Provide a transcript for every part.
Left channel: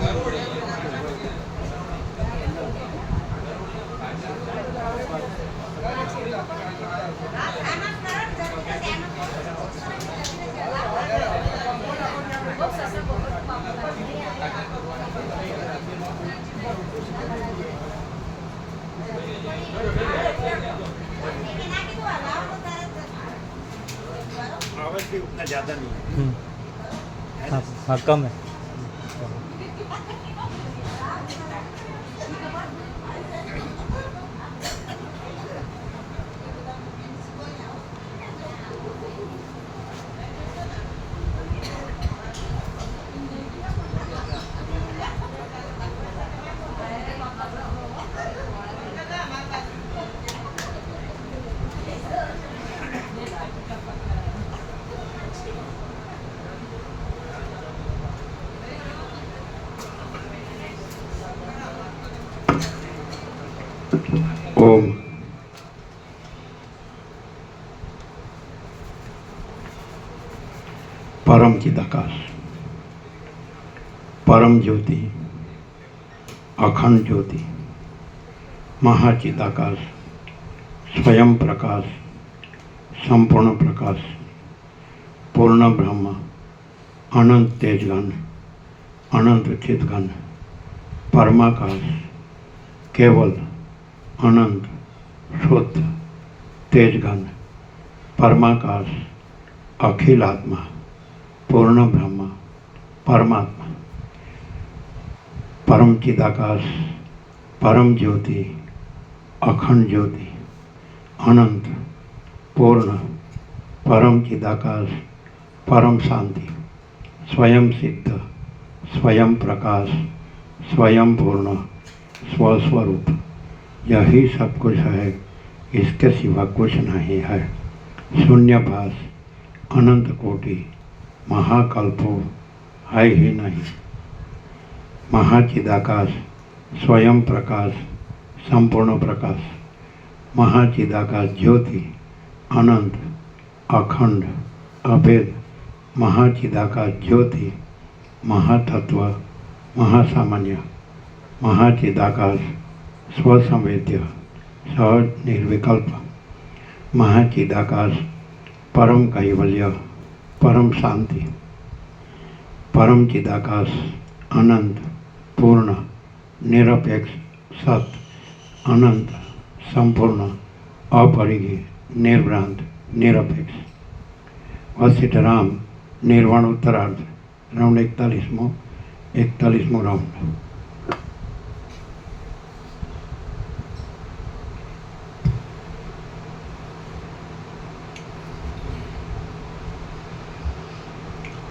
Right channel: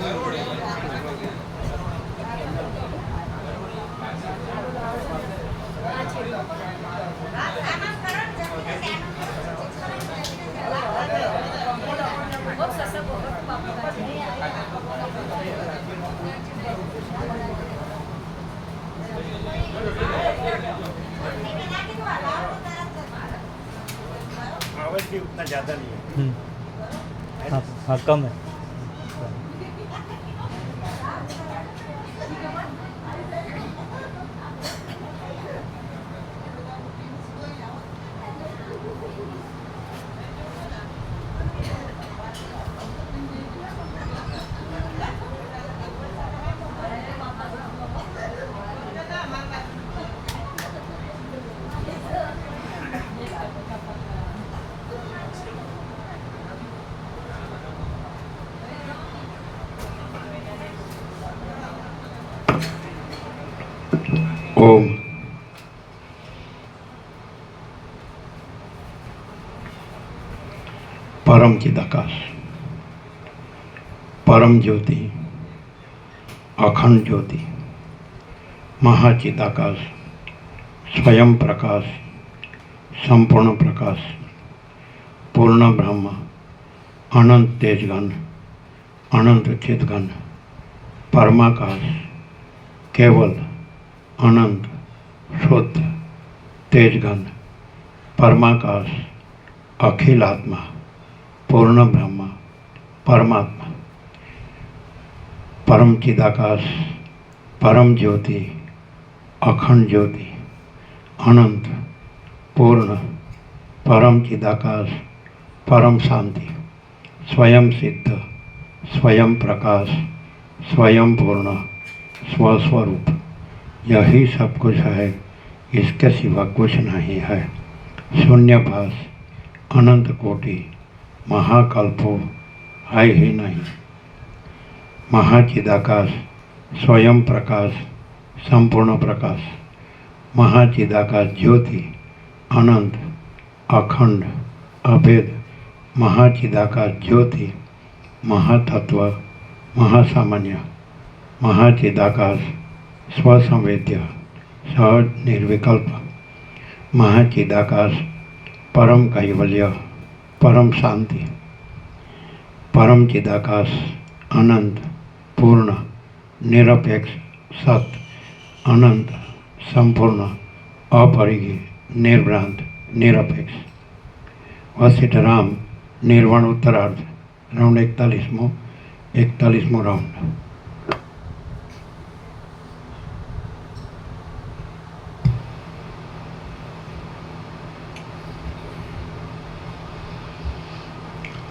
आवाज भी उतना ज़्यादा नहीं है। हाँ कम है। ओम परम चिदाकाश, परम ज्योति, अखंड ज्योति, महाचिदाकाश, स्वयं प्रकाश, संपूर्ण प्रकाश, पूर्ण ब्रह्म, अनंत तेजगण, अनंत चिदगण, परमाकाश, केवल अनंत शुद्ध तेजगण, परमाकाश, अखिल आत्मा, पूर्ण ब्रह्म, परमात्मा, परम चिदाकाश, परम ज्योति, अखंड ज्योति, अनंत पूर्ण परम चिदाकाश, परम शांति, स्वयं सिद्ध, स्वयं प्रकाश, स्वयं पूर्ण, स्वस्वरूप, यही सब कुछ है, इसके सिवा कुछ नहीं है। शून्यभास, अनंत कोटि, महाकल्पो है ही नहीं। महाचिदाकाश, स्वयं प्रकाश, संपूर्ण प्रकाश, महाचिदाकाश ज्योति, अनंत, अखंड, अभेद, महाचिदाकाश ज्योति, महातत्व, महासामान्य, महाचिदाकाश, स्वसंवेद्य, सहज निर्विकल्प, महाचिदाकाश, परम कैवल्य, परम शांति, परम चिदाकाश, अनंत, पूर्ण, निरपेक्ष, सत, अनंत, संपूर्ण, अपरिघी, निर्भ्रांत, निरपेक्ष। वशिष्ठ राम निर्वाण उत्तरार्ध, राउंड 41वां राउंड।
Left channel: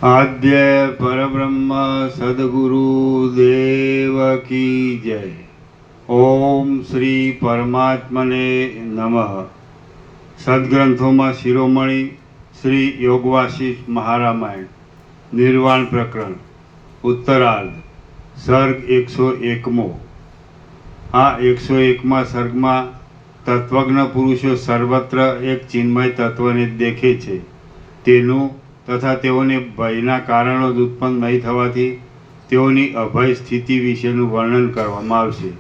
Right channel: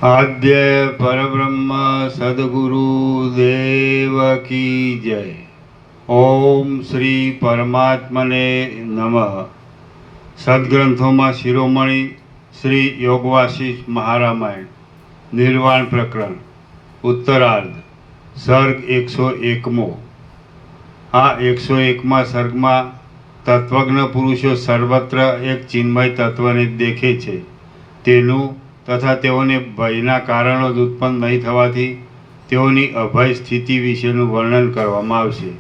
आद्य परब्रह्म सद्गुरु देव की जय। ओम श्री परमात्मने नमः। सद्ग्रंथों में शिरोमणि श्री योगवासिष्ठ महारामायण निर्वाण प्रकरण उत्तरार्ध सर्ग 101मो। आ 101मा सर्ग में तत्वज्ञ पुरुषो सर्वत्र एक चिन्मय तत्व ने देखे छे, तेनु तथा तेओने भयना कारणों उत्पन्न नहीं थवाथी तेओनी अभय स्थिति विशेનું વર્ણન કરવામાં આવશે।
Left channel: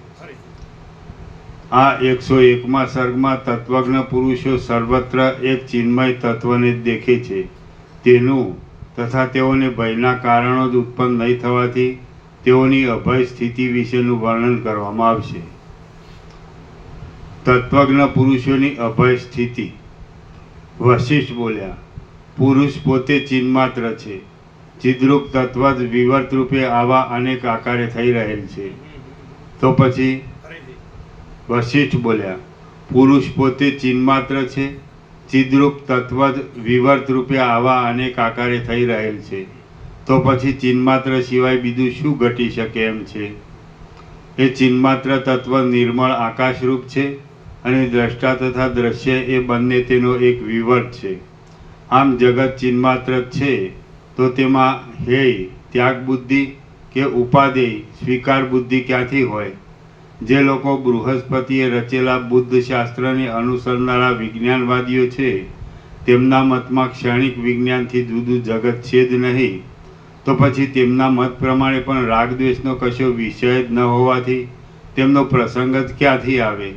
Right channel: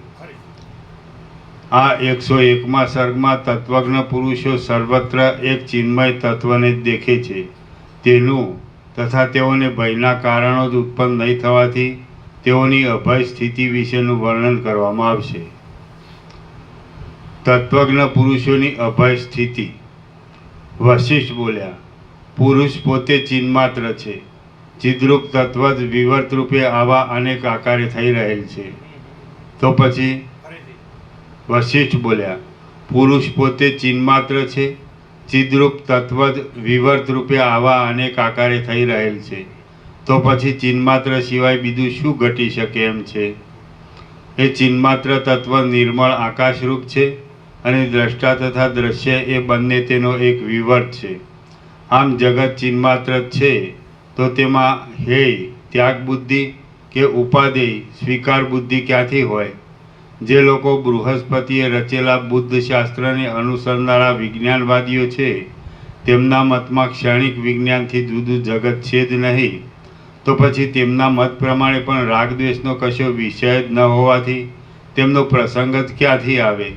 आ 101मा सर्गમાં તત્વજ્ઞ પુરુષો સર્વત્ર એક ચિન્મય તત્વને દેખે છે, તેનું તથા તેઓને ભયના કારણો જ ઉત્પન્ન નહીં થવાથી તેઓની અભય સ્થિતિ વિશેનું વર્ણન કરવામાં આવશે। તત્વજ્ઞ પુરુષોની અભય સ્થિતિ। વશિષ્ઠ બોલ્યા, પુરુષ પોતે ચિન્માત્ર છે, ચિદ્રૂપ તત્વ જ વિવર્ત રૂપે આવા અનેક આકારે થઈ રહેલ છે। તો પછી વશિષ્ઠ બોલ્યા, પુરુષ પોતે ચિન્માત્ર છે, ચિદ્રૂપ તત્વ જ વિવર્ત રૂપે આવા અનેક આકારે થઈ રહેલ છે, તો પછી ચિન્માત્ર સિવાય બીજું શું ઘટી શકે એમ છે? એ ચિન્માત્ર તત્વ નિર્મળ આકાશરૂપ છે અને દ્રષ્ટા તથા દ્રશ્ય એ બંને તેનો એક વિવર્ત છે। આમ જગત ચિન્માત્ર છે તો તેમાં હેય ત્યાગ બુદ્ધિ કે ઉપાદેય સ્વીકાર બુદ્ધિ ક્યાંથી હોય? જે લોકો બૃહસ્પતિએ રચેલા બુદ્ધ શાસ્ત્રને અનુસરનારા વિજ્ઞાનવાદીઓ છે તેમના મતમાં ક્ષણિક વિજ્ઞાનથી જુદું જગત છે જ નહીં, તો તો પછી તેમના મત પ્રમાણે પણ રાગ દ્વેષનો કશો વિષય જ ન હોવાથી તેમનો પ્રસંગ જ ક્યાંથી આવે?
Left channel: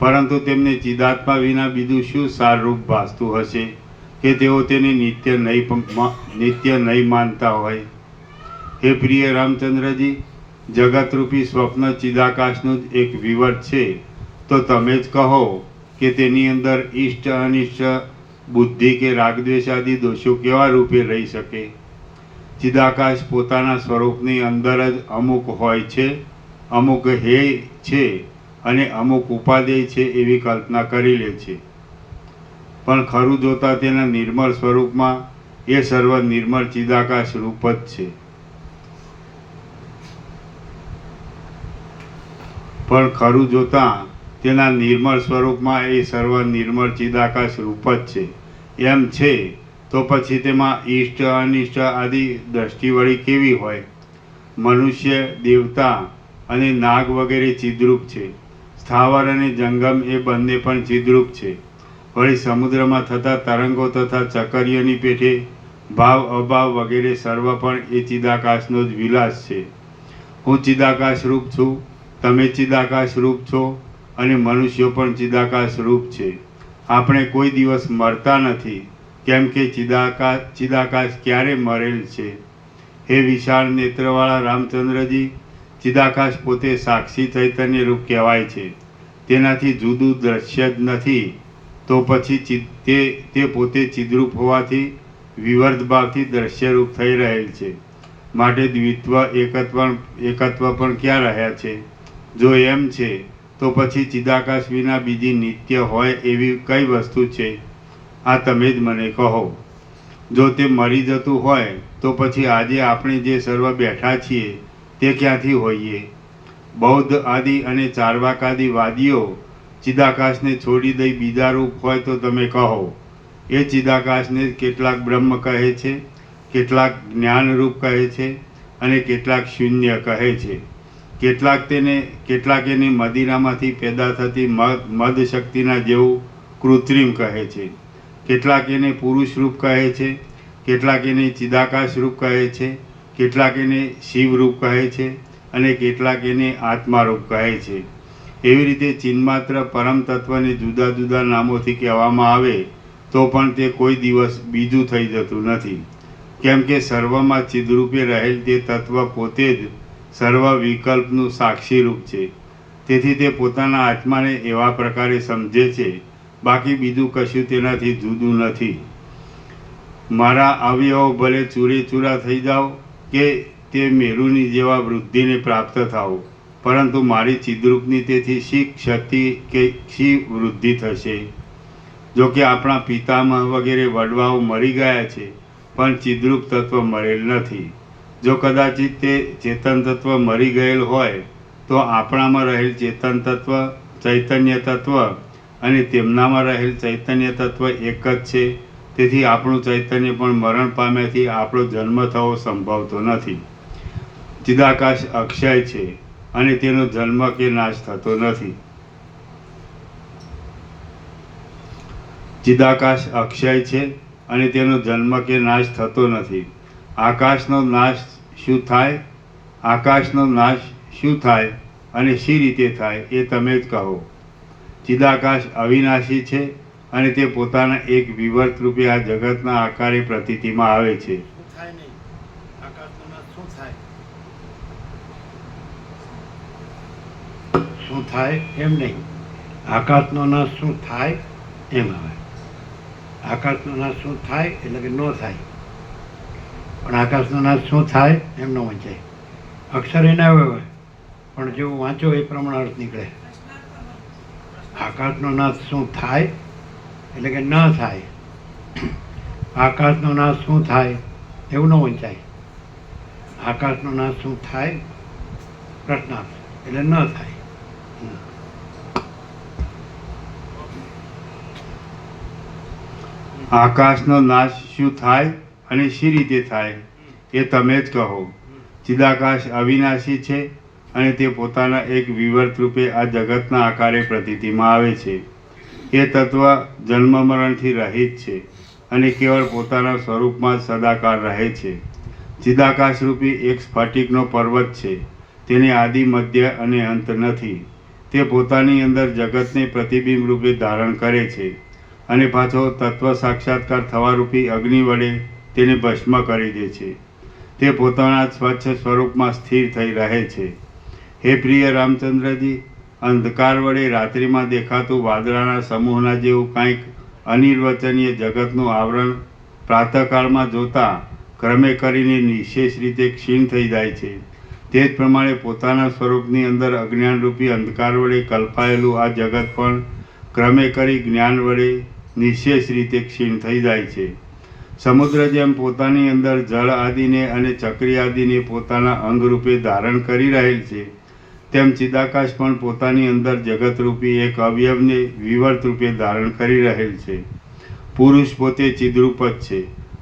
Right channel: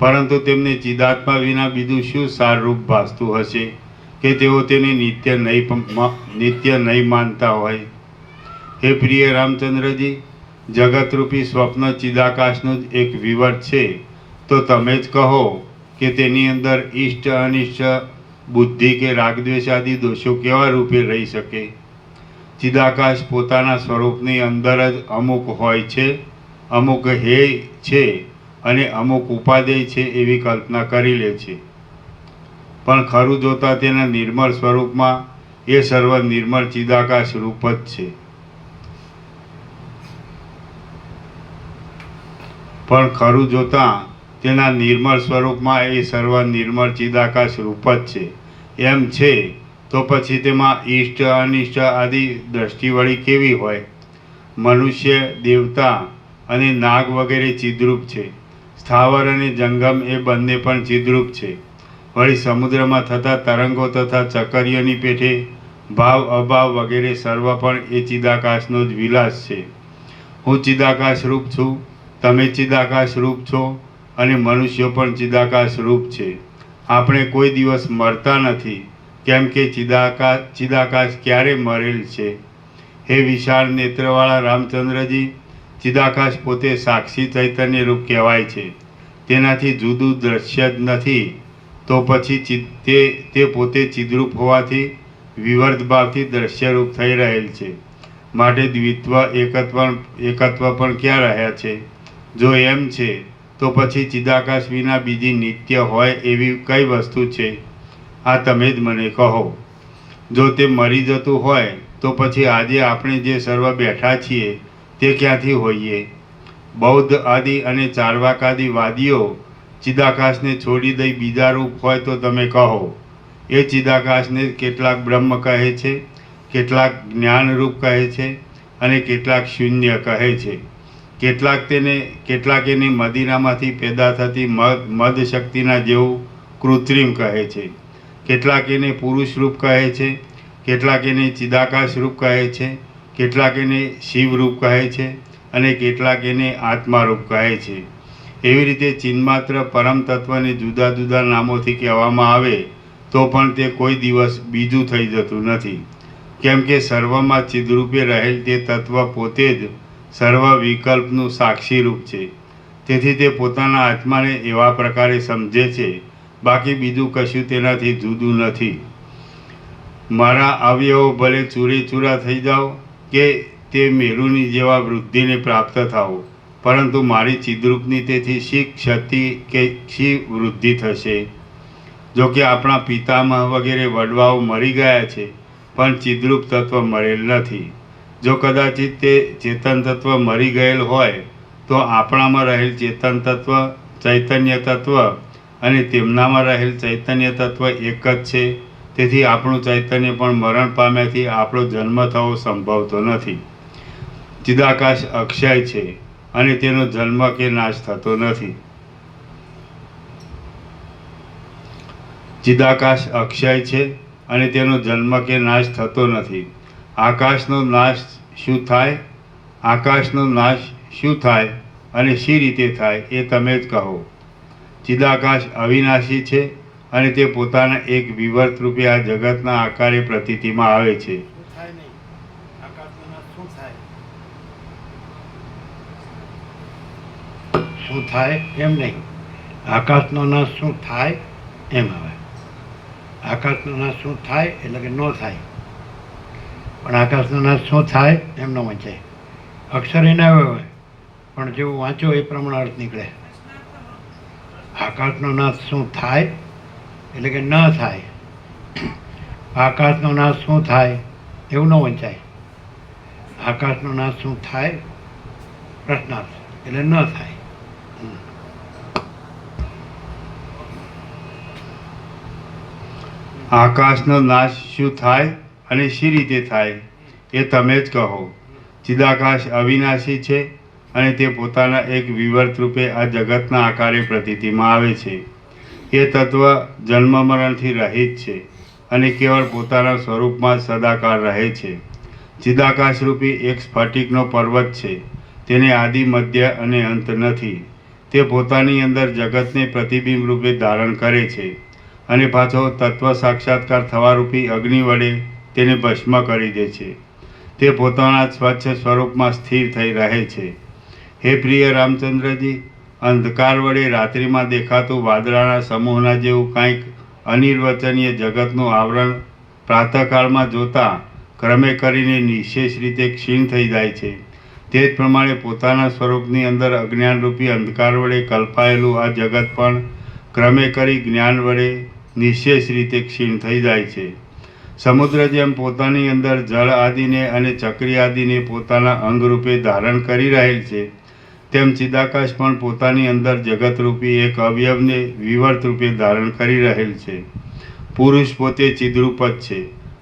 પરંતુ તેમને ચિદાત્મા વિના બીજું શું સારરૂપ ભાસતું હશે કે તેઓ તેને નિત્ય નહીં માનતા હોય? હે પ્રિય રામચંદ્રજી, જગતરૂપી સ્વપ્ન ચિદાકાશનું જ એક વિવર છે, તો તમે જ કહો કે તેની અંદર ઇષ્ટ અનિષ્ટ બુદ્ધિ કે રાગદ્વેષ આદિ દોષો કેવા રૂપે રહી શકે? ચિદાકાશ પોતાના સ્વરૂપની અંદર જ અમુક હોય છે, અમુક હેય છે અને અમુક ઉપાદેય છે એવી કલ્પના કરી લે છે. પણ ખરું જોતા તેના નિર્મળ સ્વરૂપમાં એ સર્વ નિર્મળ ચિદાકાશ રૂપ જ છે. પણ ખરું જોતા તેના નિર્મળ સ્વરૂપમાં એ સર્વ નિર્મળ ચિદાકાશ રૂપ જ છે એમ છે, તો પછી તેમાં ઇષ્ટ અનિષ્ટ આદિ દ્રષ્ટિ વળી કેવી હોય? મનુષ્ય, દેવતા અને નાગ વગેરે ચિદ્રૂપ છે. સ્થાવર અને જંગમ એ બંને પણ ચિદ્રૂપ છે. વળી સમુદ્રમાં થતા તરંગો તથા ચકરીઓની પેઠે ભાવ અભાવ વગેરે સર્વ પણ એ ચિદાકાશનો જ વિલાસ છે. હું ચિદાકાશ રૂપ છું, તમે ચિદાકાશ રૂપ છો અને મનુષ્યો પણ ચિદાકાશ રૂપ છે. આપણે કોઈ દિવસ મરતા નથી, કેમ કે ચિદાકાશ ક્યારે મરેલ છે? હે વિશાળ નેત્રવાળા રામચંદ્રજી, ચિદાકાશ પોતે સાક્ષી ચૈતન્ય રૂપ કહેવાય છે. તેનાથી જુદું દ્રશ્ય જ નથી, તો પછી તે પોતે ચિદ્રૂપ હોવાથી વિવર્ત ભાવથી દ્રશ્યરૂપ થઈ રહેલ છે. માટે દ્વિત્વ એકત્વ પણ ક્યાં રહ્યા છે? જો એમ છે તો પછી ચિદાકાશ વિના બીજી નિત્ય હોય એવી કઈ વસ્તુ છે? આ તમે જ મને કહો. જો તે મરી જતું હોય તો પછી આજે આપણે જે સર્વ બેઠા છીએ તે ક્યાંથી હોઈએ? બૌદ્ધ આદિ અને ચાર્વાકાદિ વાદીઓ ચિદાકાશને છોડી દઈ બીજા રૂપ હોય તો તમે કહો. એ ચિદાકાશને કેટલાક બ્રહ્મ કહે છે, કેટલાક જ્ઞાનરૂપ કહે છે અને કેટલાક શૂન્ય કહે છે. કેટલાક એને મદિરામાંથી પેદા થતી મદ શક્તિના જેવું કૃત્રિમ કહે છે. કેટલાક એને પુરુષ રૂપ કહે છે, કેટલાક એને ચિદાકાશ રૂપ કહે છે, કેટલાક એને શિવ રૂપ કહે છે અને કેટલાક એને આત્મા રૂપ કહે છે. એવી રીતે ચિન્માત્ર પરમ તત્વને જુદા જુદા નામોથી કહેવામાં આવે તો પણ તે કોઈ દિવસ બીજું થઈ જતું નથી, કેમ કે સર્વમાં ચિદરૂપે રહેલ તે તત્વ પોતે જ સર્વ વિકલ્પનું સાક્ષી રૂપ છે. તેથી તે પોતાના આત્માને એવા પ્રકારે સમજે છે, બાકી બીજું કશું તેનાથી જુદું નથી. મારા અવયવો ભલે ચૂરેચૂરા થઈ જાઓ કે તે મેરુની જેવા વૃદ્ધિને પ્રાપ્ત થાઓ, પરંતુ મારી ચિદ્રૂપની તેથી શી ક્ષતિ કે શી વૃદ્ધિ થશે? જો કે આપણા પિતામહ વગેરે વડવાઓ મરી ગયા છે, પણ ચિદ્રૂપ તત્વ મરેલ નથી. જો કદાચિત તે ચેતન તત્વ મરી ગયેલ હોય તો આપણામાં રહેલ ચેતન તત્વ, ચૈતન્ય તત્વ અને તેમનામાં રહેલ ચૈતન્ય તત્વ એક જ છે. તેથી આપણું ચૈતન્ય પણ મરણ પામ્યાથી આપણો જન્મ થવો સંભવતો નથી. ચિદાકાશ અક્ષય છે અને તેનો જન્મ કે નાશ થતો નથી. ચિદાકાશ અક્ષય છે અને તેનો જન્મ કે નાશ થતો નથી. આકાશનો નાશ શું થાય? આકાશનો નાશ શું થાય અને શી રીતે થાય એ તમે જ કહો. ચિદાકાશ અવિનાશી છે અને તે પોતાના એક વિવર્ત રૂપે આ જગતના આકારે પ્રતીતિમાં આવે છે. શું થાય નહીં? આકાશનો નાશ શું થાય? શું થાય એમ નહીં, આકાશનો નાશ શું થાય એમ આવે. આકાશનો નાશ શું થાય એટલે કે ન થાય, પણ આકાશનો નાશ શું થાય એમ ન વંચાય. અક્ષર એના હોય પણ જેવું વાંચો એ પ્રમાણે અર્થ નીકળે. આકાશનો નાશ શું થાય એટલે કે ન થાય. આકાશનો નાશ શું થાય એવું ન વંચાય. આકાશનો નાશ શું થાય પ્રશ્નાર્થ એટલે ન થાય. આકાશનો નાશ શું થાય અને શી રીતે થાય એ તમે જ કહો. ચિદાકાશ અવિનાશી છે અને તે પોતાના એક વિવર્ત રૂપે આ જગતના આકારે પ્રતીતિમાં આવે છે. એ તત્વ જન્મ મરણથી રહિત છે અને કેવળ પોતાના સ્વરૂપમાં સદાકાળ રહે છે. ચિદાકાશરૂપી એક સ્ફટિકનો પર્વત છે. તેને આદિ, મધ્ય અને અંત નથી. તે પોતાની અંદર જગતને પ્રતિબિંબ રૂપે ધારણ કરે છે અને પાછો તત્વ સાક્ષાત્કાર થવારૂપી અગ્નિ વડે તેને ભસ્મ કરી દે છે. તે પોતાના સ્વચ્છ સ્વરૂપમાં સ્થિર થઈ રહે છે. હે પ્રિય રામચંદ્રજી, અંધકાર વડે રાત્રિમાં દેખાતું વાદળાના સમૂહના જેવું કંઈક અનિર્વચનીય જગતનું આવરણ પ્રાતઃકાળમાં જોતા ક્રમે કરીને નિશેષ રીતે ક્ષીણ થઈ જાય છે. તે જ પ્રમાણે પોતાના સ્વરૂપની અંદર અજ્ઞાનરૂપી અંધકાર વડે કલ્પાયેલું આ જગત પણ ક્રમે કરી જ્ઞાન વડે નિશેષ રીતે ક્ષીણ થઈ જાય છે. સમુદ્ર જેમ પોતાની અંદર જળ આદિને અને ચક્રી આદિને પોતાના અંગરૂપે ધારણ કરી રહેલ છે, તેમ ચિદાકાશ પણ પોતાની અંદર જગતરૂપી એક અવયવને વિવર્ત રૂપે ધારણ કરી રહેલ છે. પુરુષ પોતે ચિદરૂપ જ છે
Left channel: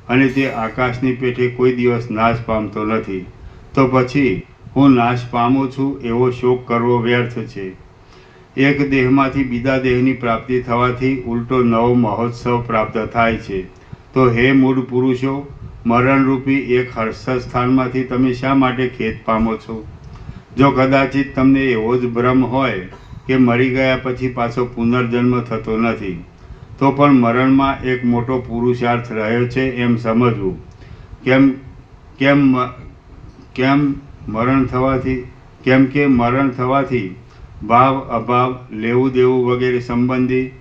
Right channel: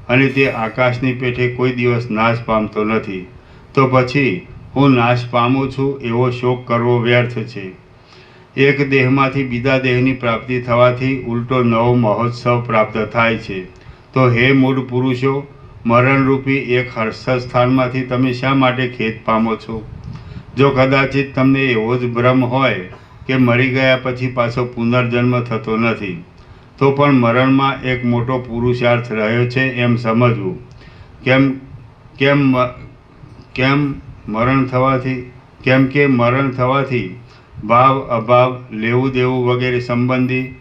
અને તે આકાશની પેઠે કોઈ દિવસ નાશ પામતો નથી. તો પછી હું નાશ પામું છું એવો શોક કરવો વ્યર્થ છે. એક દેહમાંથી બીજા દેહની પ્રાપ્તિ થવાથી ઉલટો નવો મહોત્સવ પ્રાપ્ત થાય છે. તો હે મૂળ પુરુષો, મરણરૂપી એક હર્ષદ સ્થાનમાંથી તમે શા માટે ખેદ પામો છો? જો કદાચિત તમને એવો જ ભ્રમ હોય કે મરી ગયા પછી પાછો પુનર્જન્મ થતો નથી, તો પણ મરણમાં એક મોટો પુરુષાર્થ રહ્યો છે એમ સમજવું. કેમ કે મરણ થવાથી ભાવ, અભાવ, લેવું દેવું વગેરે સંબંધી,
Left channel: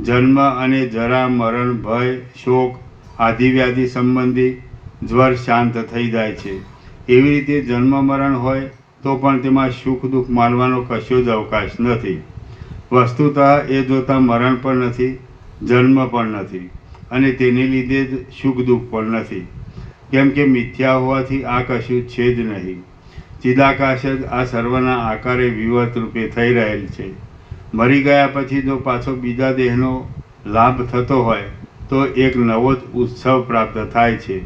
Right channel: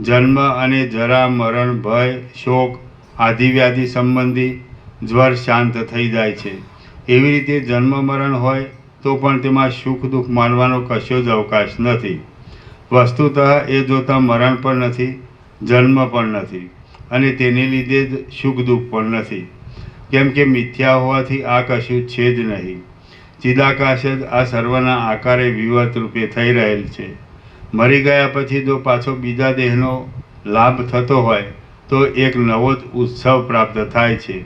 જન્મ અને જરા, મરણ, ભય, શોક, આધિવ્યાધિ સંબંધી જ્વર શાંત થઈ જાય છે. એવી રીતે જન્મ મરણ હોય તો પણ તેમાં સુખ દુઃખ માનવાનો કશો જ અવકાશ નથી. વસ્તુતઃ એ જોતાં મરણ પણ નથી, જન્મ પણ નથી અને તેને લીધે જ સુખ દુઃખ પણ નથી. કેમ કે મિથ્યા હોવાથી આ કશું છે જ નહીં. ચિદાકાશ જ આ સર્વના આકારે વિવર્ત રૂપે થઈ રહેલ છે. મરી ગયા પછી જો પાછો બીજા દેહનો લાભ થતો હોય તો એક નવો જ ઉત્સવ પ્રાપ્ત થાય છે.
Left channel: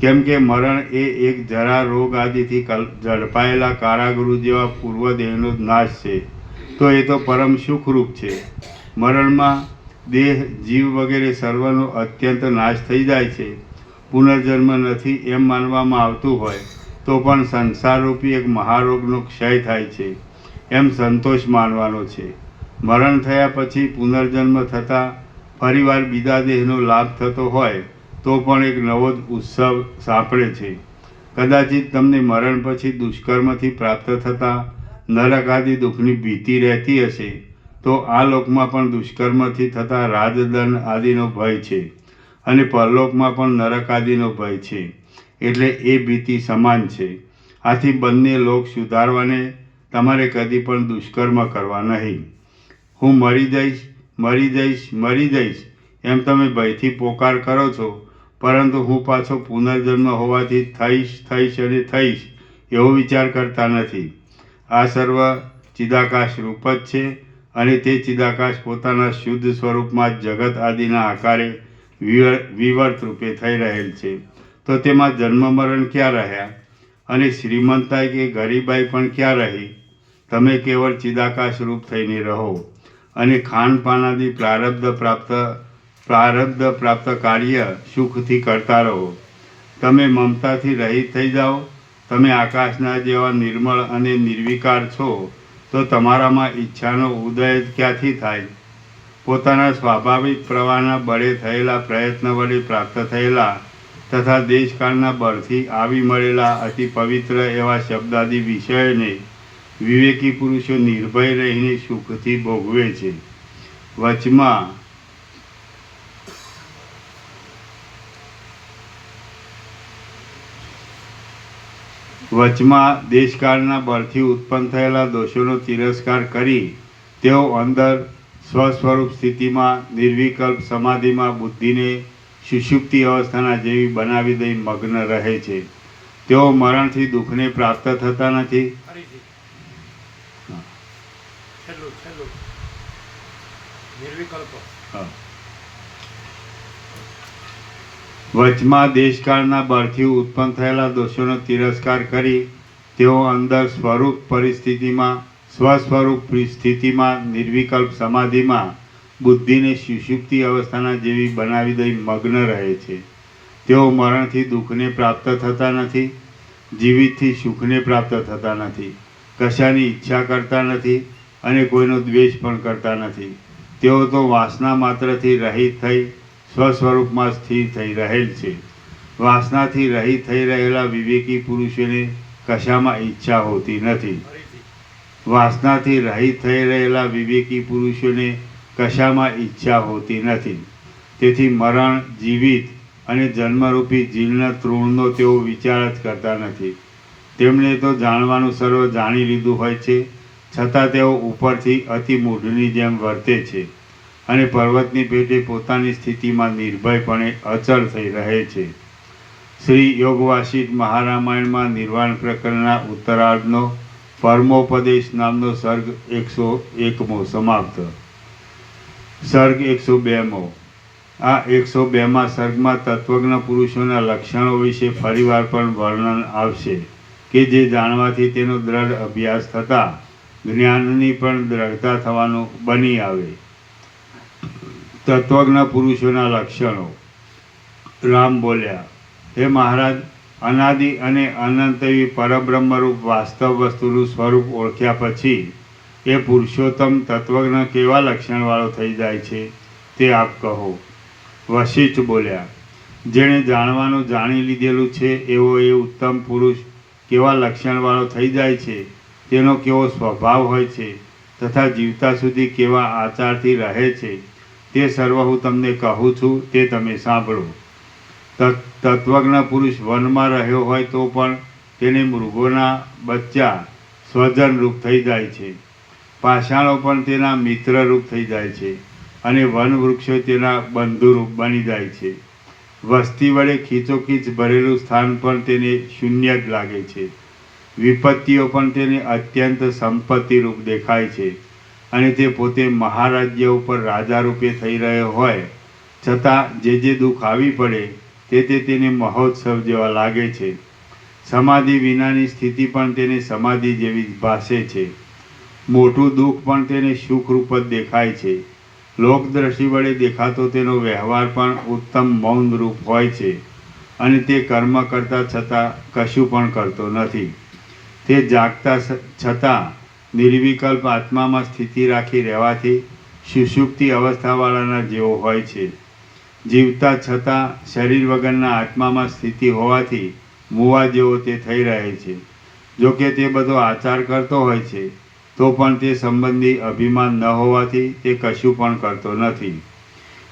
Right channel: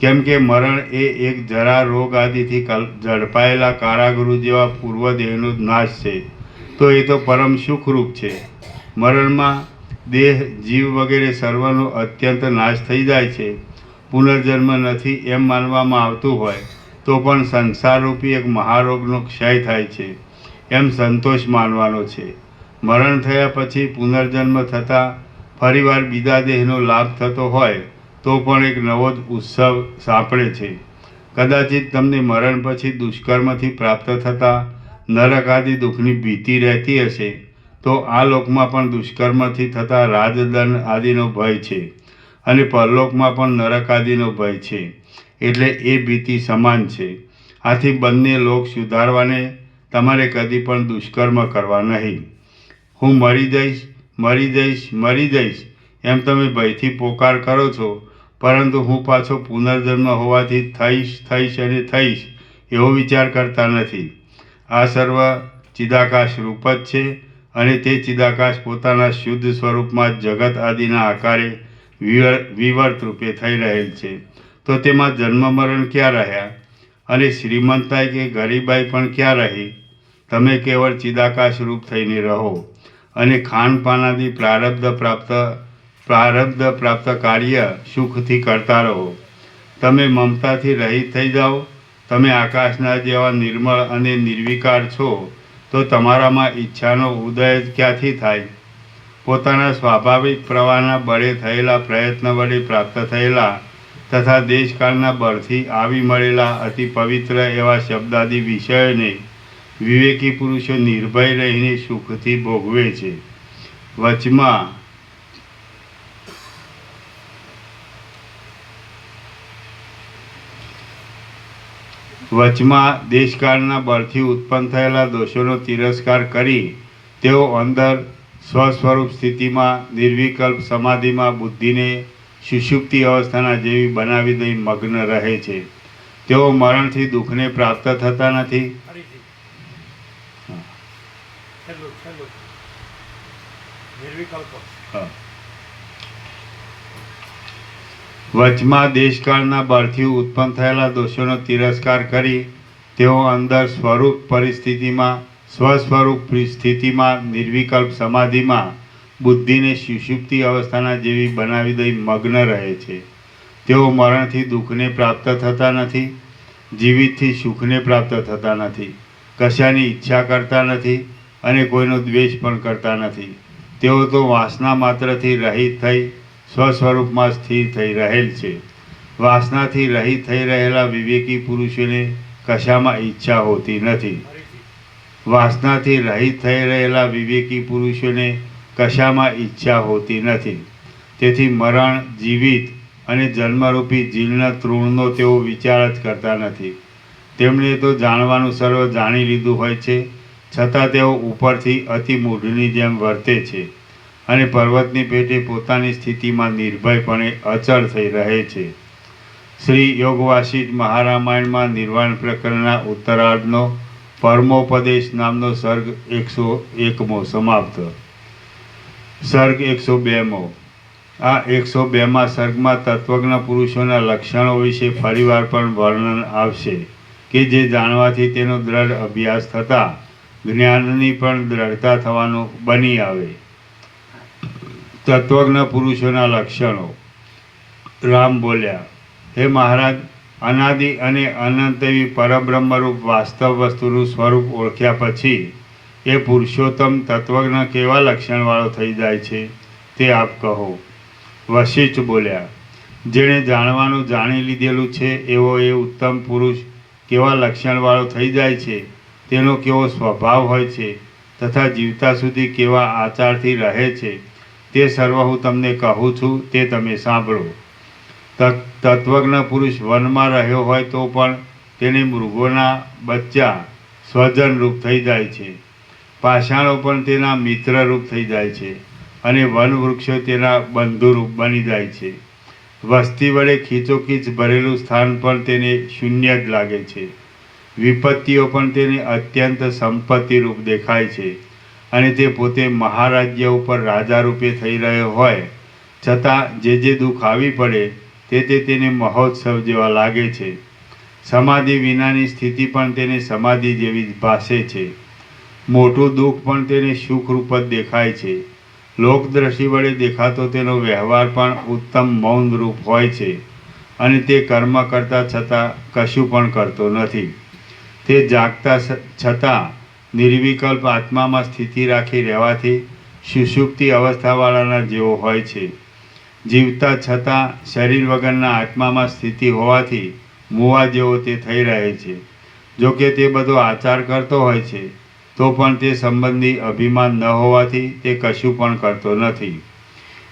કેમ કે મરણ એ એક જરા, રોગ આદિથી ઝડપાયેલા કારાગૃહ જેવા પૂર્વ દેહનો જ નાશ છે. તો એ તો પરમ સુખરૂપ છે. મરણમાં દેહ, જીવ વગેરે સર્વનો અત્યંત નાશ થઈ જાય છે. પુનર્જન્મ નથી એમ માનવામાં આવતું હોય તો પણ સંસારરૂપી એક મહારોગનો ક્ષય થાય છે એમ સંતોષ માનવાનો છે. મરણ થયા પછી પુનર્જન્મ થતાં ફરીવાર બીજા દેહનો લાભ થતો હોય તો પણ એક નવો જ ઉત્સવ સાંપડે છે. કદાચિત તમને મરણ પછી દુષ્કર્મથી પ્રાપ્ત થતા નરક આદિ દુઃખની ભીતિ રહેતી હશે, તો આ લોકમાં પણ દુષ્કર્મથી થતા રાજદંડ આદિનો ભય છે અને પરલોકમાં પણ નરક આદિનો ભય છે. એટલે એ ભીતિ સમાન છે. આથી બંને લોક સુધારવાને તમારે કદી પણ દુષ્કર્મ કરવા નહીં. હું મરી જઈશ, મરી જઈશ, મરી જઈશ એમ તમે ભયથી પોકાર કરો છો, પરંતુ હું પાછો પુનર્જન્મ હોવાથી થઈશ અને થઈશ એવો વિચાર કરતા નથી. આ સર્વ ચિદાકાશ રૂપ જ છે અને તે ચિદાકાશ પોતાના શુદ્ધ સ્વરૂપમાં જગત આદિના આકારે વિવર્ત રૂપે થઈ રહેલ છે. તો તેમાં જન્મ મરણ ક્યાં રહ્યા અને શ્રીમંતાઈ કે ગરીબાઈ પણ ક્યાં રહી? તમે કેવળ ચિદાકાશ રૂપ થઈને રહો અને ખાનપાનાદી પ્રારબ્ધ પ્રાપ્ત કાર્ય સુખથી કરતા રહો. તમે મમતાથી રહિત થઈ જાઓ. તમે આકાશના જેવા નિર્મળ અને નિર્વિકાર છો, તો તમારામાં ઈચ્છાનો ઉદય જ ક્યાંથી થાય? પોતાના સ્વાભાવિક પ્રવાહના બળે થયેલા પ્રયત્ન વડે પ્રાપ્ત થયેલા તથા દેશકાળના બળથી આવી મળેલા અતિ પવિત્ર એવા શબ્દાદિ વિષયોને વિવેકી પુરુષો નિર્ભય રહીને સુખથી ભોગવે છે. વચમાં દેશકાળના બળથી ઉત્પન્ન થયેલા દોષોનો તિરસ્કાર કરી તેઓ અંદર સ્વસ્વરૂપ સ્થિતિમાં નિર્વિકલ્પ સમાધિમાં બુદ્ધિને સુષુપ્તિ અવસ્થાના જેવી બનાવી દઈ મગ્ન રહે છે. તેઓ મરણથી દુઃખને પ્રાપ્ત થતા નથી. વચમાં દેશકાળના બળથી ઉત્પન્ન થયેલા દોષોનો તિરસ્કાર કરી તેઓ અંદર સ્વરૂપ પરિસ્થિતિમાં સ્વસ્વરૂપ સ્થિતિમાં નિર્વિકલ્પ સમાધિમાં બુદ્ધિને સુષુપ્તિ અવસ્થાના જેવી બનાવી દઈ મગ્ન રહે છે. તેઓ મરણથી દુઃખને પ્રાપ્ત થતા નથી, જીવિતથી સુખને પ્રાપ્ત થતા નથી, કશાની ઈચ્છા કરતા નથી અને કોઈનો દ્વેષ પણ કરતા નથી. તેઓ તો વાસના માત્રથી રહિત થઈ સ્વસ્વરૂપમાં સ્થિર થઈ રહેલ છે. વાસનાથી રહિત થઈ રહેલા વિવેકી પુરુષોને કશામાં ઈચ્છા હોતી નથી. વાસનાથી રહિત થઈ રહેલા વિવેકી પુરુષોને કશામાં ઈચ્છા હોતી નથી. તેથી મરણ, જીવિત અને જન્મરૂપી જીર્ણ તૃણનો તેઓ વિચાર જ કરતા નથી. તેમણે તો જાણવાનું સર્વ જાણી લીધું હોય છે, છતાં તેઓ ઉપરથી અતિ મૂઢની જેમ વર્તે છે અને પર્વતની પેટે પોતાની સ્થિતિમાં નિર્ભયપણે અચળ થઈ રહે છે. શ્રી યોગવાસિષ્ઠ મહારામાયણમાં નિર્વાણ પ્રકરણના ઉત્તરાર્ધનો પરમોપદેશ નામનો સર્ગ 101મો સમાપ્ત. સર્ગ 102મો. આ 102મા સર્ગમાં તત્વજ્ઞ પુરુષોના લક્ષણો વિશે ફરીવાર પણ વર્ણન આવશે કે જે જાણવાથી તેનો દ્રઢ અભ્યાસ થતાં જ્ઞાનની પણ દ્રઢતા થવાનું બની આવે. તત્વજ્ઞ પુરુષોના લક્ષણો. રામ બોલ્યા, હે મહારાજ, અનાદિ અને અનંત એવી પરબ્રહ્મરૂપ વાસ્તવ વસ્તુનું સ્વરૂપ ઓળખ્યા પછી એ પુરુષોત્તમ તત્વજ્ઞ કેવા લક્ષણવાળો થઈ જાય છે તે આપ કહો. વશિષ્ઠ બોલ્યા, જેણે જાણવાનું જાણી લીધેલું છે એવો એ ઉત્તમ પુરુષ કેવા લક્ષણવાળો થઈ જાય છે, તેનો કેવો સ્વભાવ હોય છે તથા જીવતા સુધી કેવા આચારથી રહે છે તે સર્વ હું તમને કહું છું, તે તમે સાંભળો. તત્વજ્ઞ પુરુષ વનમાં રહ્યો હોય તો પણ તેને મૃગોના બચ્ચા સ્વજનરૂપ થઈ જાય છે. પાષાણો પણ તેના મિત્રરૂપ થઈ જાય છે અને વનવૃક્ષો તેના બંધુરૂપ બની જાય છે. વસ્તી વડે ખીચોખીચ ભરેલું સ્થાન પણ તેને શૂન્ય જ લાગે છે. વિપત્તિઓ પણ તેને અત્યંત સંપત્તિરૂપ દેખાય છે અને તે પોતે મહારાજ્ય ઉપર રાજા રૂપે થઈ રહ્યો હોય છતાં જે દુઃખ આવી પડે તે તેને મહોત્સવ જેવા લાગે છે. સમાધિ વિનાની સ્થિતિ પણ તેને સમાધિ જેવી જ ભાસે છે. મોટું દુઃખ પણ તેને સુખરૂપ જ દેખાય છે. લોકદ્રષ્ટિ વડે દેખાતો તેનો વ્યવહાર પણ ઉત્તમ મૌન રૂપ હોય છે અને તે કર્મ કરતા છતાં કશું પણ કરતો નથી. તે જાગતા છતાં નિર્વિકલ્પ આત્મામાં સ્થિતિ રાખી રહેવાથી સુષુપ્તિ અવસ્થાવાળાના જેવો હોય છે. જીવતા છતાં શરીર વગરના આત્મામાં સ્થિતિ હોવાથી મુવા જેવો તે થઈ રહે છે. જોકે તે બધો આચાર કરતો હોય છે તો પણ તે સંબંધી અભિમાન ન હોવાથી તે કશું પણ કરતો નથી.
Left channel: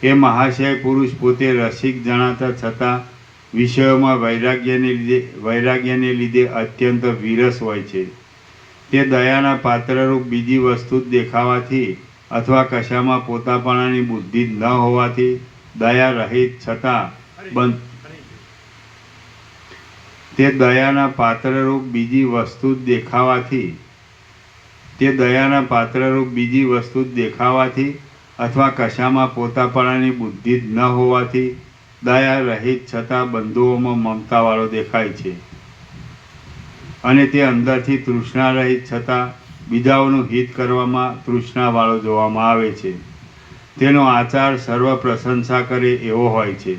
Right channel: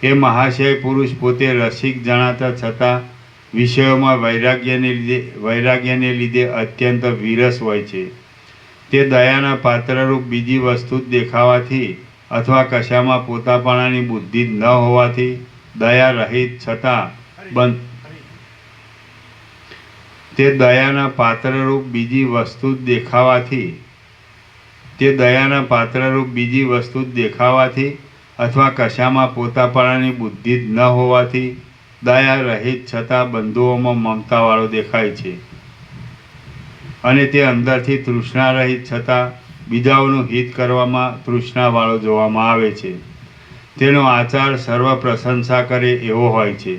એ મહાશય પુરુષ પોતે રસિક જણાતા છતાં વિષયોમાં વૈરાગ્યને લીધે અત્યંત વિરસ હોય છે. તે દયાના પાત્રરૂપ બીજી વસ્તુ જ દેખાવાથી અથવા કશામાં પોતાપણાની બુદ્ધિ જ ન હોવાથી દયા રહિત છતાં તે દયાના પાત્રરૂપ બીજી વસ્તુ જ દેખાવાથી અથવા કશામાં પોતાપણાની બુદ્ધિ જ ન હોવાથી દયા રહિત છતાં બંધુઓમાં મમતાવાળો દેખાય છે અને તે અંદરથી તૃષ્ણા રહિત છતાં બીજાઓનું હિત કરવામાં તૃષ્ણાવાળો જોવામાં આવે છે. તેનો આચાર સર્વ પ્રશંસા કરે એવો હોય છે,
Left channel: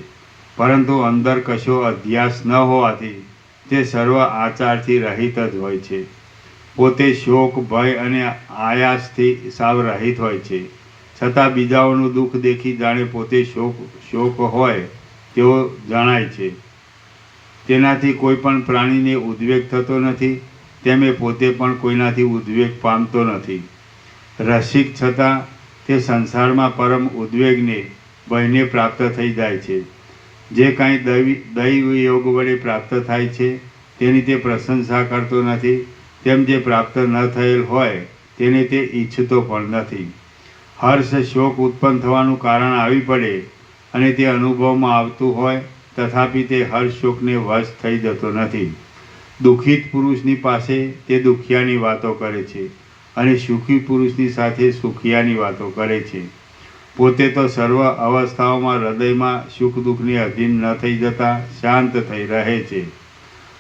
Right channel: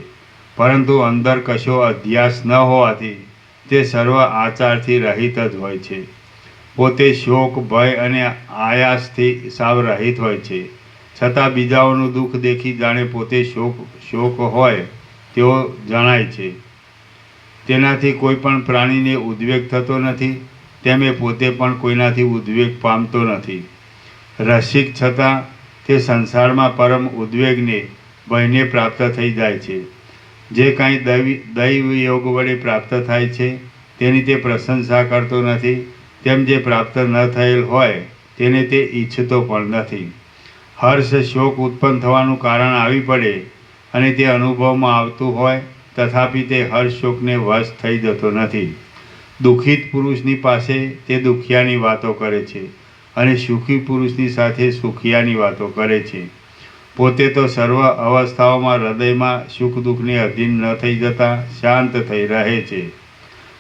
પરંતુ અંદર કશો અધ્યાસ ન હોવાથી તે સર્વ આચારથી રહિત જ હોય છે. પોતે શોક, ભય અને આયાસથી સાવ રહિત હોય છે, છતાં બીજાઓનું દુઃખ દેખી જાણે પોતે શોક હોય તેવો જણાય છે. તેનાથી કોઈ પણ પ્રાણીને ઉદ્વેગ થતો નથી, તેમે પોતે પણ કોઈનાથી ઉદ્વેગ પામતો નથી. રસિક છતાં તે સંસારમાં પરમ ઉદ્વેગને, ભયને પ્રાપ્ત થઈ જાય છે. જે કાંઈ દૈવ યોગ વડે પ્રાપ્ત થાય છે તેની તે પ્રશંસા કરતો નથી, તેમ જે પ્રાપ્ત ન થયેલ હોય તેને તે ઈચ્છતો પણ નથી. હર્ષ, શોક ઉત્પન્ન થવાનું કારણ આવી પડે અને તે અનુભવમાં આવતું હોય તથાપિ તે હર્ષ શોકને વશ થઈ જતો નથી. દુઃખિત પુરુષની પાસે તે દુખિયાની વાતો કરે છે અને સુખી પુરુષની સાથે સુખિયાની વાતો કરે છે. પોતે તો સર્વ અવસ્થાઓમાં હૃદયમાં સુખ દુઃખને અધીન ન થઈ જતા શાંત થઈ રહે છે.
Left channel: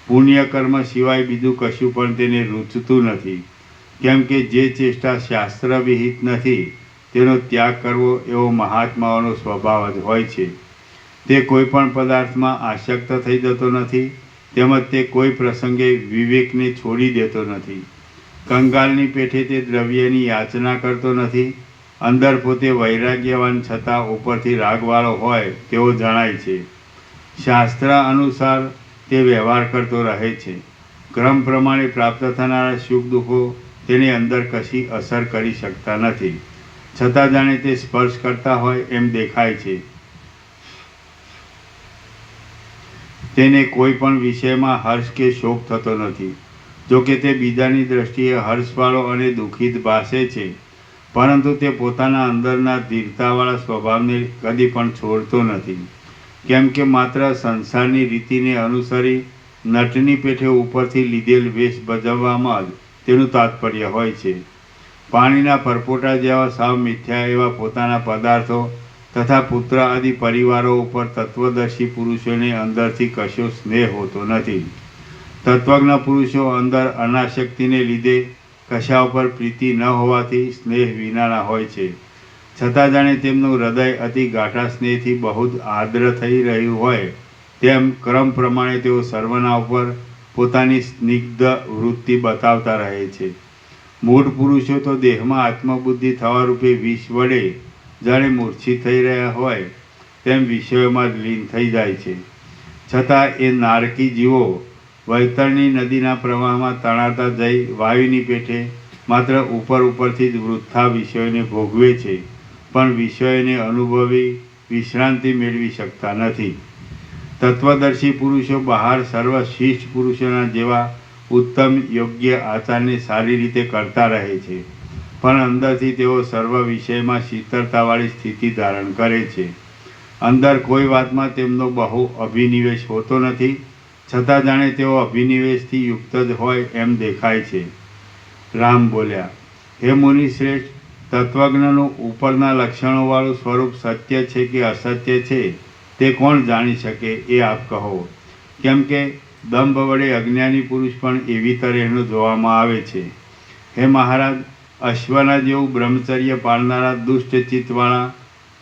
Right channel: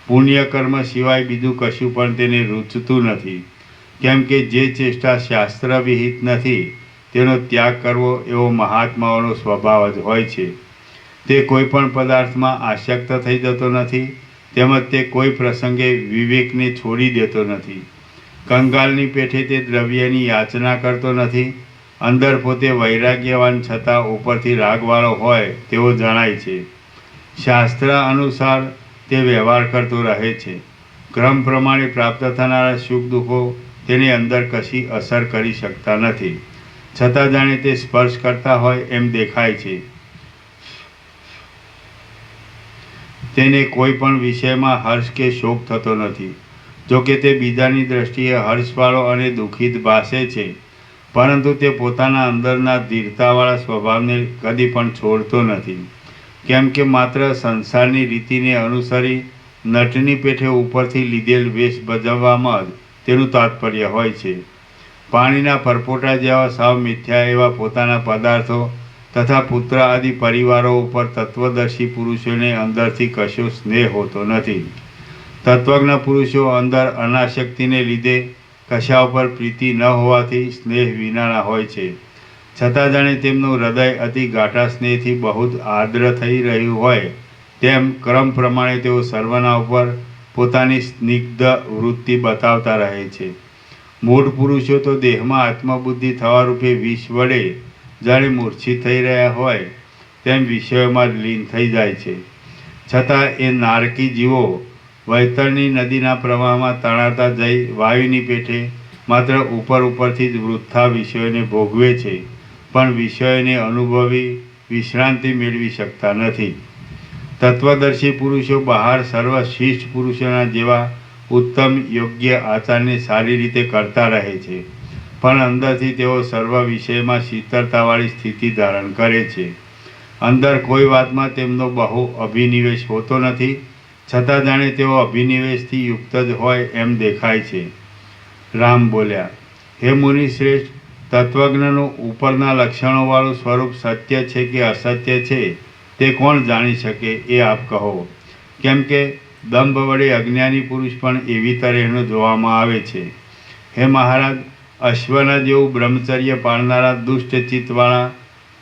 પુણ્યકર્મ સિવાય બીજું કશું પણ તેને રૂચતું નથી, કેમ કે જે ચેષ્ટા શાસ્ત્ર વિહિત નથી તેનો ત્યાગ કરવો એવો મહાત્માઓનો સ્વભાવ જ હોય છે. તે કોઈ પણ પદાર્થમાં આસક્ત થઈ જતો નથી, તેમજ તે કોઈ પ્રસંગે વિવેકને છોડી દેતો નથી. કંગાલની પેઠે તે દ્રવ્યની યાચના કરતો નથી. અંદર પોતે વૈરાગ્યવાન છતાં ઉપરથી રાગવાળો હોય તેવો જણાય છે. શાસ્ત્ર અનુસાર તે વ્યવહાર કરતો રહે છે. ક્રમ પ્રમાણે પ્રાપ્ત થનારા સુખ દુઃખો તેની અંદર કશી અસર કરી શકતા નથી, છતાં જાણે તે સ્પર્શ કરતા હોય એમ દેખાય છે. તેને કોઈ પણ વિષયમાં હર્ષ કે શોક થતો નથી. જોકે તે બીજાની દ્રષ્ટિએ હર્ષવાળો અને દુઃખિત ભાસે છે, પરંતુ તે પોતાના અંદરના ધીરતાવાળા સ્વભાવને કદી પણ છોડતો નથી. કેમ કે માત્ર સંસારની રીતિને અનુસરી નટની પેઠે ઉપરથી લીધેલ વેશ ભજવવામાં જ તેનું તાત્પર્ય હોય છે. પાણીના પરપોટા જેવા સાવ મિથ્યા એવા પોતાના પદાર્થો તથા પુત્ર આદિ પરિવારો ઉપર તત્વદર્શી પુરુષોને અંદરથી કશો સ્નેહ હોતો નથી. તત્વજ્ઞ પુરુષો અંદર અનાસક્તિને લીધે કશા ઉપર પ્રીતિ ન હોવાથી સ્નેહ વિનાના હોય છે, છતાં જાણે તેમનું હૃદય અતિ ગાઢા સ્નેહથી બહુ આર્દ્ર થઈ રહ્યું હોય તેમ ક્રમ પ્રમાણે તેઓ સર્વના ઉપર પોતાની સ્નિગ્ધ વૃત્તિ બતાવતા રહે છે. મૂઢ પુરુષો તો દેહમાં આત્મબુદ્ધિ થવા રૂપે વિષ વડે જાણે મૂર્છિત થઈ રહ્યા હોય તેમ વિષયોમાં જ લીન થઈ જાય છે. છતાં એ નારકી જીવો વૈતરણી નદીના પ્રવાહમાં તણાતા જઈ વાયુની પેઠે માત્ર ઉપરથી જ વૃથા વિષયોને ભોગવે છે, પણ વિષયોને અનુભવી વિશ્રાંતિ મેળવી શકતા નથી. તત્વદર્શી પુરુષો બહાર સર્વશ્રેષ્ઠ પુરુષોના જેવા ઉત્તમ યોગ્ય આચારને સારી રીતે કરતા રહે છે, પણ અંદરથી તેઓ સર્વ વિષયમાં શીતળતાવાળી સ્થિતિ ધારણ કરે છે. અંદર કોઈ વાતમાં તેમનો બહુ અભિનિવેશ હોતો નથી, છતાં જાણે તેઓ અભિનિવેશથી યુક્ત જ હોય એમ દેખાય છે. રામ બોલ્યા, હે મુનિશ્રેષ્ઠ, તત્વજ્ઞનું ઉપરના લક્ષણોવાળું સ્વરૂપ સત્ય છે કે અસત્ય છે તે કોણ જાણી શકે એ આપ કહો. કેમ કે દંભ વડે અજ્ઞાની પુરુષ પણ એવી તરહનો જોવામાં આવે છે. હે મહારાજ, અશ્વના જેવું બ્રહ્મચર્ય પાળનારા દુષ્ટ ચિત્તવાળા,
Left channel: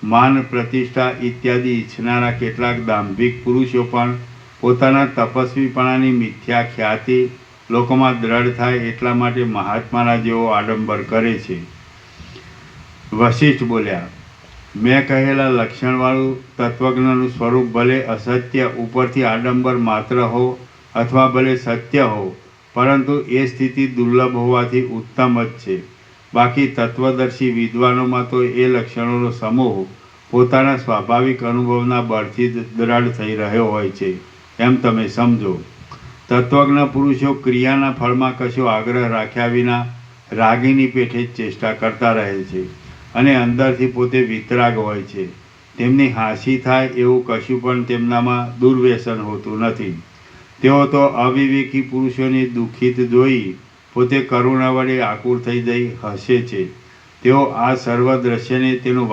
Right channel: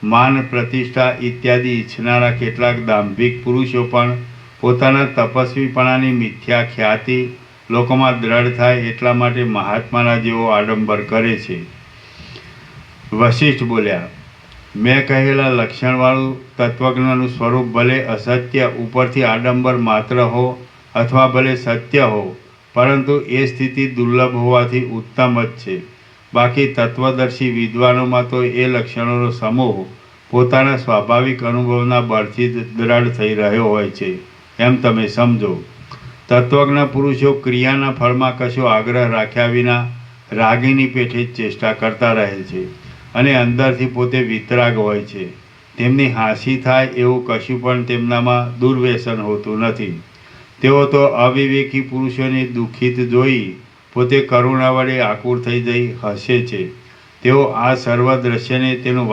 માન પ્રતિષ્ઠા ઇત્યાદિ ઈચ્છનારા કેટલાક દાંભિક પુરુષો પણ પોતાના તપસ્વીપણાની મિથ્યા ખ્યાતિ લોકોમાં દ્રઢ થાય એટલા માટે મહાત્માના જેવો આડંબર કરે છે. વશિષ્ઠ બોલ્યા, મેં કહેલા લક્ષણવાળું તત્વજ્ઞનું સ્વરૂપ ભલે અસત્ય ઉપરથી આડંબર માત્ર હો અથવા ભલે સત્ય હો, પરંતુ એ સ્થિતિ દુર્લભ હોવાથી ઉત્તમ જ છે. બાકી તત્વદર્શી વિદ્વાનોમાં તો એ લક્ષણોનો સમૂહ પોતાના સ્વાભાવિક અનુભવના બળથી જ દ્રઢ થઈ રહ્યો હોય છે એમ તમે સમજો. તત્વજ્ઞ પુરુષો ક્રિયાના ફળમાં કશો આગ્રહ રાખ્યા વિના રાગીની પેઠે જ ચેષ્ટા કરતા રહે છે અને અંદરથી પોતે વિતરાગ હોય છે. તેમની હાંસી થાય એવું કશું પણ તેમનામાં દુર્વ્યસન હોતું નથી. તેઓ તો અવિવેકી પુરુષોને દુઃખિત જોઈ પોતે કરુણા વડે આકુર થઈ જઈ હસે છે. તેઓ આ સર્વ દ્રશ્યને તેનું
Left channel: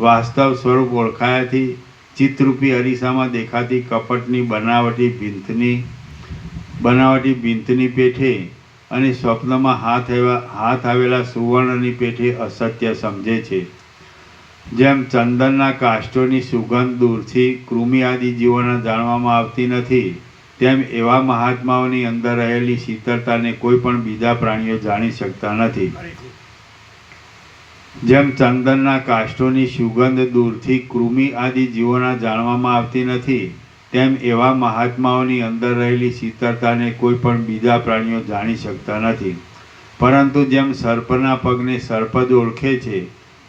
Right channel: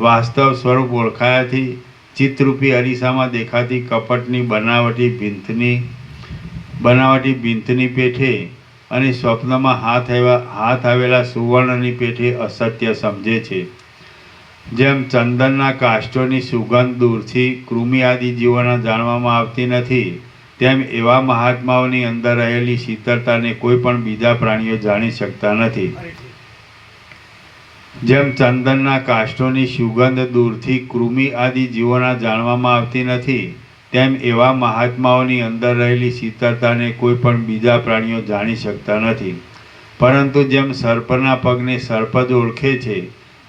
વાસ્તવ સ્વરૂપ ઓળખાયાથી ચિત્તરૂપી અરીસામાં દેખાતી કપટની બનાવટી ભીંતની પેઠે અને સ્વપ્નમાં હાથ આવેલા સુવર્ણની પેઠે અસત્ય સમજે છે. જેમ ચંદનના કાષ્ઠોની સુગંધ દૂરથી કૃમિ આદિ જીવોના જાણવામાં આવતી નથી, તેમ એવા મહાત્માઓની અંદર રહેલી શીતળતાને કોઈ પણ બીજા પ્રાણીઓ જાણી શકતા નથી. જેમ ચંદનના કાષ્ઠોની સુગંધ દૂરથી કૃમિ આદિ જીવોના જાણવામાં આવતી નથી, તેમ એવા મહાત્માઓની અંદર રહેલી શીતળતાને કોઈ પણ બીજા પ્રાણીઓ જાણી શકતા નથી. પરંતુ જેમ સર્પના પગને સર્પ જ ઓળખે છે,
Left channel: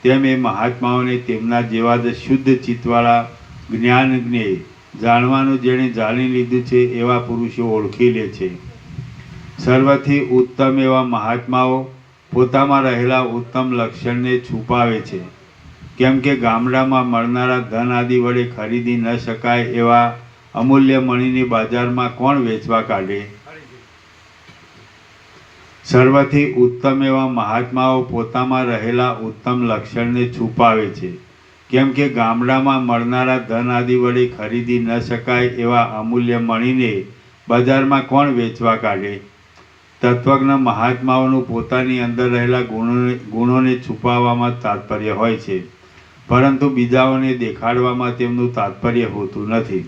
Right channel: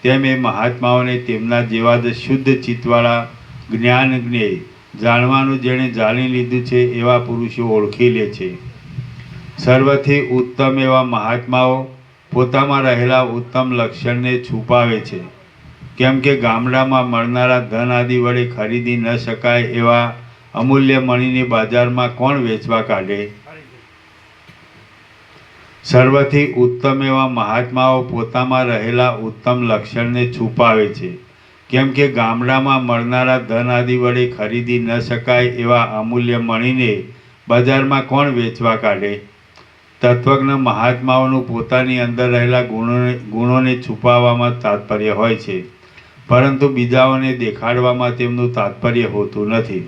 તેમ એ મહાત્માઓને તેમના જેવા જ શુદ્ધ ચિત્તવાળા જ્ઞાન જ્ઞેય જાણવાનું જેણે જાણી લીધું છે એવા પુરુષો ઓળખી લે છે. સર્વથી ઉત્તમ એવા મહાત્માઓ પોતામાં રહેલા ઉત્તમ લક્ષણને છુપાવે છે. કેમ કે ગામડામાં મળનારા ધન આદિ વડે ખરીદી ન શકાય એવા અમૂલ્ય મણીની બજારમાં કોણ વેચવા કાઢે? સર્વથી ઉત્તમ એવા મહાત્માઓ પોતામાં રહેલા ઉત્તમ લક્ષણને છુપાવે છે. કેમ કે ગામડામાં મળનારા ધન આદિ વડે ખરીદી ન શકાય એવા અમૂલ્ય મણીને બજારમાં કોણ વેચવા કાઢે? તત્વજ્ઞ મહાત્માઓનું પોતાની અંદર રહેલા ગુણોને છુપાવવામાં તાત્પર્ય હોય છે. પરંતુ બીજાઓને દેખાડવામાં તેમનું તાત્પર્ય હોતું નથી.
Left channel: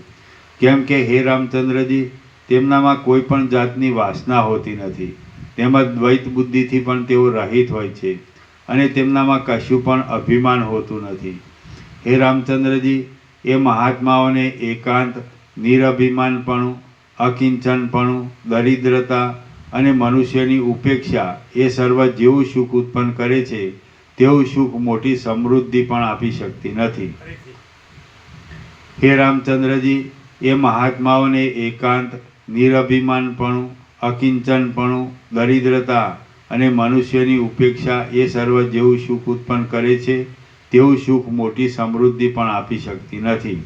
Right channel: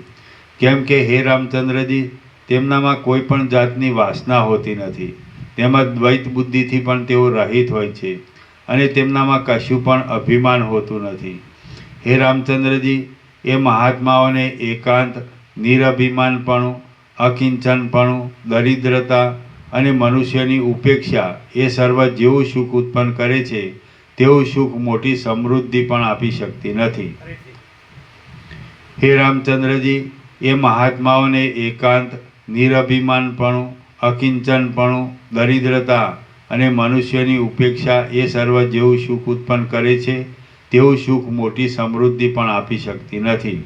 કેમ કે હે રામચંદ્રજી, તેમનામાં કોઈ પણ જાતની વાસના હોતી નથી. તેમજ દ્વૈત બુદ્ધિથી પણ તેઓ રહિત હોય છે અને તેમનામાં કશું પણ અભિમાન હોતું નથી. હે રામચંદ્રજી, એ મહાત્માઓને એકાંત, નિરભિમાનપણું, અકિંચનપણું, દરિદ્રતા અને મનુષ્યની ઉપેક્ષા એ સર્વ જેવું સુખ ઉત્પન્ન કરે છે તેવું સુખ મોટી સમૃદ્ધિ પણ આપી શકતી નથી. ફરીથી. હે રામચંદ્રજી, એ મહાત્માઓને એકાંત, નિરભિમાનપણું, અકિંચનપણું, દરિદ્રતા અને મનુષ્યની ઉપેક્ષા એ સર્વ જેવું સુખ ઉત્પન્ન કરે છે તેવું સુખ મોટી સમૃદ્ધિ પણ આપી શકતી નથી.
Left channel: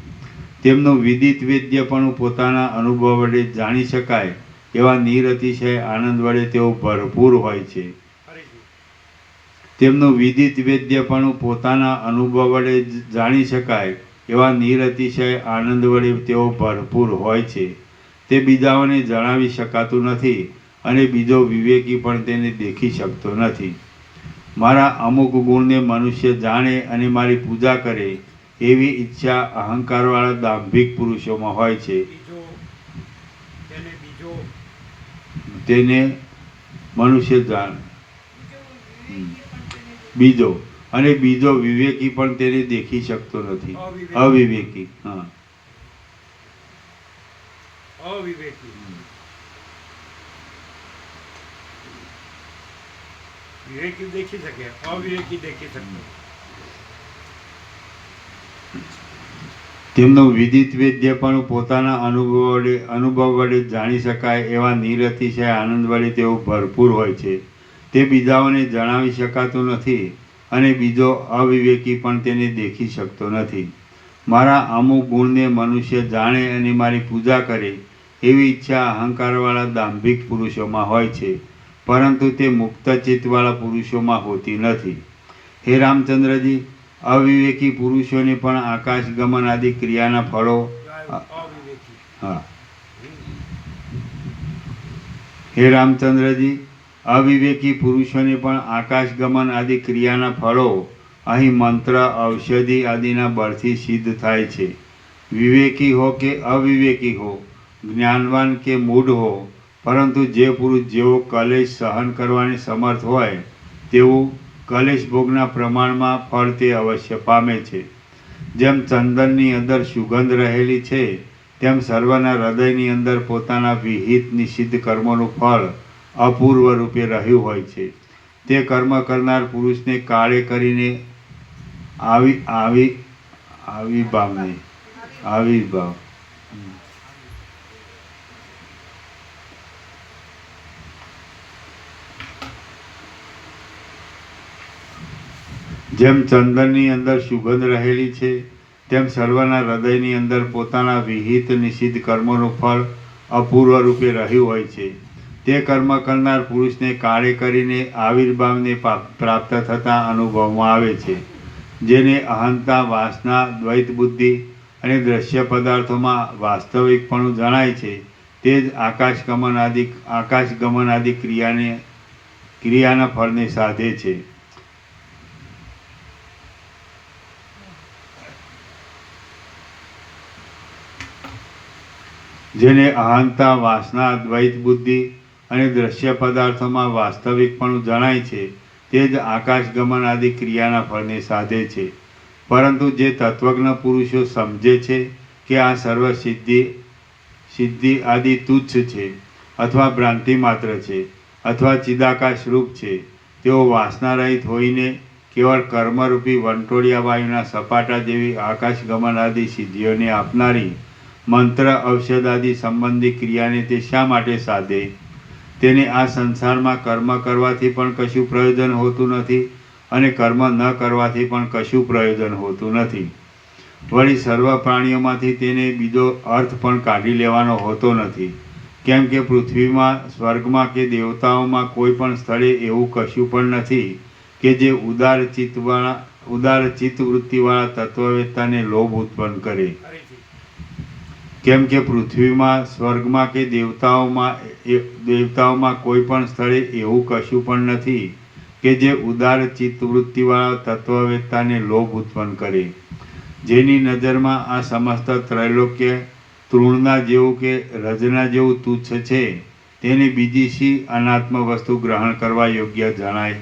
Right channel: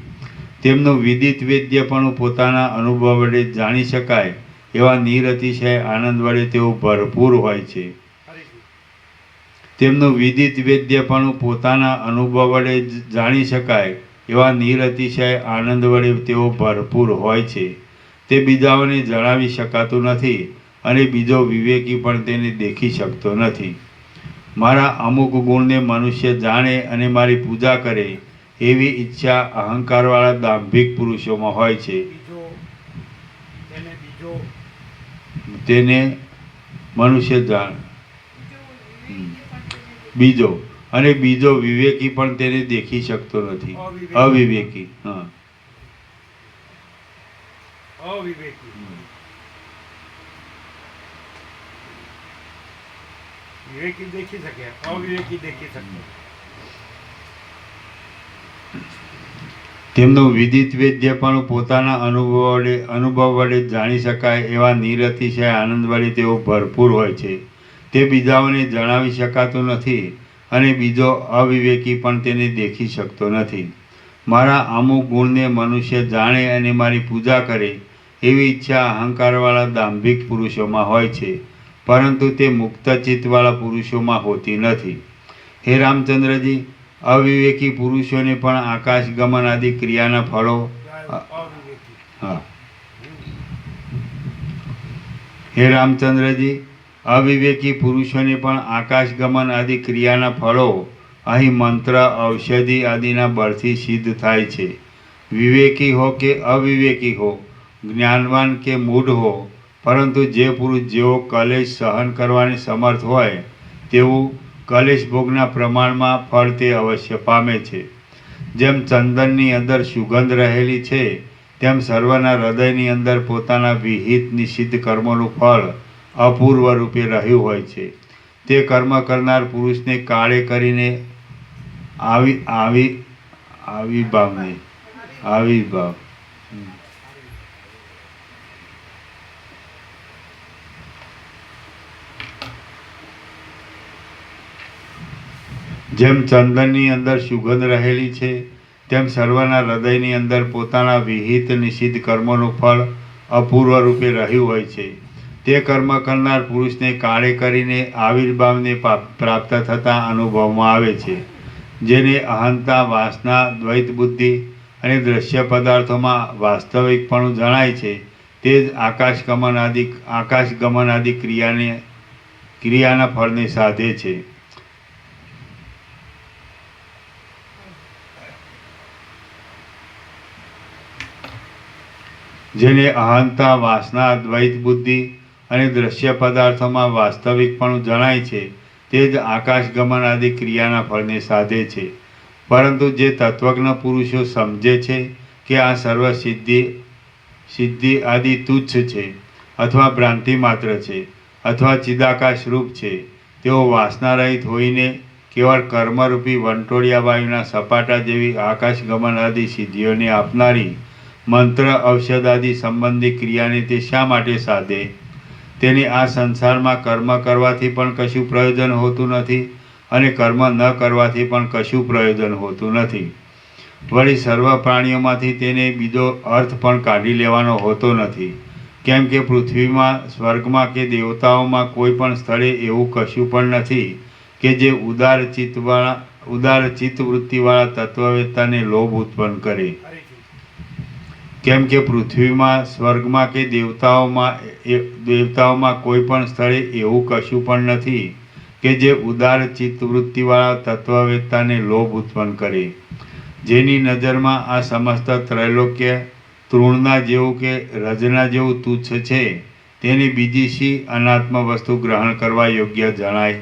તેમનું વિદિત વેદ્યપણું પોતાના અનુભવ વડે જાણી શકાય એવા નિરતિશય આનંદ વડે તેઓ ભરપૂર હોય છે. ફરીથી. તેમનું વિદિત વેદ્યપણું પોતાના અનુભવ વડે જાણી શકાય એવા નિરતિશય આનંદ વડે તેઓ ભરપૂર હોય છે. તે બીજાઓને જણાવી શકાતું નથી અને બીજો વિવેકી પણ તેને દેખી શકતો નથી. મારા અમુક ગુણને મનુષ્ય જાણે અને મારી પૂજા કરે એવી ઈચ્છા અહંકારવાળા દાંભિક પુરુષોમાં હોય છે. તેને મનુષ્ય જાણ બીજો અને બીજો વિવેકી પણ તેને દેખી શકતો નથી. અવિવેકી. હા, અવિવેકી. વિવેકી દેખી શકે, અવિવેકી દેખી શકતો. તેમનું વિદિત વેદ્ય પણ પોતાના અનુભવ વડે જાણી શકાય એવા નિરતિશય આનંદ વડે તેઓ ભરપૂર હોય છે. તે બીજાઓને જણાવી શકાતું નથી અને બીજો અવિવેકી પણ તેને દેખી શકતો નથી. મારા અમુક ગુણને મનુષ્ય જાણે અને મારી પૂજા કરે એવી ઈચ્છા અહંકારવાળા દાંભિક પુરુષોમાં હોય છે, પરંતુ તે મુક્ત ચિત્તવાળા પુરુષોમાં હોતી નથી. હે રામચંદ્રજી, અવિવેકી પુરુષોને પણ આકાશ ગમન આદિ ક્રિયાના ફળો અવિવેકી. હા. હે રામચંદ્રજી, અવિવેકી પુરુષોને પણ આકાશ ગમન આદિ ક્રિયાના ફળો અહીં મંત્ર, ઔષધિ આદિના બળથી સિદ્ધ થાય છે. વિવેકી હો કે અવિવેકી હો, જ્ઞાનવાન કે મૂઢ હો, પરંતુ જે પુરુષ જેવો કલેશ સહન કરવાની સમર્થ હોય તેવું કલેશ ભોગના પ્રમાણમાં ફળ તે અવશ્ય પામે છે. જેમ ચંદનની અંદર સુગંધ રહેલી છે તેમ સર્વના હૃદયની અંદર પોતાના વિહિત નિષિદ્ધ કર્મોનું ફળ અપૂર્વ રૂપે રહ્યું હોય છે. તે કર્મ કરનાર પુરુષને કાળે કરીને આવિર્ભાવ જેમ ચંદનની અંદર સુગંધ રહેલી છે તેમ સર્વના હૃદયની અંદર પોતાના વિહિત નિષિદ્ધ કર્મોનું ફળ અપૂર્વ રૂપે રહ્યું હોય છે. તે કર્મ કરનાર પુરુષને કાળે કરીને આવિર્ભાવને પ્રાપ્ત થતા અનુભવમાં આવે છે. જેને અહંતા, વાસના, દ્વૈત બુદ્ધિ અને દ્રશ્ય પદાર્થોમાં વાસ્તવિકપણું જણાય છે તે જ આકાશ ગમન આદિ ક્રિયાના ફળને સાધે છે. જેને અહંતા, વાસના, દ્વૈત બુદ્ધિ અને દ્રશ્ય પદાર્થોમાં વાસ્તવિકપણું જણાય છે તે જ આકાશ ગમન આદિ ક્રિયાના ફળને સાધે છે. પરંતુ જે તત્વજ્ઞ પુરુષો સમજે છે કે આ સર્વ સિદ્ધિ આદિ તુચ્છ છે અથવા ભ્રાંતિ માત્ર છે અથવા ચિદાકાશ રૂપ છે, તેઓ વાસના રહિત હોઈને કેવળ કર્મરૂપી વંટોળિયા વાયુના સપાટા જેવી આકાશ ગમન આદિ સિદ્ધિઓને આપનારી મંત્ર, ઔષધ આદિ સંબંધી ક્રિયાને તે શા માટે સાધે? તેને આ સંસારમાં કર્મ કરવાથી પણ કશું પ્રયોજન હોતું નથી અને કર્મ ન કરવાથી પણ કશું પ્રયોજન હોતું નથી. વળી સર્વ પ્રાણીઓમાંથી તેને બીજો અર્થ પણ કાઢી લેવાનો હોતો નથી. કેમ કે પૃથ્વીમાં, સ્વર્ગમાં કે દેવતાઓમાં કોઈ પણ સ્થળે એવું કશું પણ નથી કે જે ઉદાર ચિત્તવૃત્તિવાળા તત્વવેત્તાને લોભ ઉત્પન્ન કરે. કેમ કે પૃથ્વીમાં, સ્વર્ગમાં કે દેવતાઓમાં કોઈ પણ સ્થળે એવું કશું પણ નથી કે કે જે ઉદાર ચિત્તવૃત્તિવાળા તત્વવેત્તાને લોભ ઉત્પન્ન કરે, જેની નજરમાં આ સમસ્ત ત્રૈલોક્ય તૃણના જેવું કે રજના જેવું તુચ્છ છે, તેને બીજી શી અનાત્મ વસ્તુ ગ્રહણ કરવા યોગ્ય જણાય?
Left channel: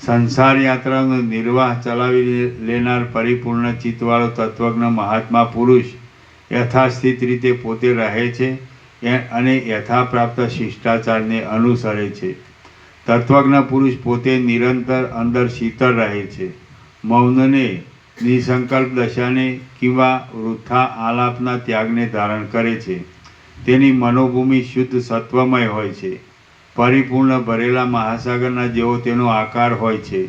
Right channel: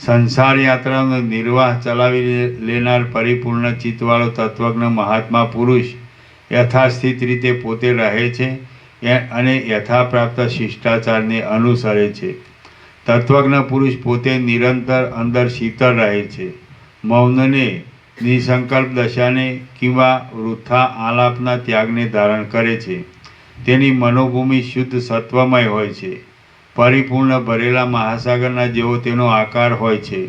સંસાર યાત્રાનો નિર્વાહ ચલાવી લેનાર પરિપૂર્ણ ચિત્તવાળો તત્વજ્ઞ મહાત્મા પુરુષ યથાસ્થિત રીતે પોતે રહે છે અને યથાપ્રાપ્ત શિષ્ટાચારને અનુસરે છે. તત્વજ્ઞ પુરુષ પોતે નિરંતર અંદર શીતળ રહે છે. મૌનને, નિસંકલ્પ દશાને કિંવા વૃથા આલાપના ત્યાગને ધારણ કરે છે. તેની મનોભૂમિ શુદ્ધ સત્વમય હોય છે. પરિપૂર્ણ ભરેલા મહાસાગરના જેવો તેનો આકાર હોય છે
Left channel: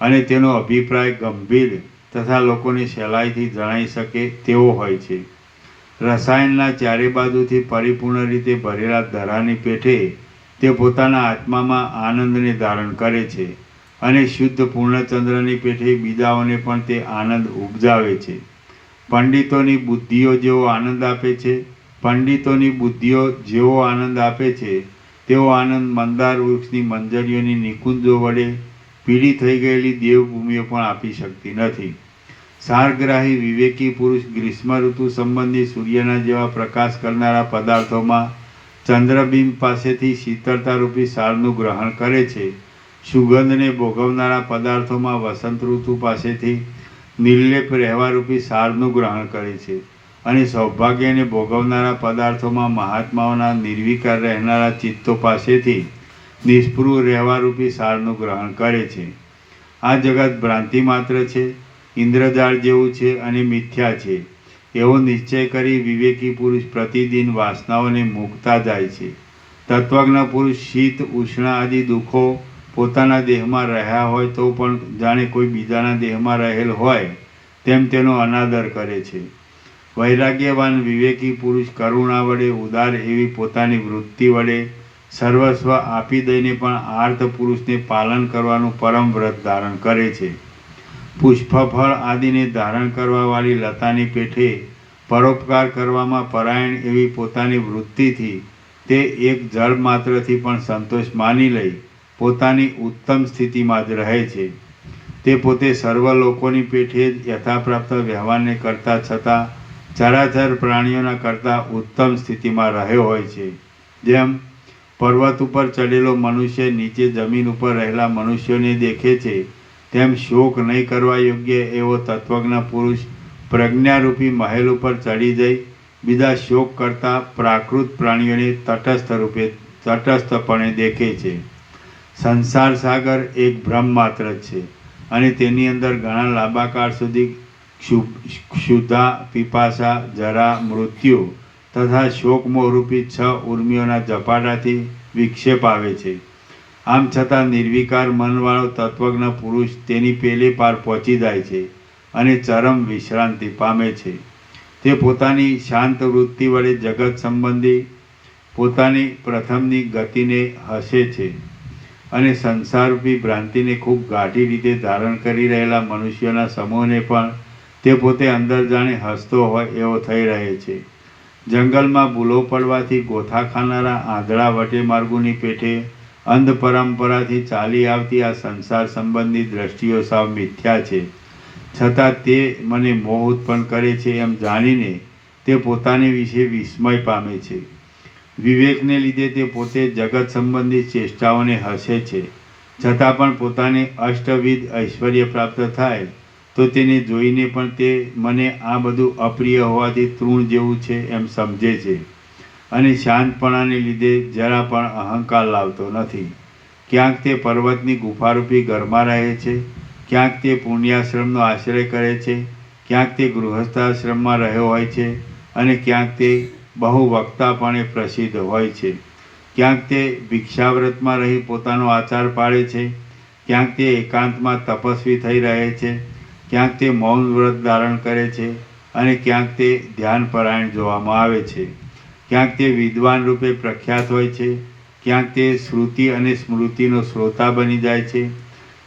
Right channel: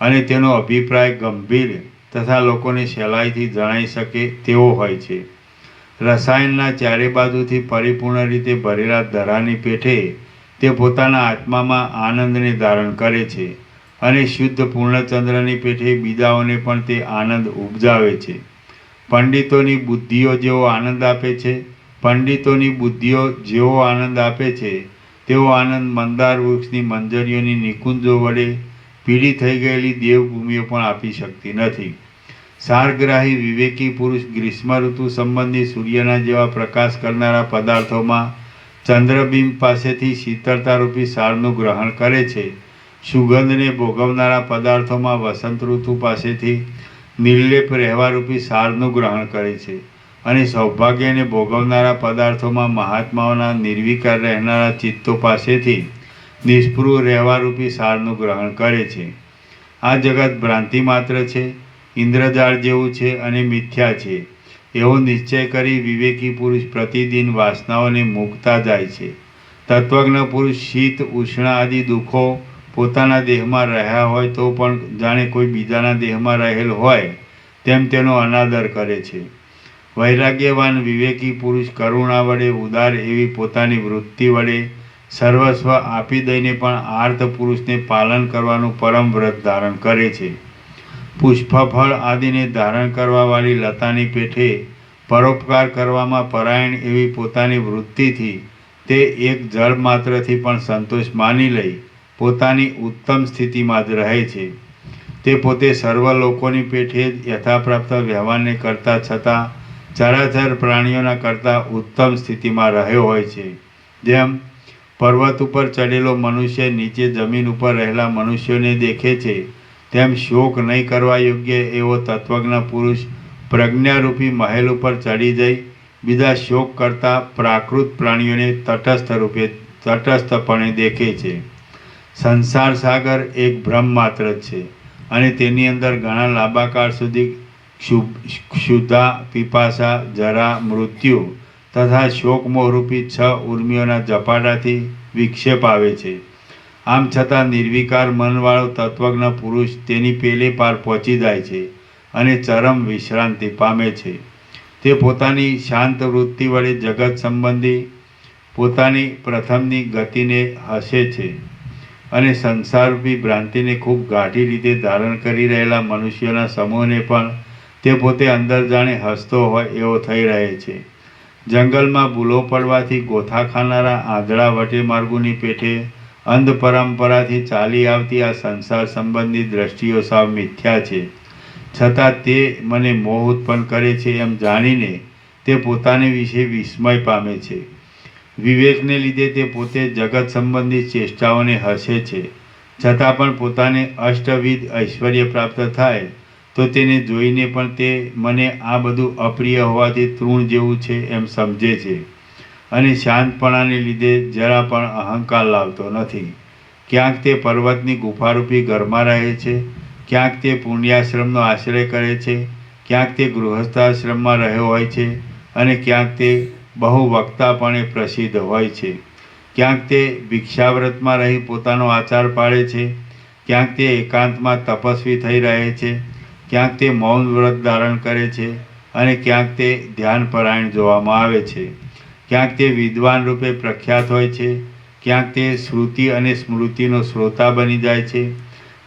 અને તેનો અભિપ્રાય ગંભીર તથા લોકોને સહેલાઈથી જણાઈ શકે તેવો હોય છે. રસાયણના ચારે બાજુથી પરિપૂર્ણ રીતે ભરેલા દરાની પેઠે તે પોતાના આત્મામાં આનંદને ધારણ કરે છે અને શુદ્ધ પૂર્ણચંદ્રની પેઠે બીજાઓને પણ તે આનંદ ઉપજાવે છે. પંડિતોની બુદ્ધિઓ જેવો આનંદ આપે છે, પંડિતોની બુદ્ધિઓ જેવો આનંદ આપે છે તેવો આનંદ મંદાર વૃક્ષની મંજરીઓની નિકુંજો વડે પીળી થઈ ગયેલી દેવભૂમિઓ પણ આપી શકતી નથી. સારગ્રાહી વિવેકી પુરુષ ગ્રીષ્મ ઋતુ સંબંધી સૂર્યના જેવા પ્રકાશ કરનારા પદાર્થોમાં ચંદ્રબિંબ પાસેથી શીતળતારૂપી સારનું ગ્રહણ કરે છે. સુગંધને ભોગવનારા પદાર્થોમાં વસંત ઋતુ પાસેથી નિર્લેપ રહેવારૂપી સારનું ગ્રહણ કરે છે અને સૌભાગ્યને ભોગવનારા પદાર્થોમાં મહાત્માઓના નિર્વિકાર રહેનારા ચિત્તો પાસેથી નિષ્પૃહ રહેવારૂપી સારનું ગ્રહણ કરે છે. આ જગત ભ્રાંતિ માત્ર છે, ઇન્દ્રજાળ જેવું છે અને મિથ્યા છે એવો નિશ્ચય કરી વિવેકી પુરુષ પ્રતિદિન વાસનાઓને મૂકતા જાય છે. તત્વજ્ઞ પુરુષ શીત, ઉષ્ણ આદિ દુઃખો પોતાના દેહમાં રહ્યા હોય તો પણ જાણે કોઈ બીજાના દેહમાં રહેલ હોય તેમ તેનો અનાદર કરે છે. વૈરાગ્યવાન વિવેકી પુરુષ કરુણા વડે ઉદાર એવી પોતાની વૃત્તિ વડે સર્વસ્વ આપી દઈને પણ આર્ત પુરુષને પાલન કરવાનું પરમ વ્રત ધારણ કરે છે. પુષ્પફળ આદિને ધારણ કરવાવાળી લતાની પેઠે પરોપકાર કરવામાં પરાયણ એવી પોતાની વૃત્તિથી તે એક જળ માત્રથી પણ સંતોષ માની લઈ પોતાની ઉત્તમ સ્થિતિમાં જ રહે છે. તે પોતે સર્વ લોકોની પેઠે જ યથાપ્રાપ્ત વ્યવહારને કરતા છતાં ચરાચર પ્રાણીઓના કરતાં ઉત્તમ સ્થિતિમાં રહ્યો હોય છે. જેમ પર્વત ઉપર ચડેલો મનુષ્ય નીચે જમીન ઉપર રહેલા મનુષ્યોને દેખે છે, તેમ શોક નહીં કરવા યોગ્ય એવો તત્વજ્ઞ પુરુષ પ્રજ્ઞારૂપી મહેલ ઉપર ચડી જઈ બીજા શોક કરતા પ્રાકૃત પ્રાણીઓને તટસ્થપણે દેખે છે. સંસાર સાગર એક ભ્રમ માત્ર છે અને તેની અંદર ઘણા લાંબા કાળ સુધી ક્ષુધા, પીપાસા, જરા, મૃત્યુ તથા શોકમોહરૂપી 6 ઉર્મિઓના ઝપાટાથી વિક્ષેપ આવે છે. આમ છતાં નિર્વિકાર મનવાળો તત્વજ્ઞ પુરુષ તેની પેલે પાર પહોંચી જાય છે અને ચરમ વિશ્રાંતિ પામે છે. તે પોતાની શાંત વૃત્તિ વડે જગત સંબંધી પોતાની પ્રથમની ગતિને હસે છે અને સંસારરૂપી ભ્રાંતિને ખૂબ ગાઢી રીતે ધારણ કરી રહેલા મનુષ્યોના સમૂહને પણ તે પોતે અંદર જાણે હસતો હોય એવો થઈ રહે છે. જંગલમાં ભૂલો પડવાથી ગોથા ખાનારા આંધળા વટે માર્ગોની પેઠે અંધ પરંપરાથી ચાલી આવતી આ સંસાર સંબંધી દ્રષ્ટિઓ સાવ મિથ્યા છે, છતાં તે મને મોહ ઉત્પન્ન કરે છે એમ જાણીને તે પોતાને વિશે વિસ્મય પામે છે. વિવેકને લીધે તે પોતે જગત સંબંધી ચેષ્ટાઓને હસે છે, છતાં પણ પોતાને અષ્ટવિધ ઐશ્વર્ય પ્રાપ્ત થાય તો તેને જોઈને પણ તે મને આ બધું અપ્રિય હોવાથી તૃણ જેવું છે એમ સમજે છે અને શાંતપણાને લીધે જરા પણ અહંકાર લાવતો નથી. ક્યાંક તે પર્વતની ગુફારૂપી ઘરમાં રહે છે, ક્યાંક તે પુણ્યાશ્રમનો આશ્રય કરે છે, ક્યાંક તે ગૃહસ્થાશ્રમમાં રહ્યો હોય છે અને ક્યાંક તે બહુ વક્તાપણે પ્રસિદ્ધ હોય છે. ક્યાંક તે ભિક્ષાવ્રતમાં રહી પોતાનો આચાર પાળે છે, ક્યાંક તે એકાંતમાં તપસ્વી થઈ રહે છે, ક્યાંક તે મૌન વ્રત ધારણ કરે છે અને ક્યાંક તે ધ્યાનપરાયણ જોવામાં આવે છે. ક્યાંક તે વિદ્વાન રૂપે પ્રખ્યાત હોય છે, ક્યાંક તે શ્રુતિ અને સ્મૃતિનો શ્રોતા બની જાય છે,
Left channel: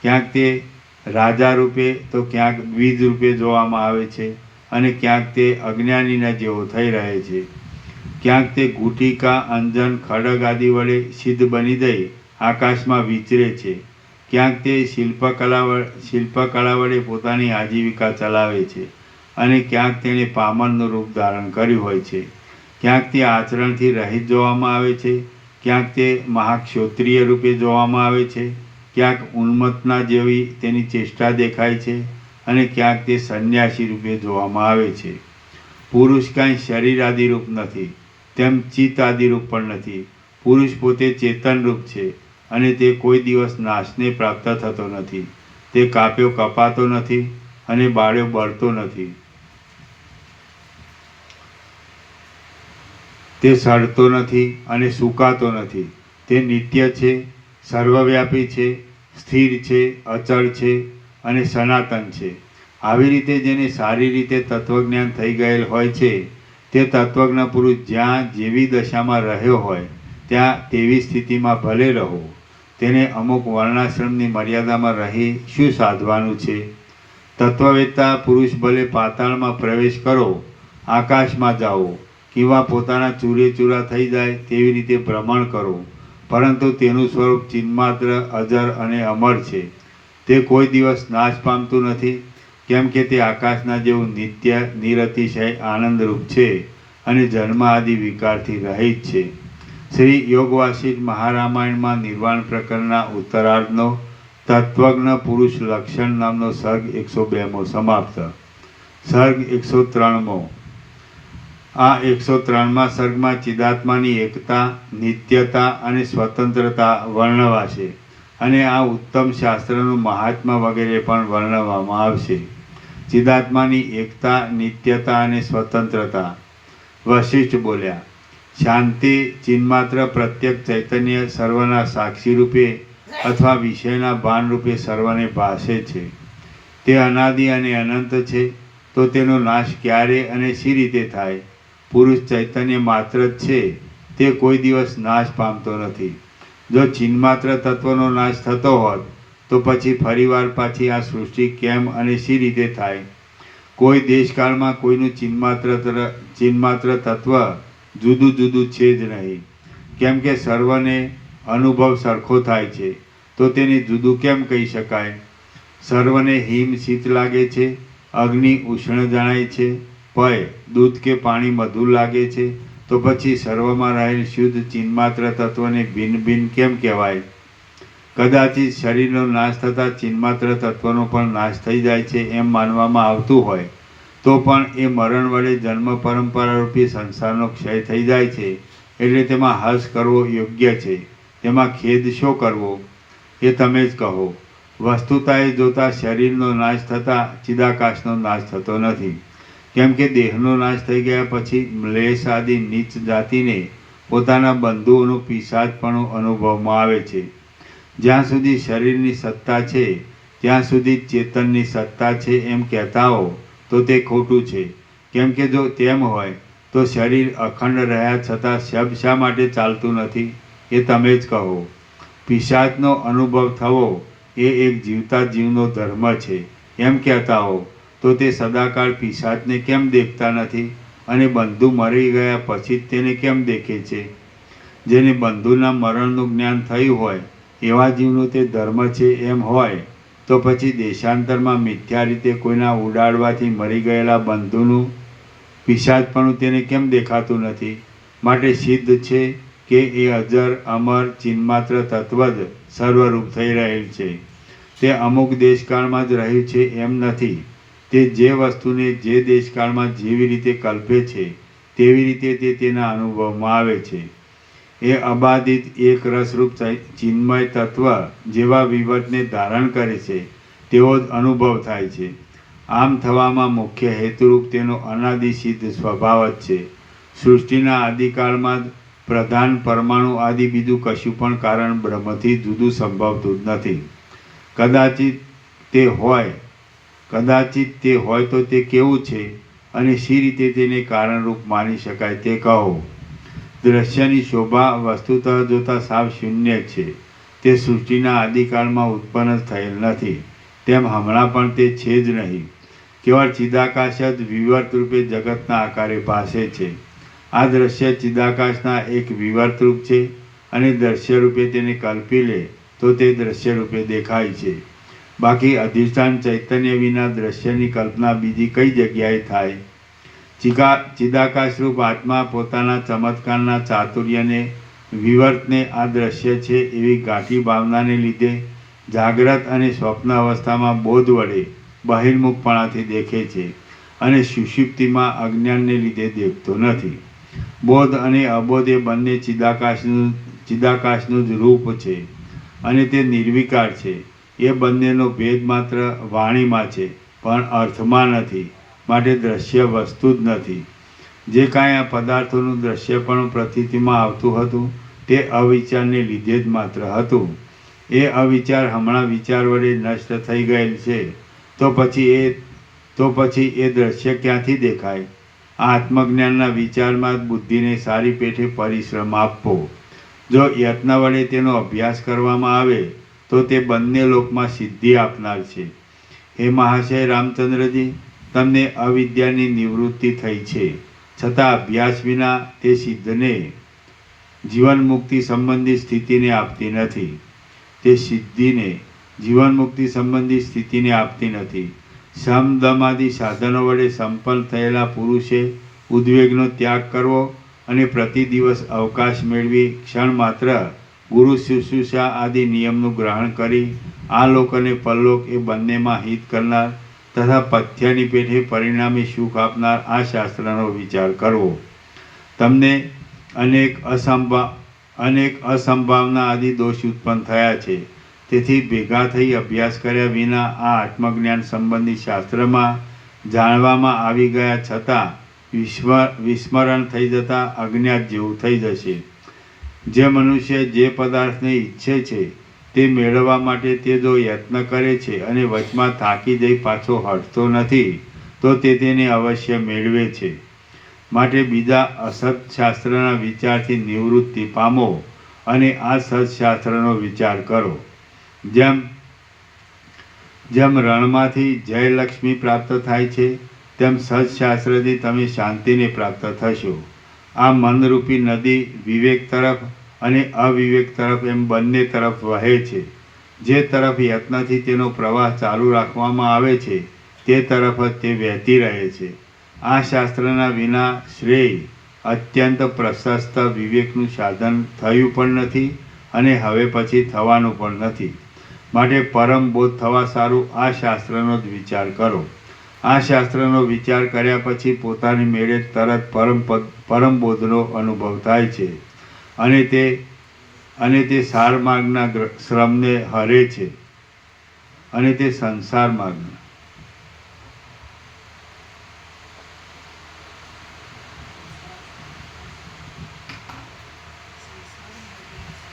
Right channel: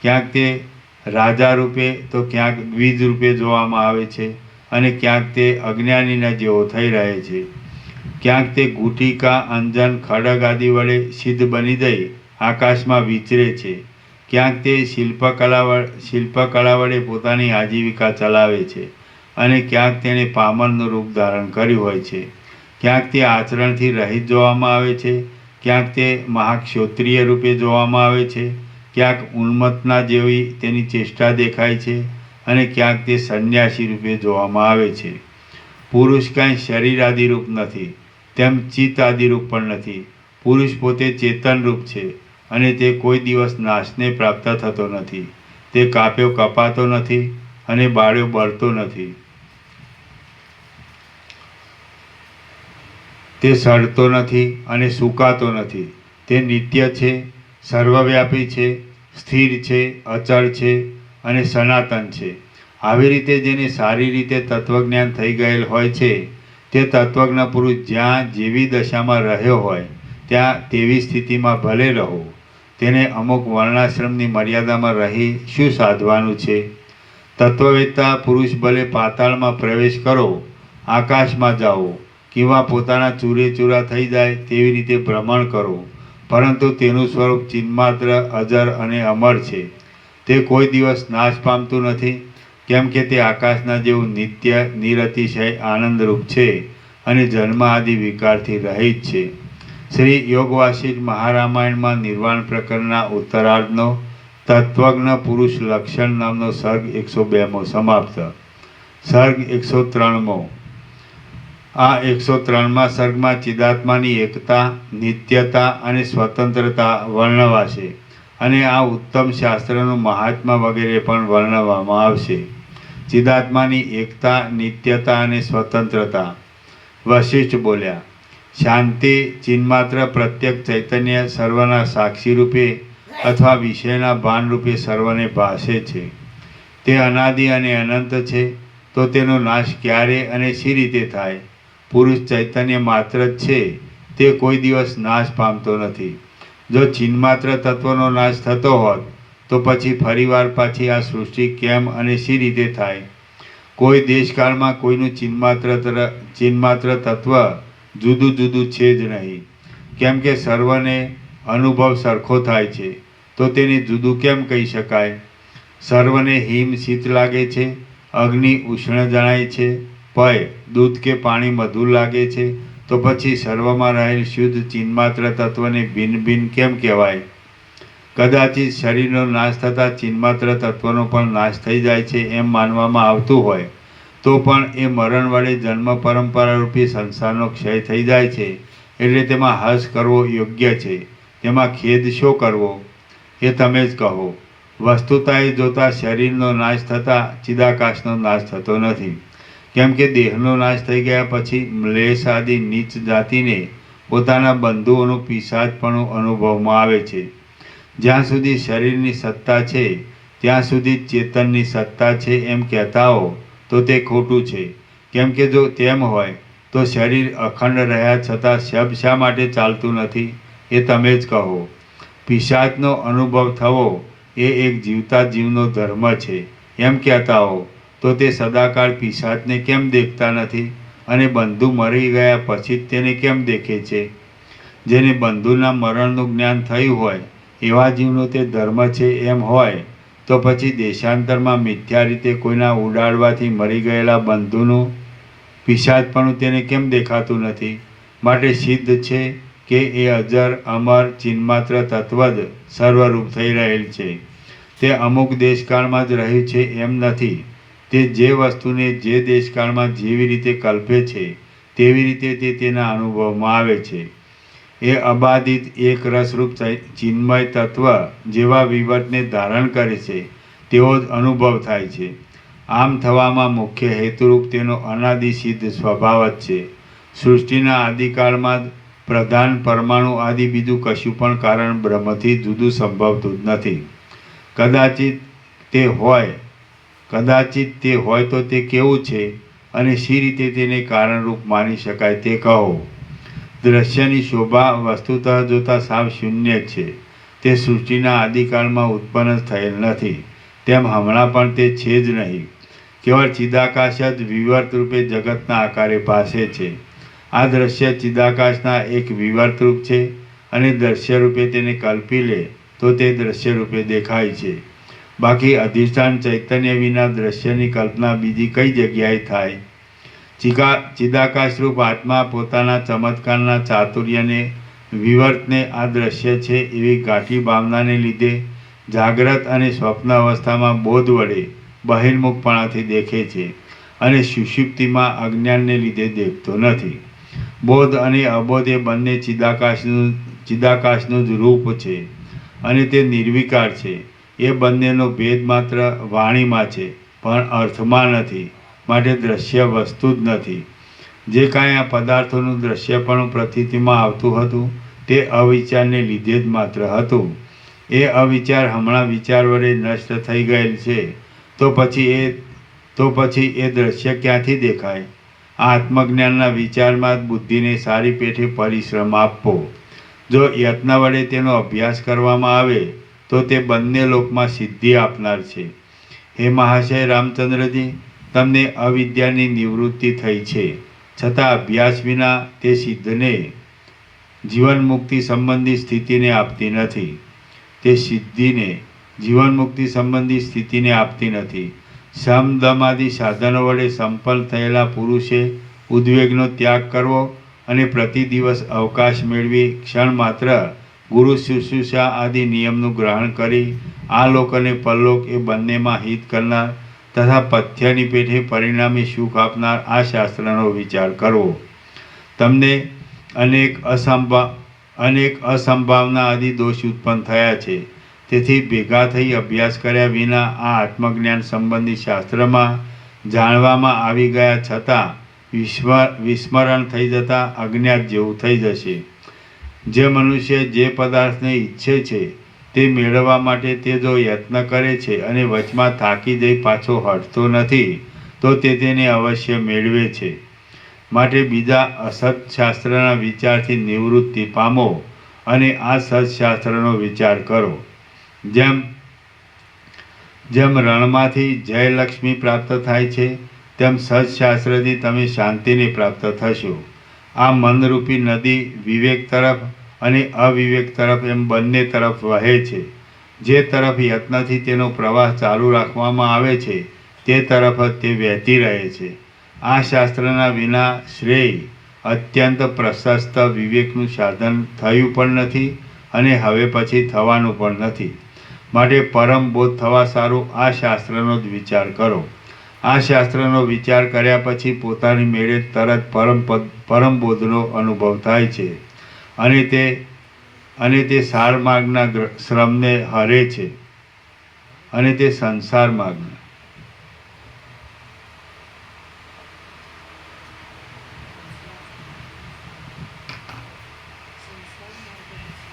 ક્યાંક તે રાજા રૂપે તો ક્યાંક દ્વિજ રૂપે જોવામાં આવે છે અને ક્યાંક તે અજ્ઞાનીના જેવો થઈ રહે છે. ક્યાંક તે ગુટિકા, અંજન, ખડગ આદિ વડે સિદ્ધ બની જઈ આકાશમાં વિચરે છે, ક્યાંક તે શિલ્પકળા વડે પોતાની આજીવિકા ચલાવે છે અને ક્યાંક તેણે પામરનું રૂપ ધારણ કર્યું હોય છે. ક્યાંક તે આચરણથી રહિત જોવામાં આવે છે, ક્યાંક તે મહાક્ષોત્રિય રૂપે જોવામાં આવે છે, ક્યાંક ઉન્મત્તના જેવી તેની ચેષ્ટા દેખાય છે અને ક્યાંક તે સંન્યાસી રૂપે જોવામાં આવે છે. પુરુષ કાંઈ શરીર આદિરૂપ નથી, તેમ ચિત્ત આદિરૂપ પણ નથી. પુરુષ પોતે ચેતનરૂપ છે અને તે કોઈ દિવસ નાશને પ્રાપ્ત થતો નથી. તે કાપ્યો કપાતો નથી અને બાળ્યો બળતો નથી. તે સડતો નથી અને સુકાતો નથી. તે નિત્ય છે, સર્વવ્યાપી છે, સ્થિર છે, અચળ છે અને સનાતન છે. આવી રીતે જેને સારી રીતે તત્વજ્ઞાન થઈ ગયેલ હોય છે તે તત્વજ્ઞ પુરુષ જ્યાં જેવી દશામાં રહ્યો હોય ત્યાં તેવી સ્થિતિમાં ભલે રહો. તેને અમુક વર્ણાશ્રમની મર્યાદામાં રહી શું સાધવાનું છે? તત્વવેત્તા પુરુષ ભલે પાતાળમાં પ્રવેશ કરો, આકાશમાં જાઓ, કિંવા પોતાના ચૂરેચૂરા થઈ જાય તેવી રીતે ભ્રમણ કરો, પરંતુ તેનું સ્વરૂપ ચિન્માત્ર, અજર અને અમર છે. તે કોઈ દિવસ નાશ પામતું નથી, કેમ કે તે આકાશના જેવું નિત્ય, નિરતિશય આનંદરૂપ છે અને જન્મ આદિ વિકારથી રહિત છે. શ્રી યોગવાસિષ્ઠ મહારામાયણમાં નિર્વાણ પ્રકરણના ઉત્તરાર્ધનો તત્વજ્ઞ પુરુષ લક્ષણ નામનો સર્ગ 102મો સમાપ્ત. સર્ગ 103મો. આ 103મા સર્ગમાં ચિદાત્માની એકતા, નિત્યતા અને સ્વતંત્રતા વર્ણવાશે અને આ ઉત્તમ શાસ્ત્રનું મહાત્મા વગેરે પણ વર્ણવવામાં આવશે. ચિદાત્માની એકતા, નિત્યતા અને સ્વતંત્રતા. વશિષ્ઠ બોલ્યા, શાંતિ ચિન્માત્ર પ્રત્યેક ચૈતન્ય સર્વના સાક્ષી રૂપે અથવા વિષયના ભાન રૂપે સર્વને ભાસે છે. તે અનાદિ અને અનંત છે, તો તેનો નાશ ક્યારે અને શી રીતે થાય? પુરુષ ચૈતન્ય માત્ર જ છે, તે કોઈ દિવસ નાશ પામતો નથી. જો ચિન્માત્ર તત્વનો નાશ થતો હોત તો પછી ફરીવાર પાછી આ સૃષ્ટિ કેમ અને શી રીતે થાય? કોઈ દેશકાળમાં કોઈનું ચિન્માત્ર તત્વ જુદું જુદું છે જ નહીં, કેમ કે સર્વને અનુભવ સરખો થાય છે, તો તેને જુદું કેમ કહી શકાય? સર્વને હિમ શીત લાગે છે, અગ્નિ ઉષ્ણ જણાય છે, પય દૂધ કે પાણી મધુર લાગે છે, તો પછી સર્વમાં રહેલ શુદ્ધ ચિન્માત્ર તત્વને ભિન્ન ભિન્ન કેમ કહેવાય? કદાચિત શરીરનો નાશ થતાં ચિન્માત્ર તત્વનો પણ નાશ થઈ જાય છે એમ માનવામાં આવતું હોય તો પણ એ મરણ વડે જન્મ પરંપરા રૂપી સંસારનો ક્ષય થઈ જાય છે, એટલે તેમાં હર્ષ કરવો યોગ્ય છે. તેમાં ખેદ શો કરવો એ તમે જ કહો. વસ્તુતાએ જોતા શરીરનો નાશ થતાં ચિદાકાશનો નાશ થતો નથી, કેમ કે દેહનો નાશ થઈ ગયા પછી મ્લેચ્છ આદિ નીચ જાતિને પોતાના બંધુઓનું પિશાચપણું અનુભવમાં આવે છે. જ્યાં સુધી શરીરની સત્તા છે ત્યાં સુધી ચેતનની સત્તા છે એમ કહેતા હો તો તે ખોટું છે, કેમ કે જો તેમ હોય તો શરીર અખંડ રહ્યા છતાં શબ શા માટે ચાલતું નથી એ તમે જ કહો. પિશાચનો અનુભવ થવો એ એક જીવતા જીવનો ધર્મ છે એમ કહેતા હો તો તે સદાકાળ પિશાચને કેમ દેખતા નથી અને બંધુ મરી ગયા પછી જ તેને કેમ દેખે છે? જેને બંધુના મરણનું જ્ઞાન થયું હોય એવા જીવનો તે ધર્મ છે એમ હોય તો પછી દેશાંતરમાં મિથ્યા રીતે કોઈના ઉડાડવાથી મરી ગયેલા બંધુનું પિશાચપણું તેને કેમ દેખાતું નથી? માટે સિદ્ધ છે કે એ અજર, અમર, ચિન્માત્ર તત્વ જ સર્વરૂપ થઈ રહેલ છે. તે અમુક દેશકાળમાં જ રહ્યું છે એમ નથી. તે જે વસ્તુને જે દેશકાળમાં જેવી રીતે કલ્પે છે તેવી રીતે તે તેના અનુભવમાં આવે છે. એ અબાધિત એક રસરૂપ ચિન્મય તત્વ જેવા વિવર્તને ધારણ કરે છે તેવો જ અનુભવ થાય છે. આમ થવામાં મુખ્ય હેતુરૂપ તેનો અનાદિ સિદ્ધ સ્વભાવ જ છે. સૃષ્ટિના આદિકાળમાં જ પ્રધાન પરમાણુ આદિ બીજું કશું પણ કારણ બ્રહ્મથી જુદું સંભવતું જ નથી. કદાચિત તે હોય તો તે કેવું છે અને શી રીતે તેને કારણરૂપ માની શકાય તે કહો. દ્રશ્યની શોભા વસ્તુતઃ જોતા સાવ શૂન્ય છે. તે સૃષ્ટિના આદિકાળમાં ઉત્પન્ન જ થયેલ નથી, તેમ હમણાં પણ તે છે જ નહીં. કેવળ ચિદાકાશ જ વિવર્ત રૂપે જગતના આકારે ભાસે છે. આ દ્રશ્ય ચિદાકાશના એક વિવર્ત રૂપ છે અને દ્રશ્ય રૂપે તેને કલ્પી લે તો તે દ્રશ્ય રૂપે દેખાય છે. બાકી અધિષ્ઠાન ચૈતન્ય વિના દ્રશ્યની કલ્પના બીજી કઈ જગ્યાએ થાય? ચિદાકાશરૂપ આત્મા પોતાના ચમત્કારના ચાતુર્યને વિવર્તને આ દ્રશ્ય છે એવી ગાંઠી ભાવનાને લીધે જાગ્રત અને સ્વપ્ન અવસ્થામાં બોધ વડે બહિર્મુખપણાથી દેખે છે અને સુષુપ્તિમાં અજ્ઞાનને લીધે દેખતો નથી. બોધ અને અબોધ એ બંને ચિદાકાશનું જ રૂપ છે અને તે નિર્વિકાર છે. એ બંનેનો ભેદ માત્ર વાણીમાં છે પણ અર્થમાં નથી, માટે દ્રશ્ય વસ્તુ જ નથી. જે કાંઈ આ પદાર્થોનું દ્રશ્યપણું પ્રતીતિમાં આવતું હતું તે અવિચારને લીધે જ માત્ર હતું. એ અવિચાર હમણાં વિચાર વડે નષ્ટ થઈ ગયેલ છે, તો પછી એ દ્રશ્ય ક્યાંથી દેખાય? આ આત્મજ્ઞાનના વિચારમાં જ બુદ્ધિને સારી પેઠે પરિશ્રમ આપવો. જો યત્ન વડે તેનો અભ્યાસ કરવામાં આવે તો તે બંને લોકમાં સિદ્ધિ આપનાર છે. હે મહાશય રામચંદ્રજી, તમને અવિદ્યાની નિવૃત્તિ થઈ છે, છતાં અભ્યાસ વિના તે સિદ્ધને જીવન મુક્તિ સંબંધી સ્થિતિને આપતી નથી. તે સિદ્ધિને જીવન મુક્તિ સંબંધી સ્થિતિને આપતી નથી. સમ દમ આદિ સાધનો વડે સંપન્ન થયેલા પુરુષે ઉદ્વેગનો ત્યાગ કરવો અને પ્રતિ દિવસ અવકાશ મેળવી ક્ષણ માત્ર ગુરુ શુશ્રૂષા આદિ નિયમનું ગ્રહણ કરી આ લોક અને પરલોક એ બંનેમાં હિત કરનાર તથા પથ્યની પેઠે પરિણામે સુખ આપનાર આ શાસ્ત્રનો વિચાર કરવો. તમને અનેક અસંભાવના આદિ દોષ ઉત્પન્ન થયા છે. તેથી ભેગા થઈ અભ્યાસ કર્યા વિના આ આત્મજ્ઞાન સંબંધી શાસ્ત્રમાં જાણવામાં આવી ગયા છતાં વિસ્મરણ થઈ જતાં અજ્ઞાત જેવું થઈ જશે. જે મનુષ્ય જે પદાર્થને ઈચ્છે છે તે મેળવવા માટે તે જો યત્ન કરે છે અને વચમાં થાકી જઈ પાછો હટતો નથી તો તે તેને અવશ્ય મેળવે છે. માટે બીજા અસત્શાસ્ત્રના વિચારથી નિવૃત્તિ પામો અને આ સત્શાસ્ત્રનો વિચાર કરો. જેમ રણમાંથી જયલક્ષ્મી પ્રાપ્ત થાય છે તેમ સત્શાસ્ત્રથી તમે શાંતિને પ્રાપ્ત થશો. આ મનરૂપી નદી વિવેક તરફ અને અવિવેક તરફ એમ બંને તરફ વહે છે. જે તરફ યત્નથી તેનો પ્રવાહ ચાલુ રાખવામાં આવે છે તે તરફ જ તે વહેતી રહે છે. આ શાસ્ત્રના વિના શ્રેય અત્યંત પ્રશસ્ત વિવેકનું સાધન થયું પણ નથી અને હવે પછી થવાનું પણ નથી. માટે પરમ બોધ થવા સારું આ શાસ્ત્રનો જ વિચાર કરો. આ શાસ્ત્રનો વિચાર કર્યા પછી પોતાની મેળે તરત પરમ બોધનો અનુભવ થાય છે અને તે સાર માર્ગના શ્રમને હરે છે અને તે સંસાર માર્ગને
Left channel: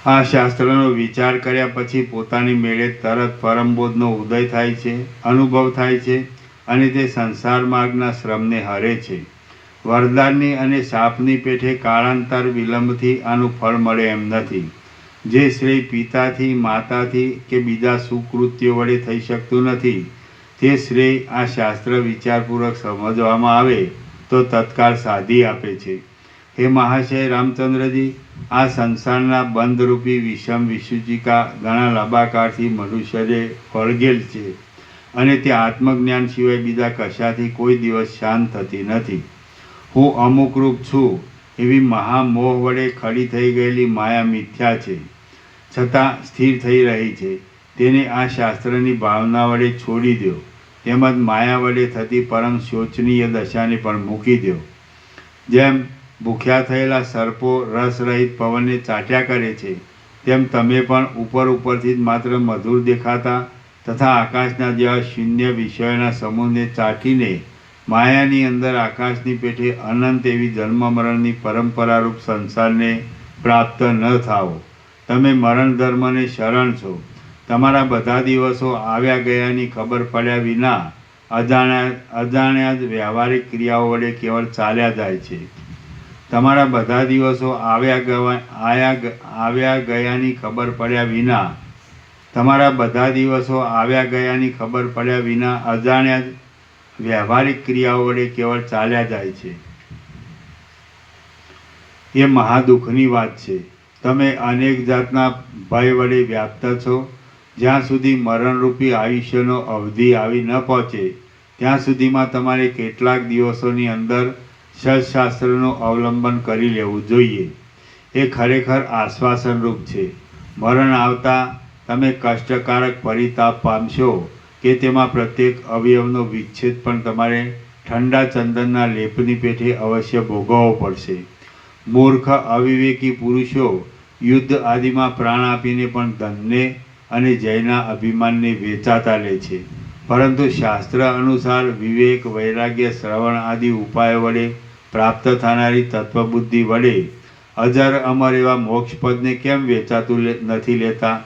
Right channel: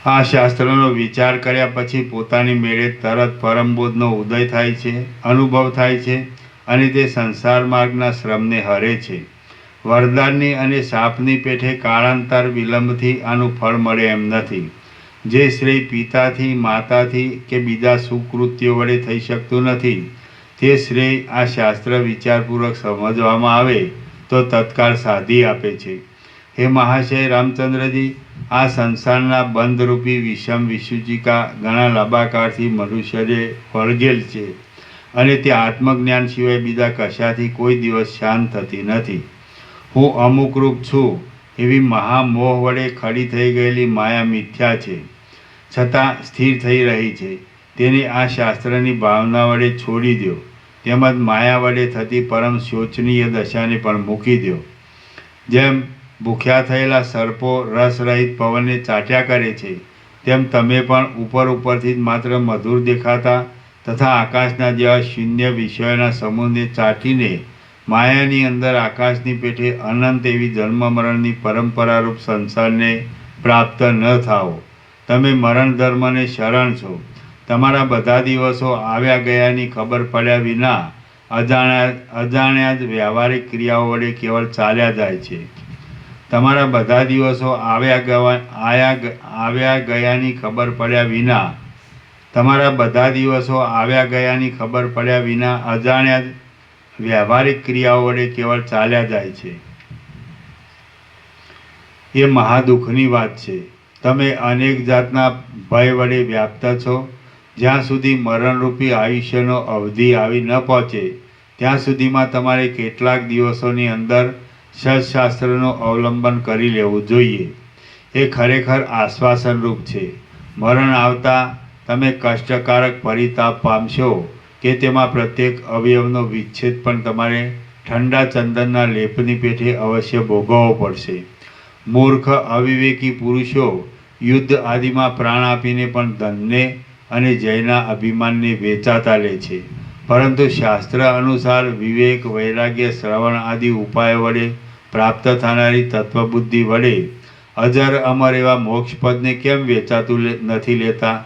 આ શાસ્ત્રનો વિચાર કર્યા પછી પોતાની મેળે તરત પરમબોધનો ઉદય થાય છે, અનુભવ થાય છે અને તે સંસાર માર્ગના શ્રમને હરે છે. વરદાનની અને શાપની પેઠે કાળાંતર વિલંબથી આનું ફળ મળે એમ નથી. જે શ્રેય પિતાથી, માતાથી કે બીજા સુકૃત્યો વડે થઈ શકતું નથી તે શ્રેય આ શાસ્ત્ર વિચારપૂર્વક સમજવામાં આવે તો તત્કાળ સાધી આપે છે. હે મહાશય રામચંદ્રજી, આ સંસારના બંધરૂપી વિષમ વિસૂચિકા ઘણા લંબાકાળથી મનુષ્યને વળગેલ છે અને તે આત્મજ્ઞાન સિવાય બીજા કશાથી કોઈ દિવસ શાંત થતી નથી. હું અમુકરૂપ છું એવી મહામોહ વડે ખડી થઈ ગયેલી માયા મિથ્યા છે, છતાં સ્થિર થઈ રહી છે. તેને આ શાસ્ત્રની ભાવના વડે છોડી દો. તેમજ માયા વડે થતી પરમ શોચનીય દશાને પણ મૂકી દો. જેમ ભૂખ્યા થયેલા સર્પો રસરહિત પવનને ચાટ્યા કરે છે તેમ તમે પણ ઉપરથી જ માત્ર મધુર દેખાતા તથા આકાશના જેવા શૂન્ય વિષયોના સમૂહને ચાટીને માયાની અંદર આકાશની પેઠે અનંત એવી જન્મ મરણની પરંપરારૂપ સંસારને પ્રાપ્ત ન થાઓ. તમે મરણ ધર્મને શરણ છો. તમારા બધા દિવસો આવ્યા ગયાની ખબર પડ્યા વિના અજાણ્યા જ વ્યવહારિક ક્રિયાઓ વડે કેવળ ચાલ્યા જાય છે. તમારા બધા દિવસો આવ્યા ગયાની ખબર પડ્યા વિના અજાણ્યા જ વ્યવહારિક ક્રિયાઓ વડે કેવળ ચાલ્યા જાય છે. એ મહાદુઃખની વાત છે. તમે અનેક જાતના ભય વડે વ્યાપ્ત છો. જ્યાં સુધી મરણરૂપી આયુષ્યનો અવધિ આવી ન પહોંચે ત્યાં સુધીમાં તમારે કેટલાક દિવસોની અંદર સત્શાસ્ત્રનું અવલંબન કરી લેવું જોઈએ. એ ખરેખર આશ્વાસનરૂપ છે. મરણ આવતા તમે કષ્ટકારક પરિતાપ પામશો કે તેમાં પ્રત્યેક અવયવનો વિચ્છેદ પણ તમારે ઠંડા ચંદનના લેપની પેઠે અવશ્ય ભોગવવો પડશે. મૂર્ખ અવિવેકી પુરુષો યુદ્ધ આદિમાં પ્રાણ આપીને પણ ધનને અને જયના અભિમાનને વેચાતા લે છે. પરંતુ શાસ્ત્ર અનુસાર વિવેક, વૈરાગ્ય, શ્રવણ આદિ ઉપાયો વડે પ્રાપ્ત થનારી તત્વબુદ્ધિ વડે અજર અમર એવા મોક્ષપદને કેમ વેચાતું નથી લેતા?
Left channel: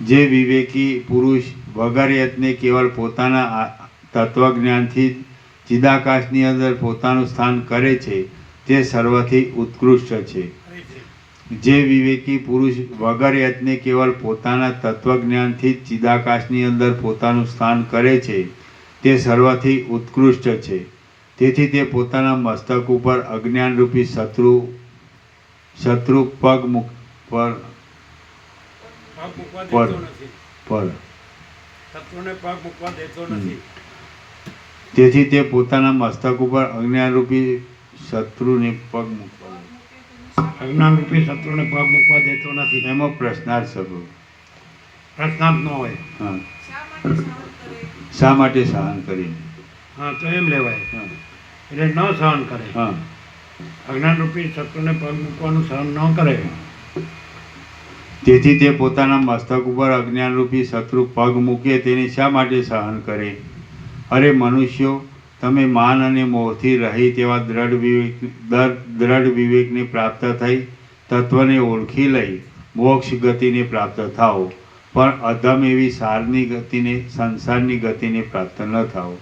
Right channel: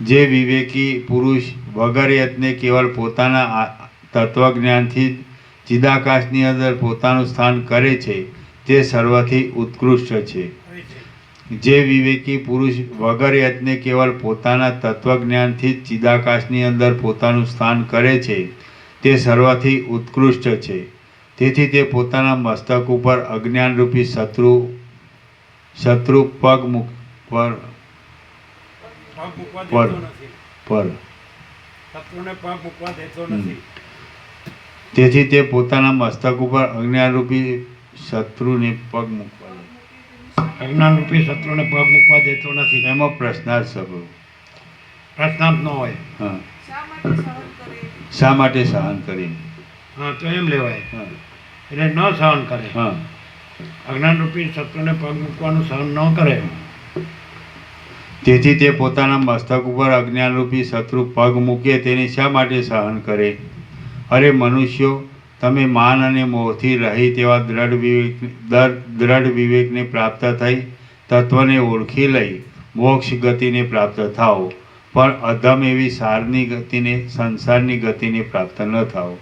જે વિવેકી પુરુષ વગર યત્ને કેવળ પોતાના તત્વજ્ઞાનથી જ ચિદાકાશની અંદર પોતાનું સ્થાન કરે છે તે સર્વથી ઉત્કૃષ્ટ છે. જે વિવેકી પુરુષ વગર યત્ને કેવળ પોતાના તત્વજ્ઞાનથી જ ચિદાકાશની અંદર પોતાનું સ્થાન કરે છે તે સર્વથી ઉત્કૃષ્ટ છે. તેથી તે પોતાના મસ્તક ઉપર અજ્ઞાનરૂપી શત્રુ પગ મૂકવા દેતો નથી. પર શત્રુને પગ મૂકવા દેતો નથી. તેથી તે પોતાના મસ્તક ઉપર અજ્ઞાનરૂપી શત્રુને પગ મૂકવા અજ્ઞાનરૂપી શત્રુને પગ મૂકવા દેતો નથી. એમાં પ્રશ્નાર્થ શબ્દ પ્રશ્નાર્થ ન હોય. હા, શા માટે સહન કરીને? હા, તો એમ લેવાય. હા, એટલે ન સહન કરે. હા, અજ્ઞાનરૂપી શત્રુને પગ મૂકવાનું સહન ન કરે. તેથી તે પોતાના મસ્તક ઉપર અજ્ઞાનરૂપી શત્રુ પગ મૂકે તેને શા માટે સહન કરે? અરે મનુષ્યો, તમે માન અને મોહથી રહિત એવા દ્રઢ વિવેકને પ્રાપ્ત થઈ તત્વને ઓળખી લઈ મોક્ષ ગતિને પ્રાપ્ત થાઓ, પણ અધમ એવી સારની ગતિને, સંસારની ગતિને પ્રાપ્ત ન થાઓ.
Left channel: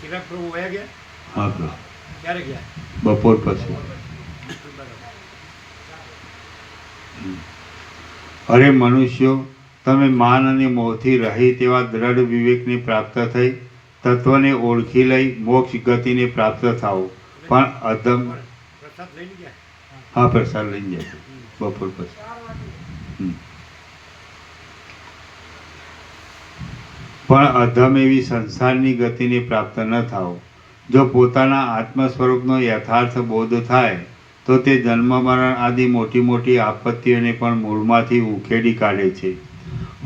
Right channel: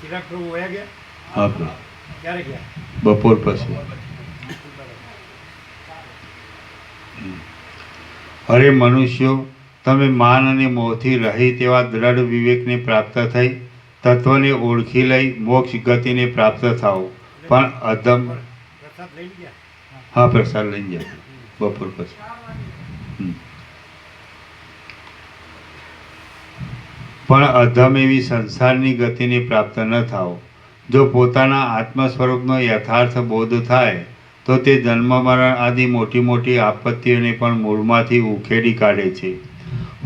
ચિરાગ પ્રભુ વયા ગયા? હા, ક્યારે ગયા? બપોર પછી. બરાબર. અરે મનુષ્યો, તમે માન અને મોહથી રહિત એવા દ્રઢ વિવેકને પ્રાપ્ત થઈ તત્વને ઓળખી લઈ મોક્ષ ગતિને પ્રાપ્ત થાઓ, પણ અધમ. પ્રસાદ લઈને ગયા? હા, પ્રસાદ લઈને જાય બપોર પછી. પણ અધમ એવી સંસારની ગતિને પ્રાપ્ત ન થાઓ. જો પોતાના આત્મ સ્વરૂપનો યથાર્થ બોધ થાય તો તે જન્મ મરણ આદિ મોટી મોટી આપત્તિઓને પણ મૂળમાંથી ઉખેડી કાઢે છે.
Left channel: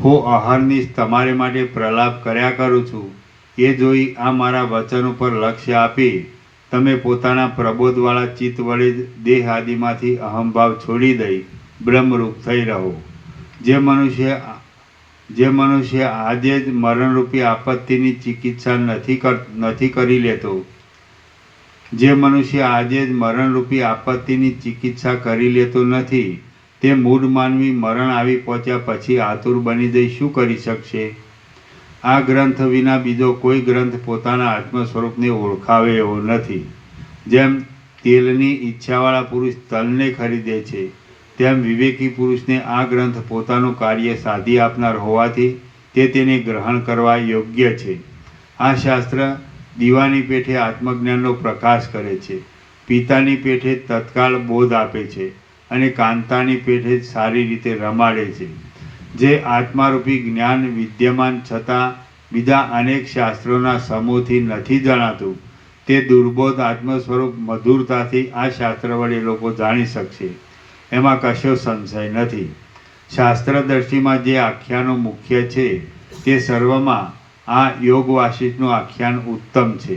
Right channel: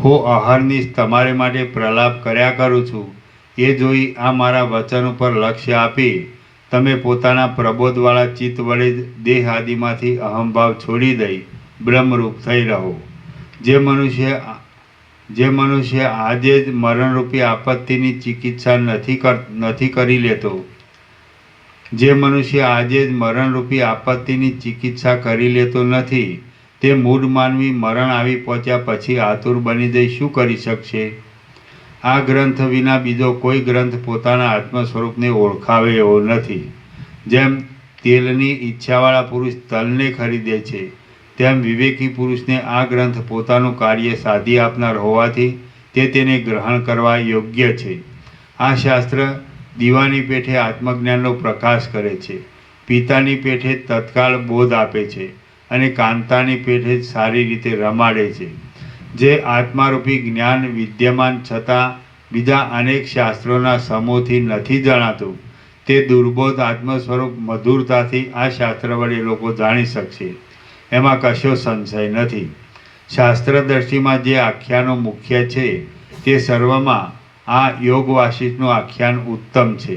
હું અહર્નિશ તમારે માટે પ્રલાપ કર્યા કરું છું. એ જોઈ આ મારા વચન ઉપર લક્ષ્ય આપી તમે પોતાના પ્રબોધવાળા ચિત્ત વડે દેહ આદિમાંથી અહંભાવ છોડી દઈ બ્રહ્મરૂપ થઈ રહો. જે મનુષ્ય આજે જ મરણરૂપી આપત્તિની ચિકિત્સા નથી કરી લેતો, જે મનુષ્ય આજે જ મરણરૂપી આપત્તિની ચિકિત્સા કરી લેતો નથી, તે મૂઢ માનવી મરણ આવી પહોંચ્યા પછી આતુર બની જઈ શું કરી શકશે? આ ગ્રંથ વિના બીજો કોઈ ગ્રંથ પોતાના આત્મ સ્વરૂપને ઓળખાવે એવો નથી. જેમ તેલની ઈચ્છાવાળા પુરુષ તલને ખરીદે છે, તેમ વિવેકી પુરુષને આ ગ્રંથ પોતાનું કાર્ય સાધી આપનાર હોવાથી તે તેને ગ્રહણ કરવા યોગ્ય છે. આ શાસ્ત્ર દીવાની પેઠે આત્મજ્ઞાનનો પ્રકાશ કરે છે, પિતાની પેઠે તત્કાળ બોધ આપે છે અને કાંતાની પેઠે સારી રીતે રમાડે છે. જે આત્મારૂપી જ્ઞાન વિદ્યમાન છતાં બીજા અનેક શાસ્ત્રોના સમૂહથી નથી જણાતું, તે દુર્બોધ આત્મ સ્વરૂપ મધુરતાથી આ શાસ્ત્ર વડે લોકો જાણી શકશે. એમાં કશો સંશય નથી. શાસ્ત્રદર્શીમાં જે આખ્યાનો મુખ્ય છે તે સર્વમાં આ યોગ વાસિષ્ઠનું આખ્યાન ઉત્તમ છે.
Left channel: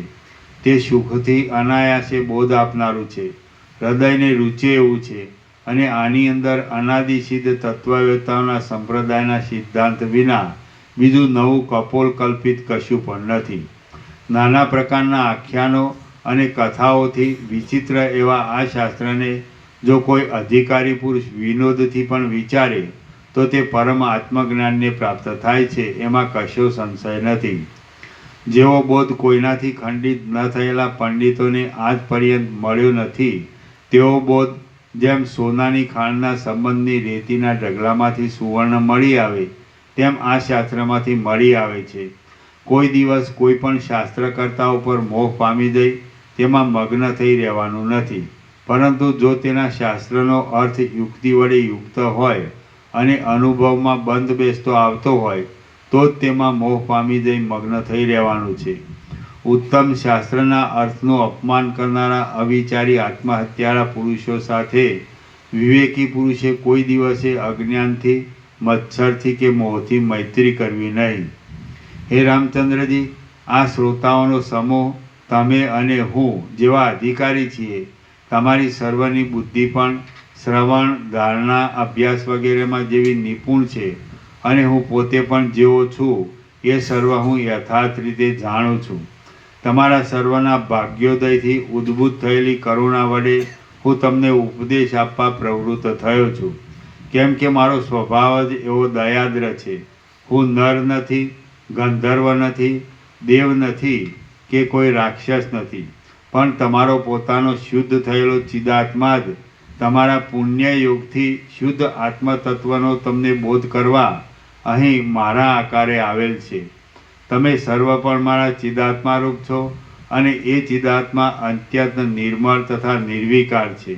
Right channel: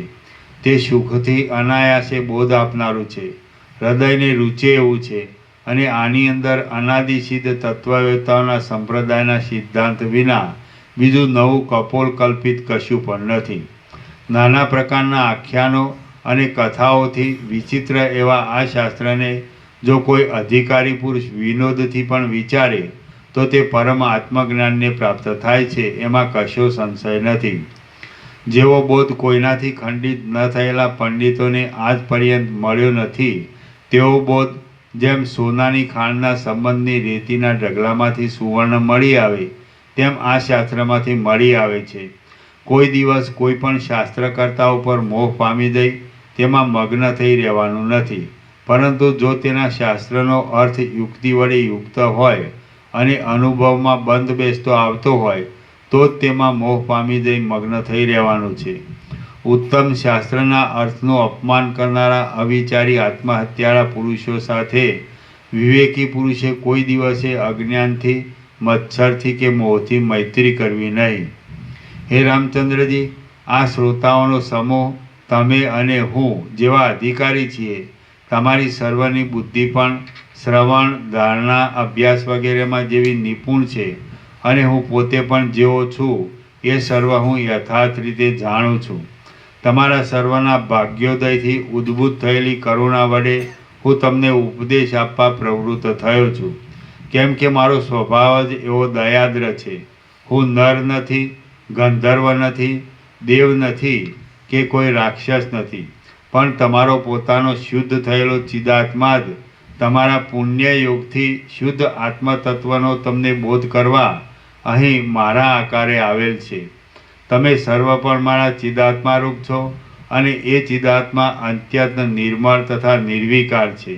તે સુખથી અનાયાસે બોધ આપનારું છે, હૃદયને રૂચે એવું છે અને આની અંદર અનાદિસિદ્ધ તત્વવેતાઓના સંપ્રદાયના સિદ્ધાંત વિના બીજું નવું કપોળ કલ્પિત કશું પણ નથી. નાના પ્રકારના આખ્યાનો અને કથાઓથી વિચિત્ર એવા આ શાસ્ત્રને જો કોઈ અધિકારી પુરુષ વિનોદથી પણ વિચારે તો તે પરમ આત્મજ્ઞાનને પ્રાપ્ત થાય છે, એમાં કશો સંશય નથી. જેવો બોધ કોઈનાથી ખંડિત ન થયેલા પંડિતોને આજ પર્યંત મળ્યો નથી, તેવો બોધ જેમ સોનાની ખાણના સંબંધની રેતીના ઢગલામાંથી સુવર્ણ મળી આવે તેમ આ શાસ્ત્રમાંથી મળી આવે છે. કોઈ દિવસ કોઈ પણ શાસ્ત્રકર્તા ઉપર મોહ પામી જઈ તેમાં મગ્ન થઈ રહેવાનું નથી, પરંતુ જો તેના શાસ્ત્રનો અર્થ યુક્તિ વડે યુક્ત હોય અને અનુભવમાં બંધ બેસતો આવતો હોય તો જ તેમાં મોહ પામી જઈ મગ્ન થઈ રહેવાનું છે. ઉત્તમ શાસ્ત્રના અર્થનું અપમાન કરનારા અવિચારી આત્મહત્યાળા પુરુષો સાથે વિવેકી પુરુષે કોઈ દિવસે અજ્ઞાનથી, મચ્છરથી કે મોહથી મૈત્રી કરવી નહીં. હે રામચંદ્રજી, આ શ્રોતાઓનો સમૂહ તમે અને હું જેવા અધિકારી છીએ. તમારી સર્વની બુદ્ધિ પણ શ્રવણ, ધારણા, અભ્યાસ વગેરેમાં જેવી નિપુણ છે અને હું પોતે પણ જેવો છું એ સર્વ હું યથાર્થ રીતે જાણું છું. તમારા સર્વના ભાગ્યોદયથી ઉદ્ભૂત થયેલી કરુણા વડે હું તમને ઉપદેશ આપવા પ્રવૃત્ત થયો છું, કેમ કે મારો સ્વભાવ જ એવો દયાદ્ર છે. હું નર નથી, ગંધર્વ નથી, દેવ નથી કે કોઈ રાક્ષસ નથી, પણ તમારો પોતાનો શુદ્ધ થયેલો ચિદાત્મા જ તમારા પુણ્ય યોગથી શુદ્ધ આત્મતત્વનો તમને બોધ કરવા અહીં મારા આકારે આવેલ છે. તમે સર્વ પણ મારા ચિદાત્મારૂપ છો અને એ ચિદાત્મા અત્યંત નિર્મળ તથા નિર્વિકાર છે.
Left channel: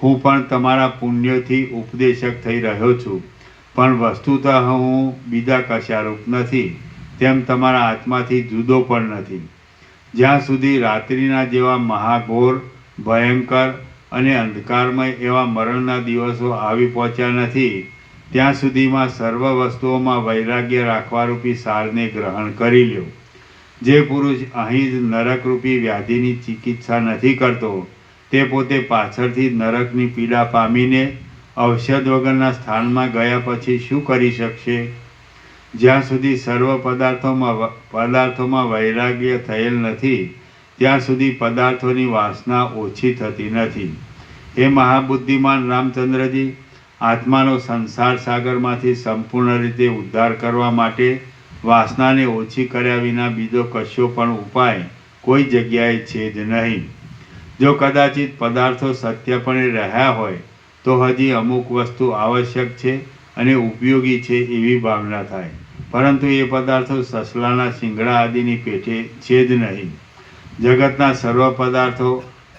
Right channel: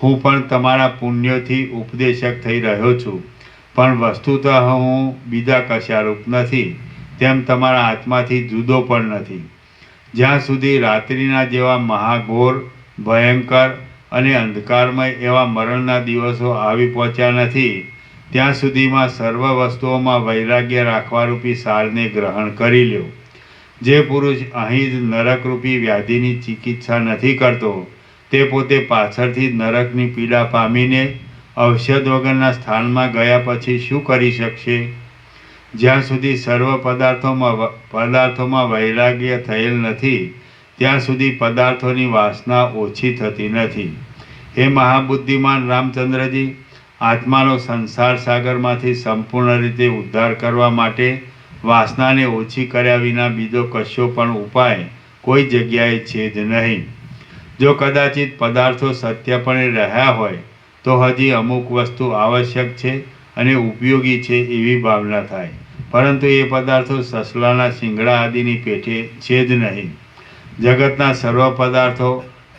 હું પણ તમારા પુણ્યોથી ઉપદેશક થઈ રહ્યો છું, પણ વસ્તુતઃ હું બીજા કશારૂપ નથી, તેમ તમારા આત્માથી જુદો પણ નથી. જ્યાં સુધી રાત્રિના જેવા મહાઘોર, ભયંકર અને અંધકારમય એવા મરણના દિવસો આવી પહોંચ્યા નથી, ત્યાં સુધીમાં સર્વ વસ્તુઓમાં વૈરાગ્ય રાખવારૂપી સારને ગ્રહણ કરી લ્યો. જે પુરુષ અહીં જ નરકરૂપી વ્યાધિની ચિકિત્સા નથી કરતો તે પોતે પાછળથી નરકની પીડા પામીને ઔષધ વગરના સ્થાનમાં ગયા પછી શું કરી શકશે? જ્યાં સુધી સર્વ પદાર્થોમાં વૈરાગ્ય થયેલ નથી ત્યાં સુધી પદાર્થોની વાસના ઓછી થતી નથી. હે મહાબુદ્ધિમાન રામચંદ્રજી, આત્માનો સંસાર સાગરમાંથી સંપૂર્ણ રીતે ઉદ્ધાર કરવા માટે વાસનાને ઓછી કર્યા વિના બીજો કશો પણ ઉપાય કોઈ જગ્યાએ છે જ નહીં. જો કદાચિત પદાર્થો સત્યપણે રહ્યા હોય તો હજી અમુક વસ્તુ આવશ્યક છે અને ઉપયોગી છે એવી ભાવના થાય, પરંતુ એ પદાર્થો સસલાના શિંગડા આદિની પેઠે છે જ નહીં. જગતના સર્વ પદાર્થો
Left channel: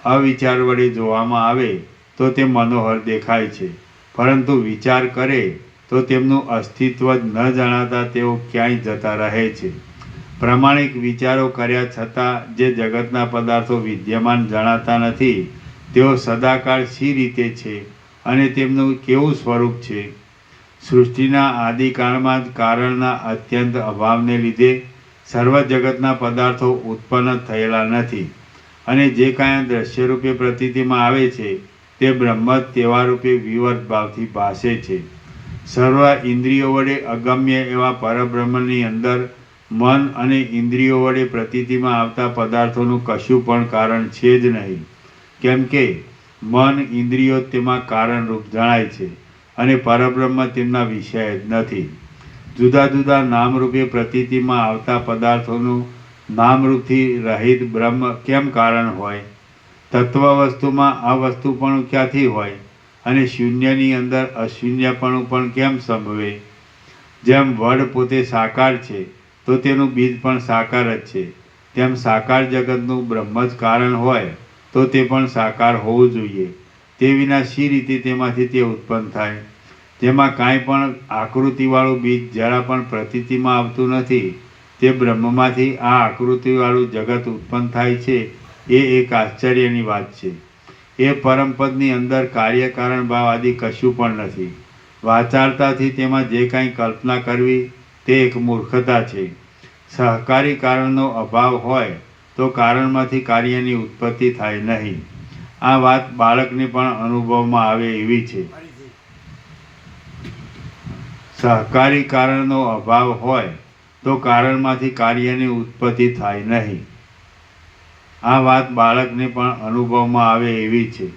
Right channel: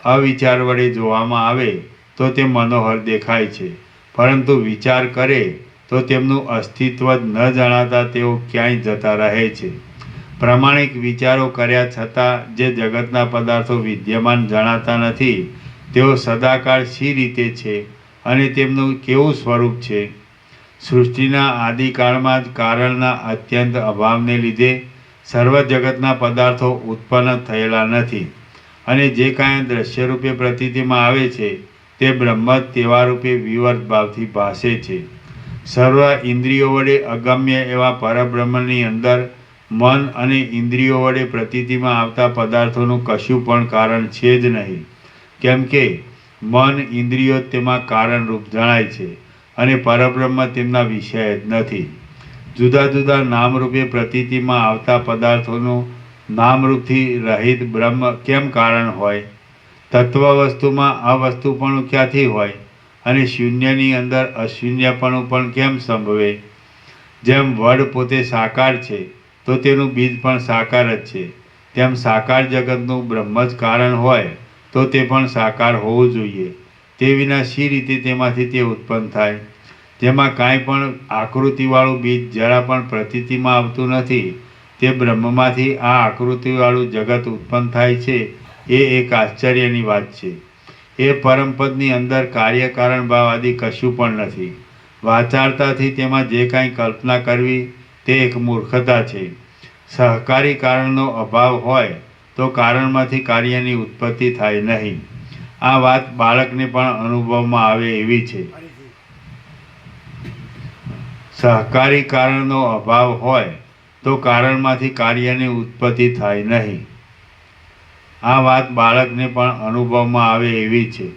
અવિચાર વડે જોવામાં આવે તો તે મનોહર દેખાય છે, પરંતુ વિચાર કરે તો તેમનું અસ્તિત્વ જ ન જણાતા તેઓ ક્યાંય જતા રહે છે. પ્રામાણિક વિચારો કર્યા છતાં જે જગતના પદાર્થો વિદ્યમાન જણાતા નથી તેઓ સદાકાળ શી રીતે છે અને તેમનું કેવું સ્વરૂપ છે? સૃષ્ટિના આદિકાળમાં જ કારણના અત્યંત અભાવને લીધે સર્વ જગતના પદાર્થો ઉત્પન્ન થયેલા નથી, અને જે કાંઈ દ્રશ્યરૂપે પ્રતીતિમાં આવે છે તે બ્રહ્મ જ તેવા રૂપે વિવર્ત ભાવથી ભાસે છે. સર્વ ઇન્દ્રિયો વડે અગમ્ય એવા પરબ્રહ્મની અંદર મન અને ઇન્દ્રિયો વડે પ્રતીતિમાં આવતા પદાર્થોનું કશું પણ કારણ છે જ નહીં, કેમ કે મન ઇન્દ્રિયો તેમાં કારણરૂપ જણાય છે અને પરબ્રહ્મ તેમના વિષય જ નથી. જુદા જુદા નામરૂપે પ્રતીતિમાં આવતા પદાર્થોનું નામરૂપથી રહિત બ્રહ્મ કેમ કારણ હોય? તત્વ વસ્તુમાં અવસ્તુપણું ક્યાંથી હોય અને શૂન્યની અંદર અશૂન્યપણું પણ કેમ સંભવે? જેમ વડ પોતે સાકાર છે તો તેનું બીજ પણ સાકાર જ છે, તેમ સાકાર જગતનું બ્રહ્મ જ કારણ હોય તો તે પણ સાકાર હોવું જોઈએ. તે વિના શી રીતે તેમાંથી તે ઉત્પન્ન થાય? જેમાં કાંઈ પણ આકૃતિવાળું બીજ જરા પણ પ્રતીતિમાં આવતું નથી તે બ્રહ્મમાંથી આ આકૃતિવાળું જગત ઉત્પન્ન થાય છે એ એક આશ્ચર્યની વાત છે. એ પરમપદની અંદર કાર્યકારણ ભાવ આદિ કશું પણ નથી. વાચાળતાથી તેમાં જે કાંઈ કલ્પના કરવી તે એક મૂર્ખતા છે. સહકારી કારણનો અભાવ હોય તો કારણમાંથી કાર્યની ઉત્પત્તિ થાય નહીં. આ વાત બાળકને પણ અનુભવમાં આવે એવી છે. સહકારી કારણનો અભાવ હોય તો કારણમાંથી કાર્યની ઉત્પત્તિ થાય નહીં. આ વાત બાળકને પણ અનુભવમાં આવે એવી છે.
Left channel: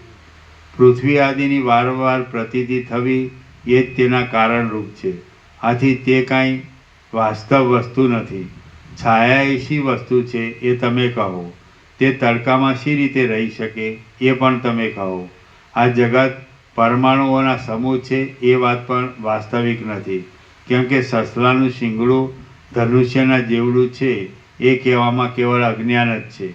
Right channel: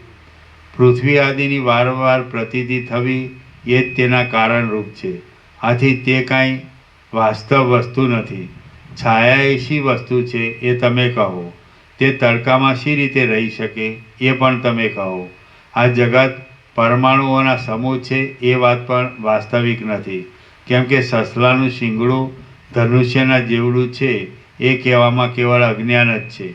પૃથ્વી આદિની વારંવાર પ્રતીતિ થવી એ જ તેના કારણરૂપ છે. આથી તે કાંઈ વાસ્તવ વસ્તુ નથી. છાયા એ શી વસ્તુ છે એ તમે કહો. તે તડકામાં શી રીતે રહી શકે એ પણ તમે કહો. આ જગત પરમાણુઓના સમૂહ છે એ વાત પણ વાસ્તવિક નથી, કેમ કે સસલાનું શિંગડું ધનુષ્યના જેવડું છે એ કહેવામાં કેવળ અજ્ઞાન જ છે.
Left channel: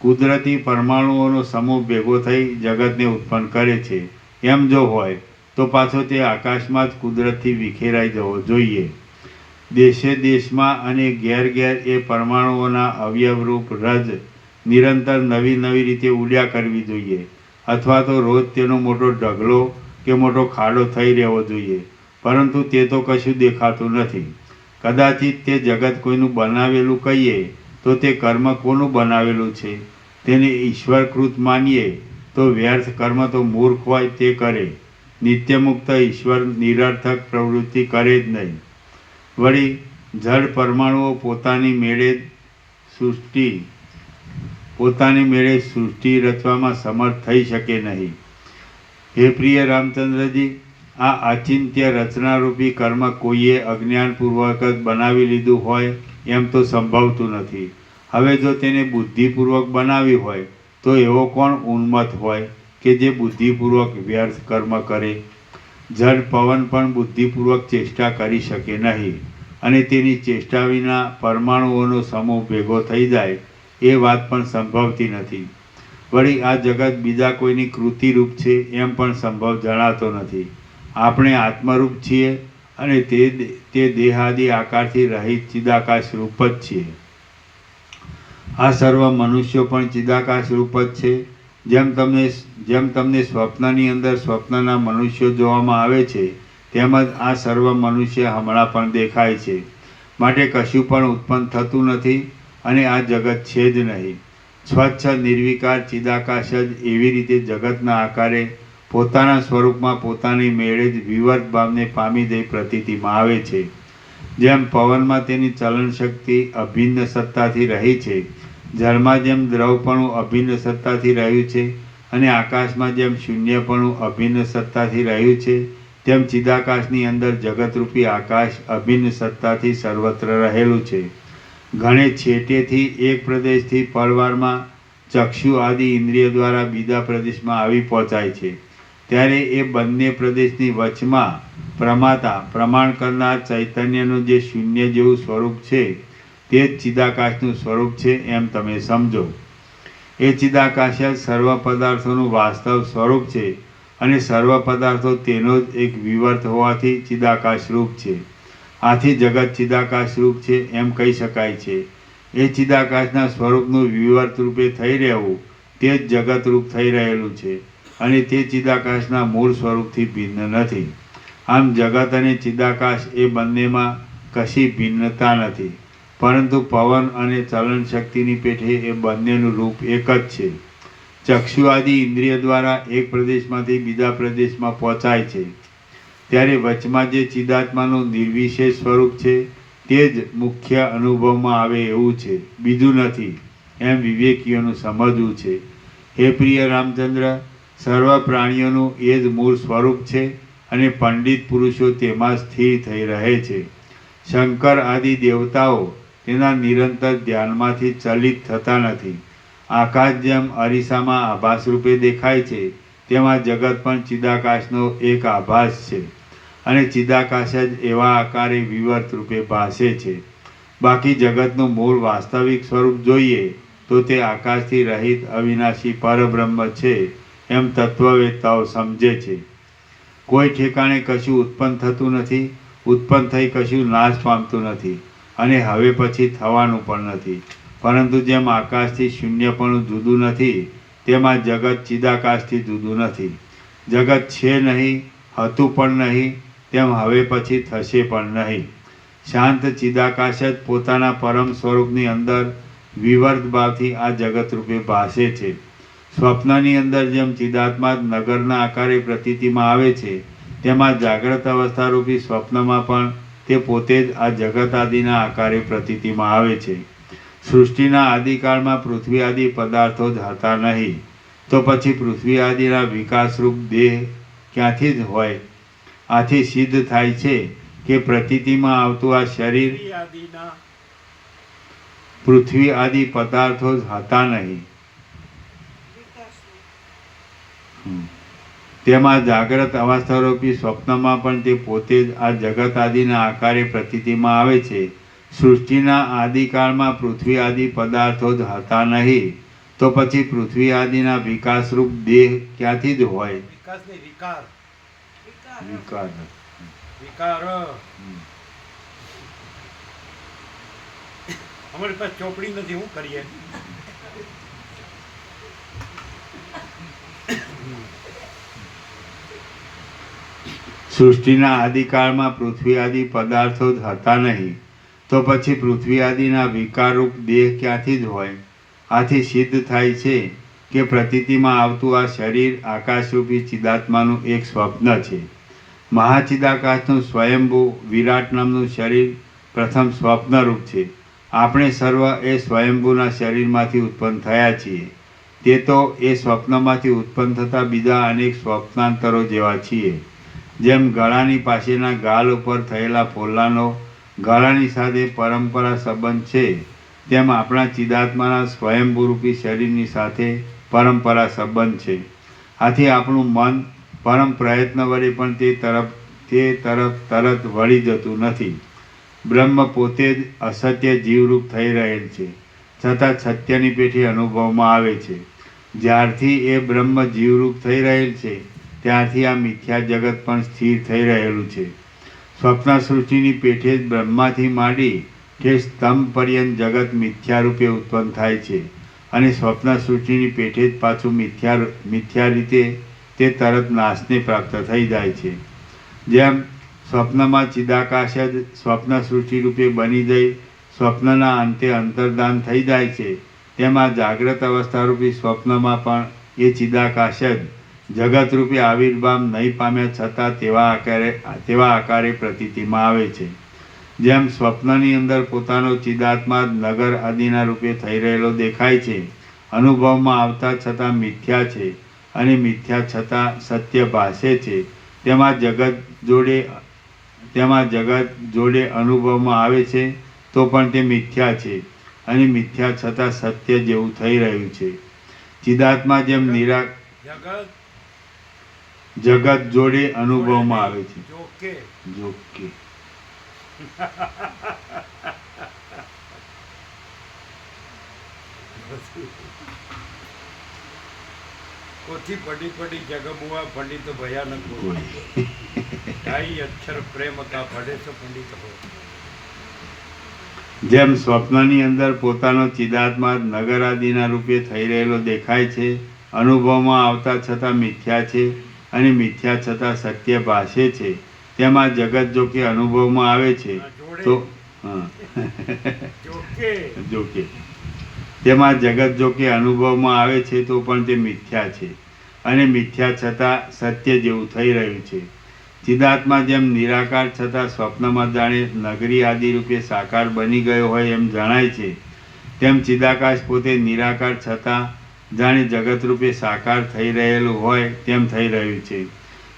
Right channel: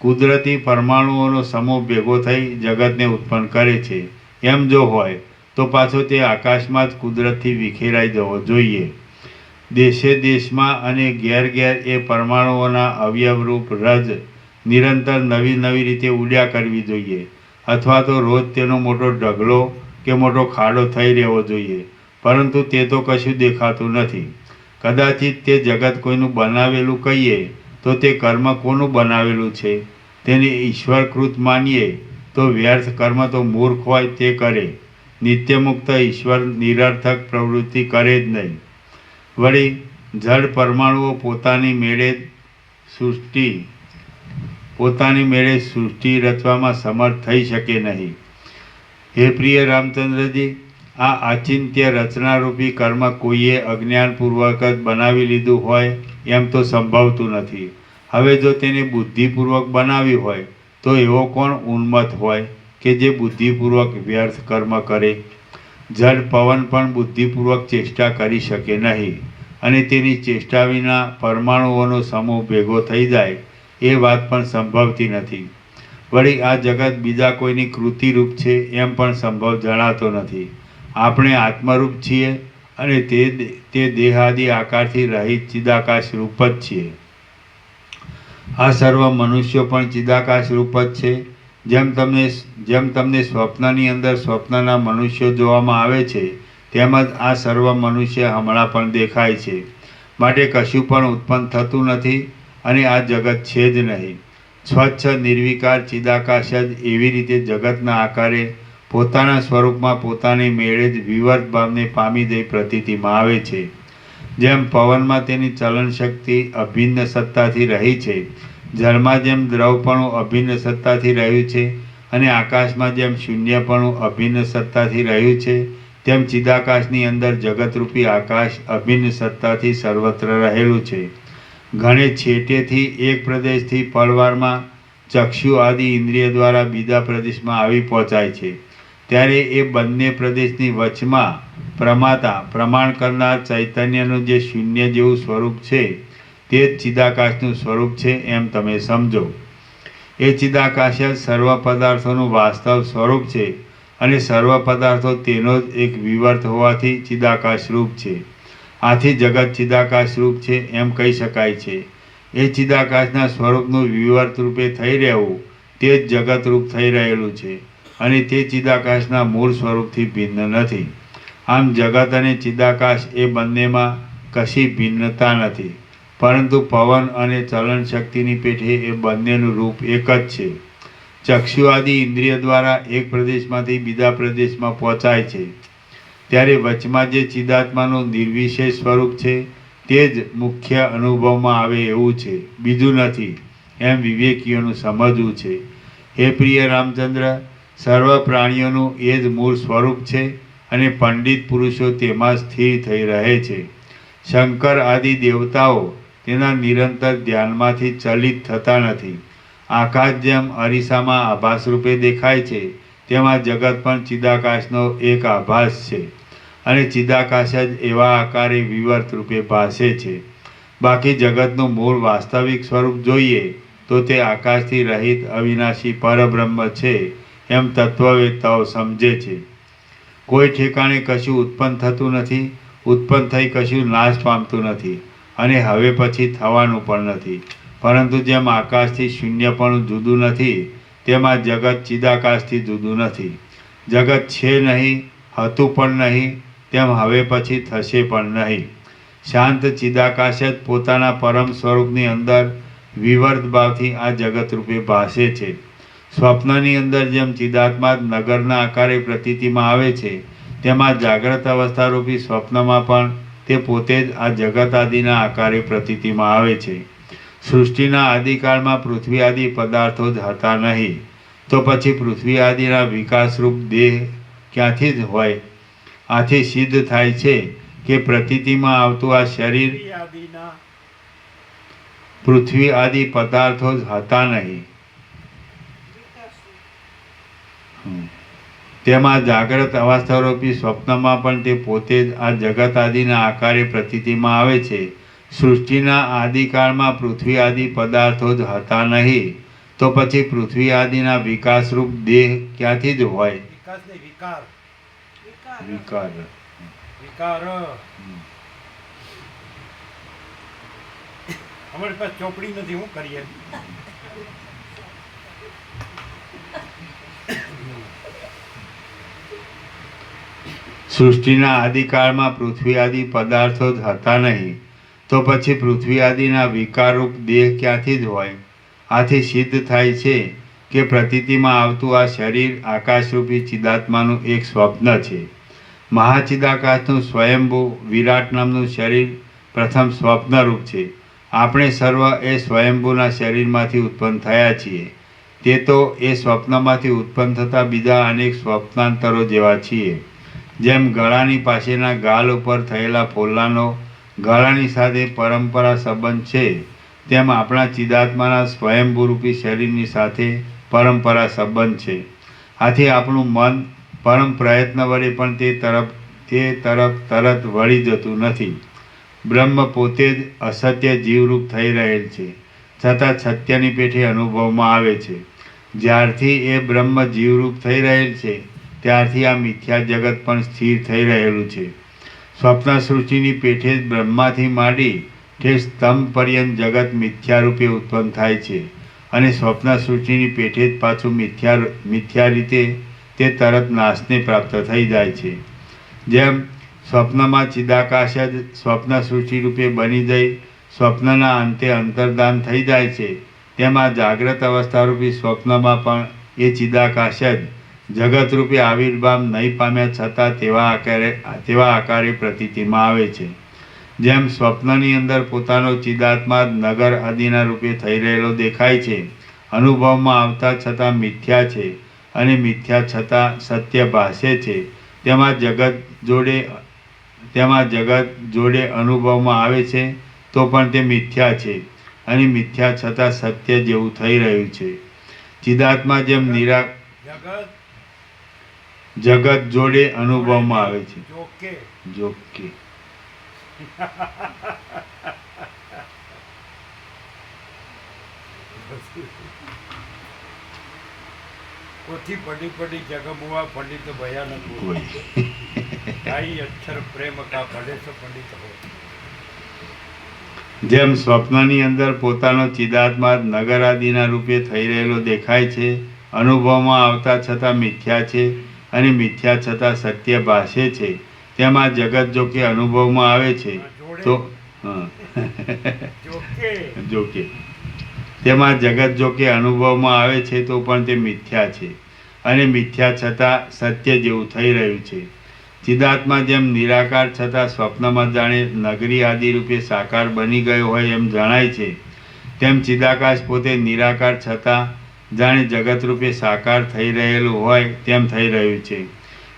કુદરતી પરમાણુઓનો સમૂહ ભેગો થઈ જગતને ઉત્પન્ન કરે છે એમ જો હોય તો પાછો તે આકાશમાં જ કુદરતથી વિખેરાઈ જવો જોઈએ. દેશે દેશમાં અને ઘેર ઘેર એ પરમાણુઓના અવયવરૂપ રજ નિરંતર નવી નવી રીતે ઉડ્યા કરવી જોઈએ, અથવા તો રોજ તેનો મોટો ઢગલો કે મોટો ખાડો થઈ રહેવો જોઈએ. પરંતુ તે તો કશું દેખાતું નથી. કદાચિત તે જગત કોઈનું બનાવેલું કહીએ તો તે કર્મ કોનું બનાવેલું છે? તેને ઈશ્વરકૃત માનીએ તો વ્યર્થ કર્મ તો મૂર્ખ હોય તે કરે. નિત્યમુક્ત ઈશ્વર નિરર્થક પ્રવૃત્તિ કરે જ નહીં. વળી જડ પરમાણુઓ પોતાની મેળે સૃષ્ટિ રચવામાં સમર્થ થઈ શકે નહીં. હે પ્રિય રામચંદ્રજી, આ આચિંત્ય રચનારૂપી કર્મ કોઈએ અજ્ઞાનપૂર્વક જ બનાવી લીધું હોય એમ તો સંભવતું નથી. હવે જો તેને બુદ્ધિપૂર્વક બનાવી હોય તો એવો કોણ ઉન્મત્ત હોય કે જે બુદ્ધિપૂર્વક વ્યર્થ કર્મ કરે? જડ પવન પણ બુદ્ધિપૂર્વક ચેષ્ટા કરી શકે નહીં, અને તેની ચેષ્ટા વિના પરમાણુઓનો સમૂહ ભેગો થઈ જાય એ વાત પણ સંભવતી નથી. વળી આ જગત બીજા કોઈની કૃતિરૂપ છે એમ પણ સંભવ જણાતો નથી. આપણે આત્મરૂપ છીએ અને તે દેહાદિ આકારથી રહિત ચિદાકાશ રૂપ જ છીએ. આ સર્વ મનુષ્યો પણ ચિદાકાશ રૂપ જ છે. જેમ તમને સ્વપ્નની અંદર સ્વપ્નના મનુષ્યો જોવામાં આવે છે, તેમજ આ સર્વ મનુષ્ય હમણાં પણ દેખાય છે. માટે કશું પણ ઉત્પન્ન થતું નથી અને આ જગત છે જ નહીં. સ્વચ્છ નિર્વિકાર ચિદાકાશ જ એવી રીતે જગતના આકારે પોતાના સ્વરૂપમાં પોતાની મેળે જ વિવર્ત ભાવને પામી દઈ પ્રતીતિમાં આવે છે. જેમ પવનમાં તેની ચલન શક્તિ અભિન્ન સત્તાથી રહી છે, જળમાં જેમ દ્રવપણું અભિન્ન સત્તાથી રહ્યું છે, અને આકાશમાં જેમ શૂન્યપણું અભિન્ન સત્તાથી રહ્યું છે, તેમ ચિદાકાશની અંદર જગતરૂપી આકાશ અભિન્ન સત્તાથી સર્વત્ર રહેલું છે. ઘણે છેટેથી એક પ્રદેશથી પળવારમાં ચક્ષુ આદિ ઇન્દ્રિય દ્વારા બીજા પ્રદેશમાં આવી પહોંચાય છે. ત્યારે એ બંને પ્રદેશની વચમાં પ્રમાણ કરનાર ચૈતન્યનું જે શૂન્ય જેવું સ્વરૂપ છે તે જ ચિદાકાશનું સ્વરૂપ છે એમ તમે સમજો. એ ચિદાકાશ જ સર્વ પદાર્થોનું વાસ્તવ સ્વરૂપ છે, અને સર્વ પદાર્થો તેનો જ એક વિવર્ત હોવાથી ચિદાકાશ રૂપ છે. આથી જગત ચિદાકાશ રૂપ છે એમ કહી શકાય છે. એ ચિદાકાશના સ્વરૂપનું વિવર્ત રૂપે થઈ રહેવું તે જ જગત રૂપ થઈ રહેલું છે, અને તે ચિદાકાશના મૂળ સ્વરૂપથી ભિન્ન નથી. આમ જગત અને ચિદાકાશ એ બંનેમાં કશી ભિન્નતા નથી, પરંતુ પવન અને ચલન શક્તિની પેઠે એ બંનેનું રૂપ એક જ છે. ચક્ષુ આદિ ઇન્દ્રિય દ્વારા એક પ્રદેશમાંથી બીજા પ્રદેશમાં પહોંચાય છે, ત્યારે વચમાં જે ચિદાત્માનું નિર્વિશેષ સ્વરૂપ છે તે જ મુખ્ય અનુભવમાં આવે એવું છે, બીજું નથી, એમ વિવેકીઓનું સમજવું છે. હે પ્રિય રામચંદ્ર, સર્વ પ્રાણીઓનું એ જ મૂળ સ્વરૂપ છે, અને પંડિત પુરુષો તેમાં સ્થિર થઈ રહે છે. શંકર આદિ દેવતાઓ તેના નિરંતર ધ્યાનમાંથી ચલિત થતા નથી. આકાશ જેમ અરીસામાં આભાસ રૂપે દેખાય છે, તેમાં જગત પણ ચિદાકાશનો એક આભાસ છે, અને ચિદાકાશ જ એવા આકારે વિવર્ત રૂપે ભાસે છે. બાકી જગતનું મૂળ વાસ્તવિક સ્વરૂપ જોઈએ તો તે આકાશથી રહિત અવિનાશી પરબ્રહ્મ છે એમ તત્વવેત્તાઓ સમજે છે. કોઈ ઠેકાણે કશું ઉત્પન્ન થતું નથી, ઉત્પન્ન થઈ કશું નાશ પામતું નથી, અને હવે પછી થવાનું પણ નથી. પરંતુ જેમ આકાશથી શૂન્યપણું જુદું નથી, તેમાં જગત ચિદાકાશથી જુદું નથી. જગત છે નહીં, હતું પણ નહીં, તેમ હવે પછી થશે પણ નહીં. શાંત ચિદાકાશ જ પોતાના પરમ સ્વરૂપની અંદર વિવર્ત ભાવથી આ જગત રૂપે ભાસે છે. સ્વપ્નની અંદર જેમ ચિદાત્મા નગરના આકારે પ્રતીતિમાં આવે છે, તેમાં જાગ્રત અવસ્થારૂપી સ્વપ્નમાં પણ તે પોતે જ આ જગત આદિના આકારે પ્રતીતિમાં આવે છે. સૃષ્ટિના આદિકાળમાં પૃથ્વી આદિ પદાર્થો જ હતા નહીં, તો પછી પૃથ્વી આદિના વિકાસરૂપ દેહ ક્યાંથી જ હોય? આથી સિદ્ધ થાય છે કે પ્રતીતિમાં આવતું આ શરીર પૃથ્વી આદિ પદાર્થો જ હતા નહીં. તેમાં જાગ્રત અવસ્થારૂપી સ્વપ્નમાં પણ તે પોતે જ આ જગત આદિના આકારે પ્રતીતિમાં આવે છે, સૃષ્ટિના આદિકાળમાં પૃથ્વી આદિ પદાર્થો જ હતા નહીં, તો પછી પૃથ્વી આદિના વિકાસરૂપ દેહ ક્યાંથી જ હોય? વિકાસ નહીં, વિકાર. વિકાર. વિકાર. અમારી પાસે ચોપડી નથી, શું કરીએ? સૃષ્ટિના આદિકાળમાં પૃથ્વી આદિ પદાર્થો જ હતા નહીં, તો પછી પૃથ્વી આદિના વિકારરૂપ દેહ ક્યાંથી જ હોય? આથી સિદ્ધ થાય છે કે પ્રતીતિમાં આવતું આ શરીર આકાશરૂપી ચિદાત્માનું એક સ્વપ્ન છે. મહાચિદાકાશનું સ્વયંભૂ વિરાટ નામનું શરીર પ્રથમ સ્વપ્નરૂપ છે. આપણે સર્વ એ સ્વયંભૂના શરીરમાંથી ઉત્પન્ન થયા છીએ. તે તો એ સ્વપ્નમાંથી ઉત્પન્ન થતા બીજા અનેક સ્વપ્નાંતરો જેવા છીએ. જેમ ગળાની પાસેના ગાલ ઉપર થયેલા ફોલ્લાનો ગળાની સાથે પરંપરા સંબંધ છે, તેમ આપણા ચિદાત્માના સ્વયંભૂરૂપી શરીરની સાથે પરંપરા સંબંધ છે. આથી આપણું મન પરમ પ્રયત્ન વડે પણ તે તરફ તરત વળી જતું નથી. બ્રહ્મ પોતે જ અસત્ય જીવરૂપ થઈ રહેલ છે, છતાં સત્યની પેઠે અનુભવમાં આવે છે. જ્યારથી એ બ્રહ્મ જીવરૂપ થઈ રહેલ છે, ત્યારથી આ મિથ્યા જગત પણ સ્થિર થઈ રહેલું છે. સ્વપ્ન સૃષ્ટિની પેઠે જ બ્રહ્માથી માંડી તે સ્તંભ પર્યંત જગત મિથ્યા રૂપે ઉત્પન્ન થાય છે, અને સ્વપ્ન સૃષ્ટિની પેઠે જ પાછું મિથ્યા રીતે તે તરત નાશને પ્રાપ્ત થઈ જાય છે. જેમ સ્વપ્નમાં ચિદાકાશ જ સ્વપ્ન સૃષ્ટિ રૂપે બની જઈ સ્વપ્નના અંતે અંતર્ધાન થઈ જાય છે, તેમાં જાગ્રત અવસ્થારૂપી સ્વપ્નમાં પણ એ ચિદાકાશ જ જગતરૂપે આવિર્ભાવ નહીં પામ્યા છતાં તેવા આકારે પ્રતીતિમાં આવે છે. જેમ સ્વપ્નની અંદર પોતાનો ચિદાત્મા નગર આદિના રૂપે થઈ રહેલો દેખાય છે, અનુભવમાં આવતા છતાં મિથ્યા છે, અને મિથ્યા છતાં સત્ય ભાસે છે, તેમાં જગત જોડે અનુભવમાં આવે છે તો પણ તે મિથ્યા છે, અને મિથ્યા છતાં સત્ય જેવું થઈ રહ્યું છે. ચિદાત્મા જેમ જગત જોડે અનુભવમાં આવે છે. જોકે પોથી પડી પડી જગમુઆ પંડિત ભયાનક બોલ ઢાઈ અક્ષર પ્રેમ કા પઢે સો પંડિત હો. જેમ સ્વપ્નની અંદર પોતાનો ચિદાત્મા નગર આદિના રૂપે થઈ રહેલો દેખાય છે, અનુભવમાં આવતા છતાં મિથ્યા છે, અને મિથ્યા છતાં સત્ય ભાસે છે, તેમાં જગત જો કે અનુભવમાં આવે છે તો જોકે તેમાં જગત જો કે અનુભવમાં આવે છે તો પણ તે મિથ્યા છે, અને મિથ્યા છતાં સત્ય જેવું થઈ રહ્યું છે. ચિદાત્મા જેમ નિરાકાર છતાં સ્વપ્નમાં જાણે નગરી આદિ રૂપે સાકાર બની ગયો હોય એમ જણાય છે, તેમ ચિદાકાશ પોતે નિરાકાર છતાં જાણે જગતરૂપે સાકાર થઈ રહેલું હોય તેમ થઈ રહ્યું છે.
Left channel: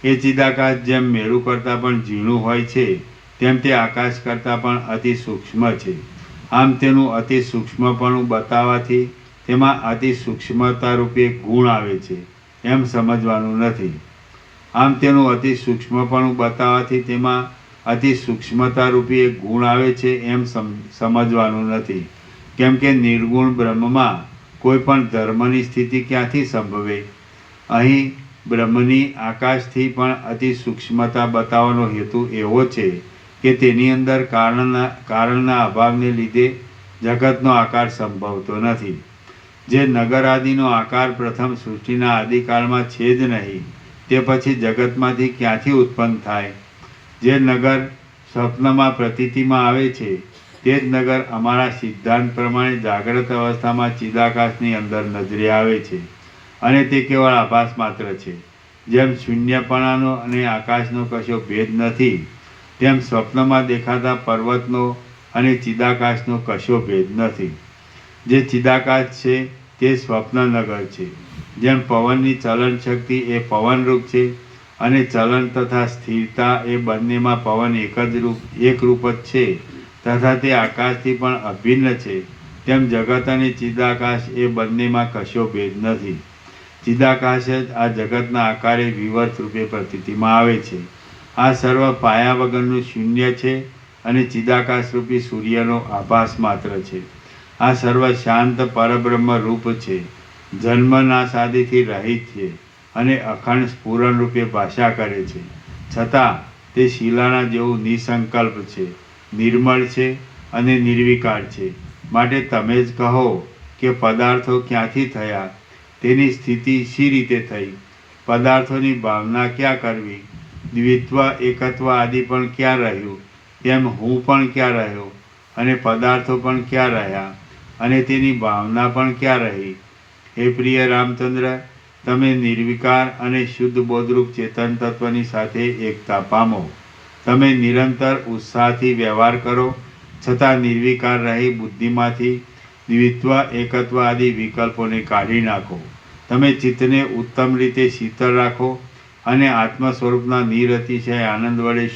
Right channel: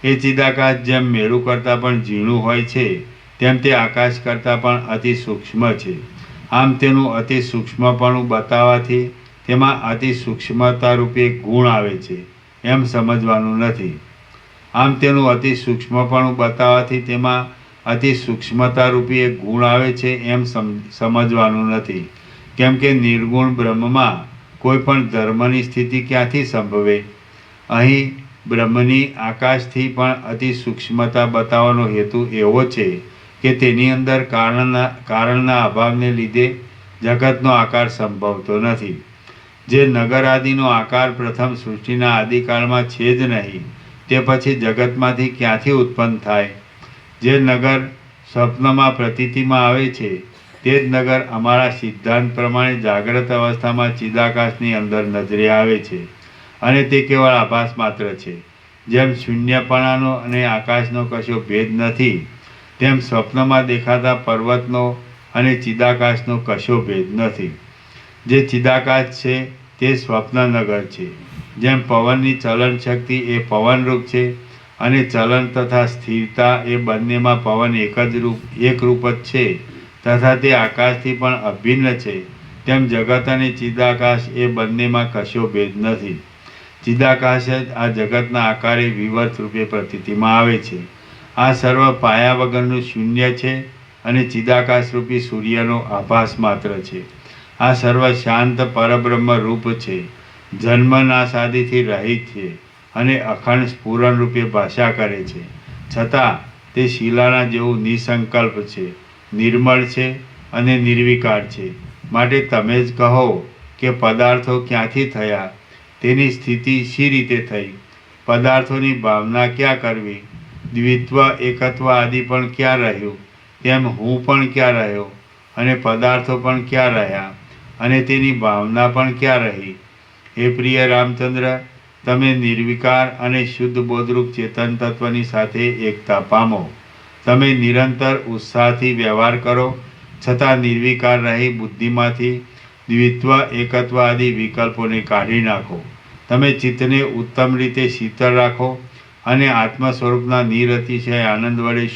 એ ચિદાકાશ જેમ મેરુ કરતાં પણ ઝીણું હોય છે, તેમ તે આકાશ કરતાં પણ અતિ સૂક્ષ્મ છે. આમ તેનું અતિ સૂક્ષ્મપણું બતાવવાથી તેમાં અતિ સૂક્ષ્મતા રૂપે ગુણ આવે છે એમ સમજવાનું નથી. આમ તેનું અતિ સૂક્ષ્મપણું બતાવવાથી તેમાં અતિ સૂક્ષ્મતા રૂપી એક ગુણ આવે છે એમ સમજવાનું નથી. કેમ કે નિર્ગુણ બ્રહ્મમાં કોઈ પણ ધર્મની સ્થિતિ ક્યાંથી સંભવે? અહીં બ્રહ્મની આકાશથી પણ અતિ સૂક્ષ્મતા બતાવવાનો હેતુ એવો છે કે તેની અંદર કારણના અભાવને લીધે જગતનો આકાર સંભવતો નથી. જે નગર આદિનો આકાર પ્રથમ સૃષ્ટિના આદિકાળમાં છે જ નહીં, તે પછી જગતમાંથી ક્યાંથી ઉત્પન્ન થાય? જે નગર સ્વપ્નમાં પ્રતીતિમાં આવે છે, તે જ નગર અમારા સિદ્ધાંત પ્રમાણે જાગ્રત અવસ્થામાં ચિદાકાશની અંદર નજરે આવે છે, અને તે કેવળ આભાસ માત્ર છે. જેમ શૂન્યપણાનો અને આકાશનો કશો ભેદ નથી, તેમ સ્વપ્નમાં દેખાતા પર્વતનો અને ચિદાકાશનો કશો ભેદ નથી. જે ચિદાકાશ છે તે સ્વપ્નનગર છે. જેમ પવનની ચલન શક્તિ એ પવનરૂપ છે, અને ચલન તથા સ્થિરતા એ બંનેમાં પવન એકરૂપ જ છે, તથા તે આકાશથી પણ અભિન્ન છે, તેમ જગત અને ચિદાકાશ એ બંનેમાં કશો ભેદ નથી. ચિદાકાશ જ આ જગતના આકારે વિવર્ત રૂપે પ્રતીતિમાં આવે છે. આ સર્વ પાયા વગરનું શૂન્ય છે, અને ચિદાકાશરૂપી સૂર્યનો આભાસ માત્ર છે. આ સર્વ શાંત પરબ્રહ્મ રૂપ છે, જન્મનાશ આદિથી રહિત છે અને અખંડ સ્ફુરણ રૂપે ભાષા કરે છે. છતાં તે શિલાના જેવું નિસંકલ્પ છે, નિર્મળ છે અને નિર્વિકાર છે. માટે તમે જ કહો કે પદાર્થો ક્યાંથી થયા, તેની સ્થિતિ શી રીતે થઈ, પદાર્થોની ભાવના ક્યાં કરવી, દ્વિત્વ એકત્વ આદિ પણ ક્યાં રહ્યું, તેમ હું પણ ક્યાં રહ્યો અને પદાર્થો પણ ક્યાં રહ્યા અને તેની ભાવના પણ ક્યાં રહી. હે પ્રિય રામચંદ્ર, તમે નિર્વિકાર અને શુદ્ધ બોધરૂપ ચેતન તત્વની સાથે એકતા પામો. તમે નિરંતર ઉત્સાહથી વ્યવહાર કરો, છતાં નિર્વિકાર રહી બુદ્ધિમાંથી દ્વિત્વ એકત્વ આદિ વિકલ્પોને કાઢી નાખો. તમે ચિત્તને ઉત્તમ રીતે શીતળ રાખો અને આત્મ સ્વરૂપના નિરતિશય આનંદ વડે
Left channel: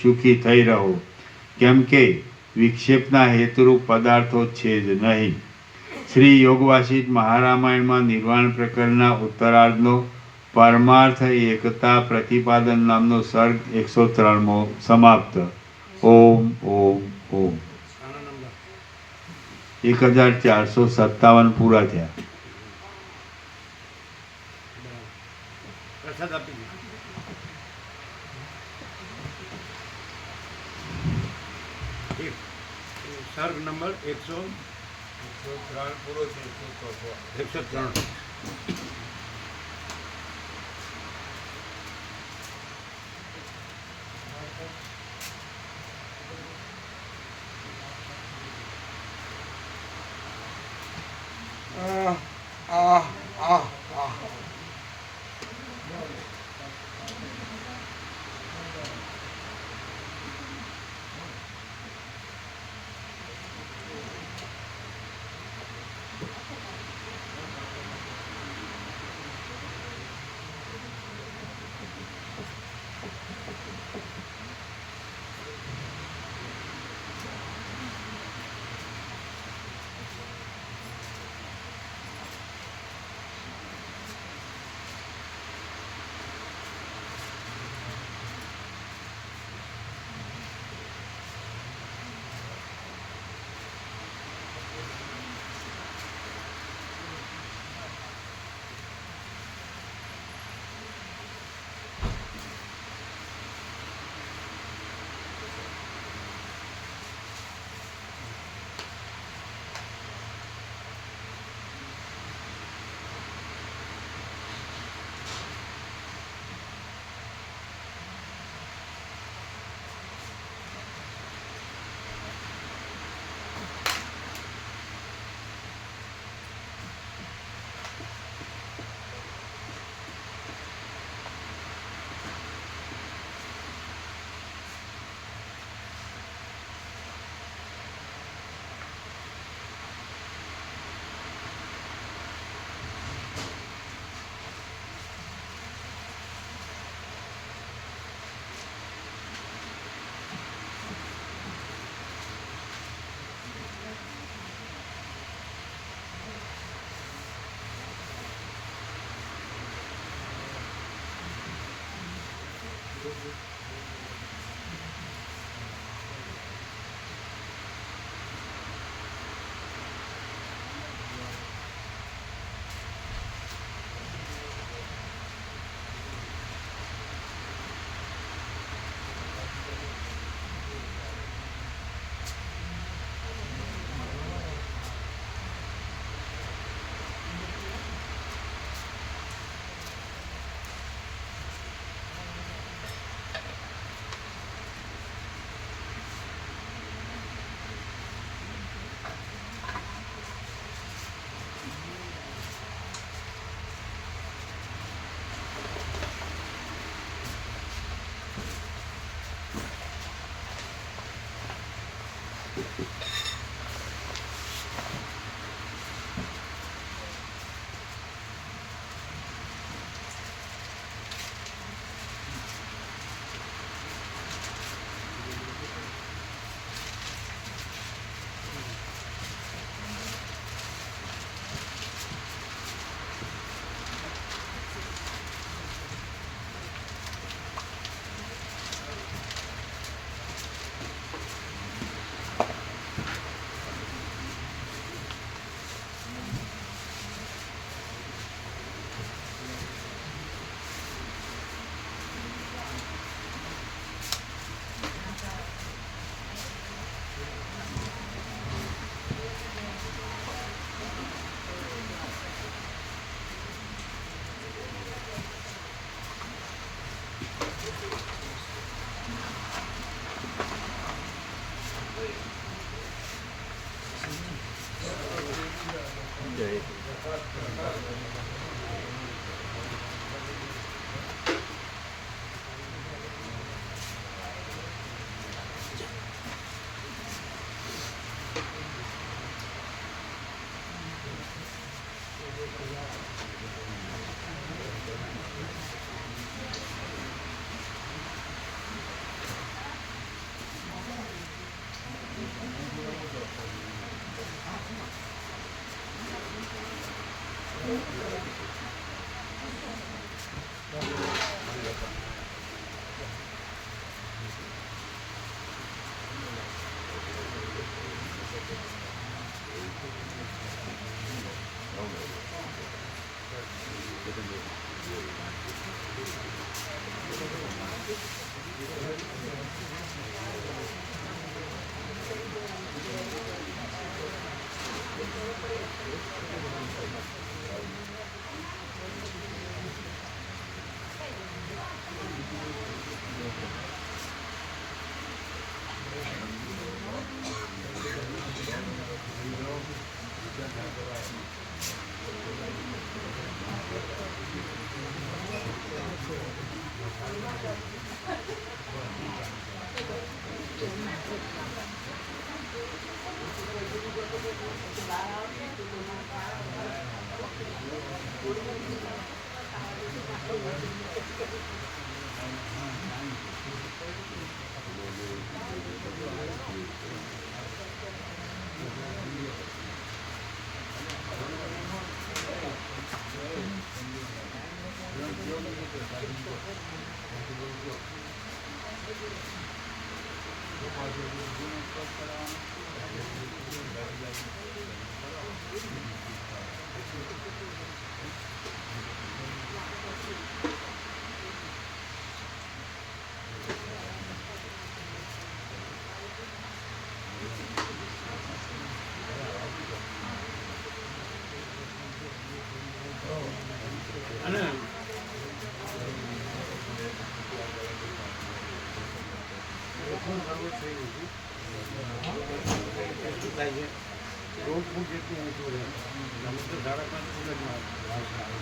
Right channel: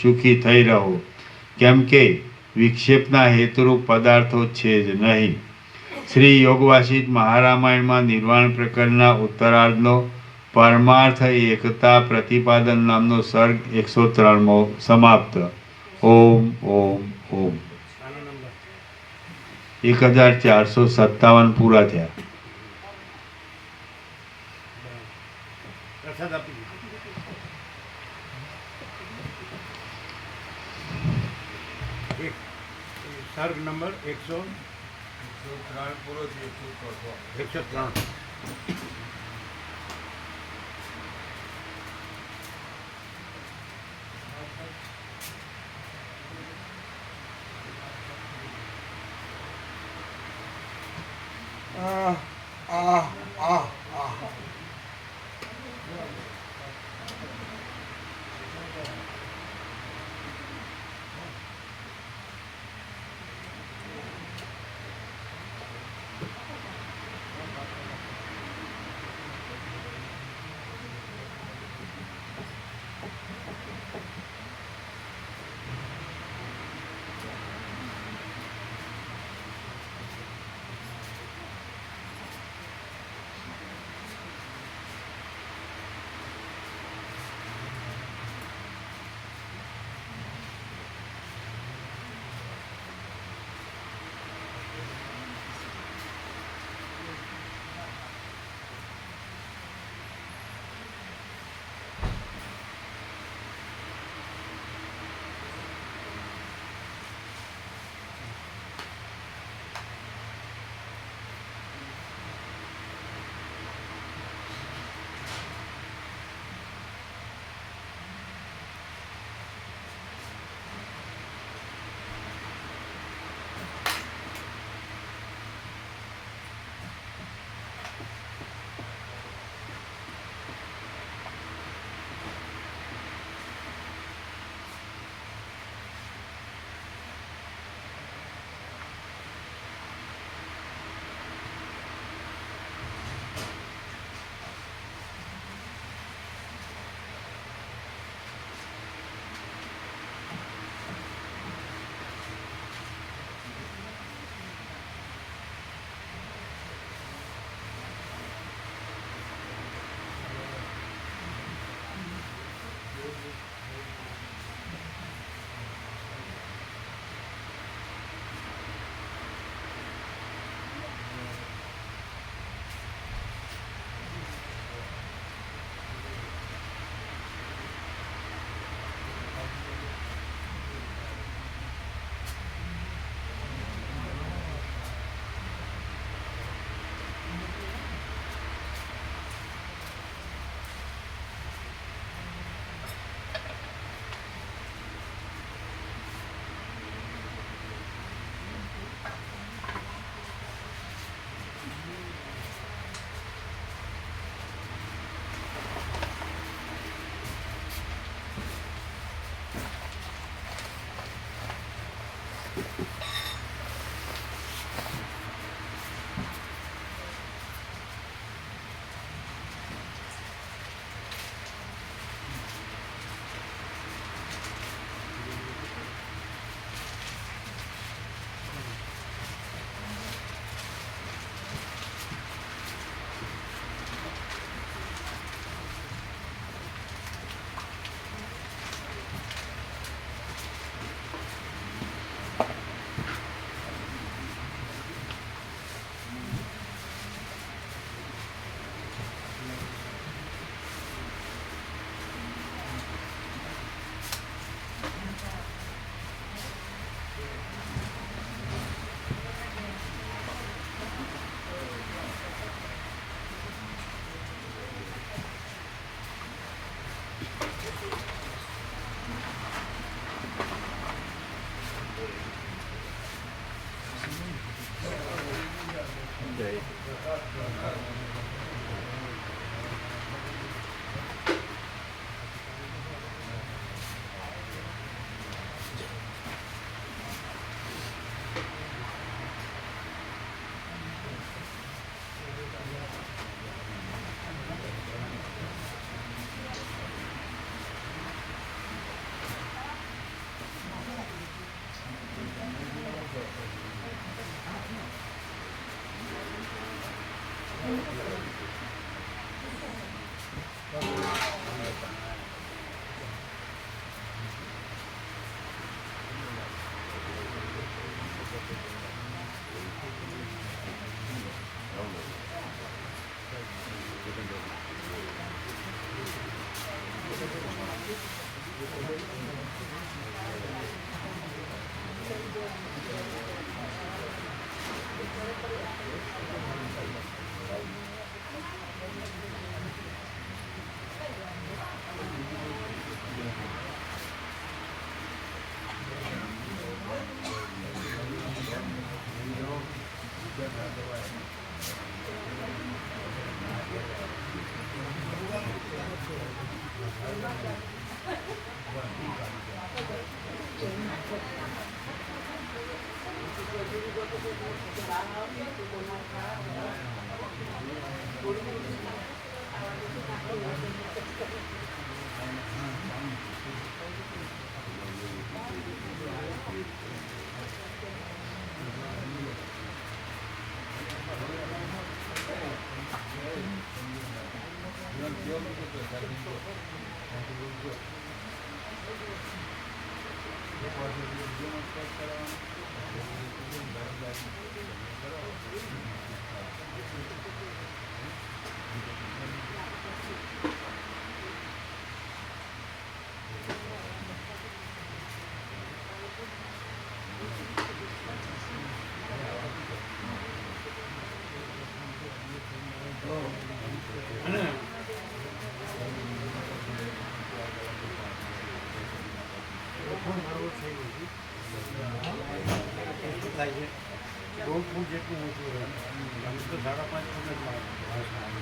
સુખી થઈ રહો, કેમ કે વિક્ષેપના હેતુરૂપ પદાર્થો છે જ નહીં. શ્રી યોગવાસિષ્ઠ મહારામાયણમાં નિર્વાણ પ્રકરણના ઉત્તરાર્ધનો પરમાર્થ એકતા પ્રતિપાદન નામનો સર્ગ 103મો સમાપ્ત. ઓમ ઓમ ઓમ. આનો નંબર 1457 પૂરા થયા. પ્રસાદ આપી દીધો. એક સર્ગ નંબર 103 પૂરો થયો. 103. અને શું થાય છે 2 ફૂટ જેટલું ઊંચું રહે અમે તો 5.5 ફૂટ જ ભાષા આવે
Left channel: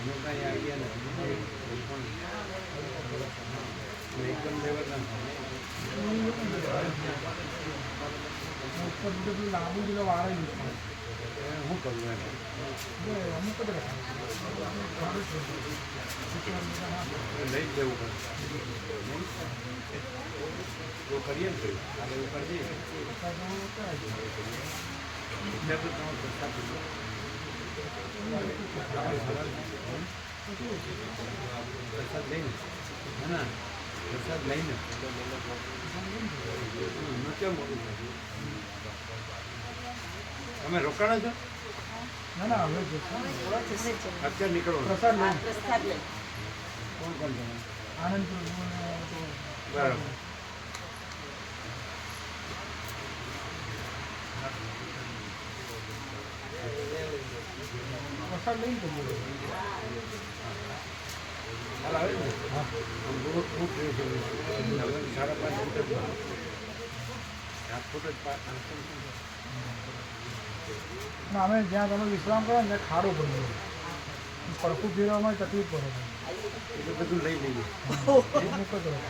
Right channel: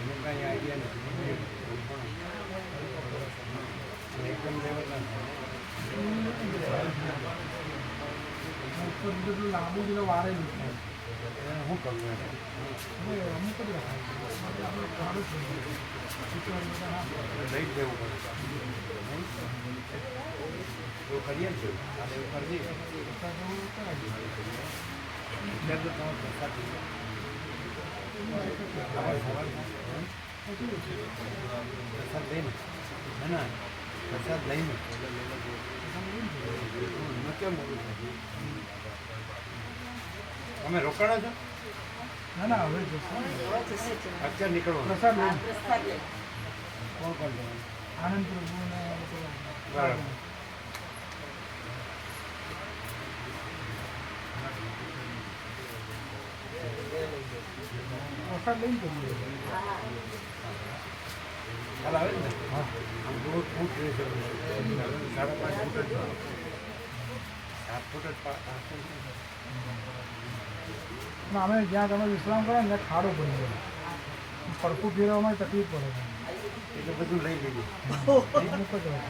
એનો કાંઈ આઈડિયા નથી પણ એકદમ લેવલ ના થાય બધું લાંબુ જેલો વાળેલું થાય શું કરવું એમ અમુક જ રખાય લઈ જ દેવું પડે નહીં એવું કરીએ ને કાલે એવું કરી દઈએ અત્યારે તો તમારો પ્રસાદ સવાલ પ્રસાદ લઈને ના પ્રસાદ લઈને કેમ મોડું થાય તમે રોકાણા છો ના ના હવે અત્યારે નીકળો પ્રસાદ લઈને કોણ કોણ જવાનું આનંદ પ્રભુને બરાબર પ્રસાદ લઈને જઈએ ખ્યાલ આવે ને હા આમ 2 ફૂટ રહેશે 5.5 ફૂટ જ 7 ફૂટ જ અને અમે જ્યાં તમે વિશ્રામ કરો ને ત્યાં ખાડો પડી ગયો પડખું ફેરવામાં તકલીફ પડે એટલે બધું લઈ લઈએ અમુક જ રહે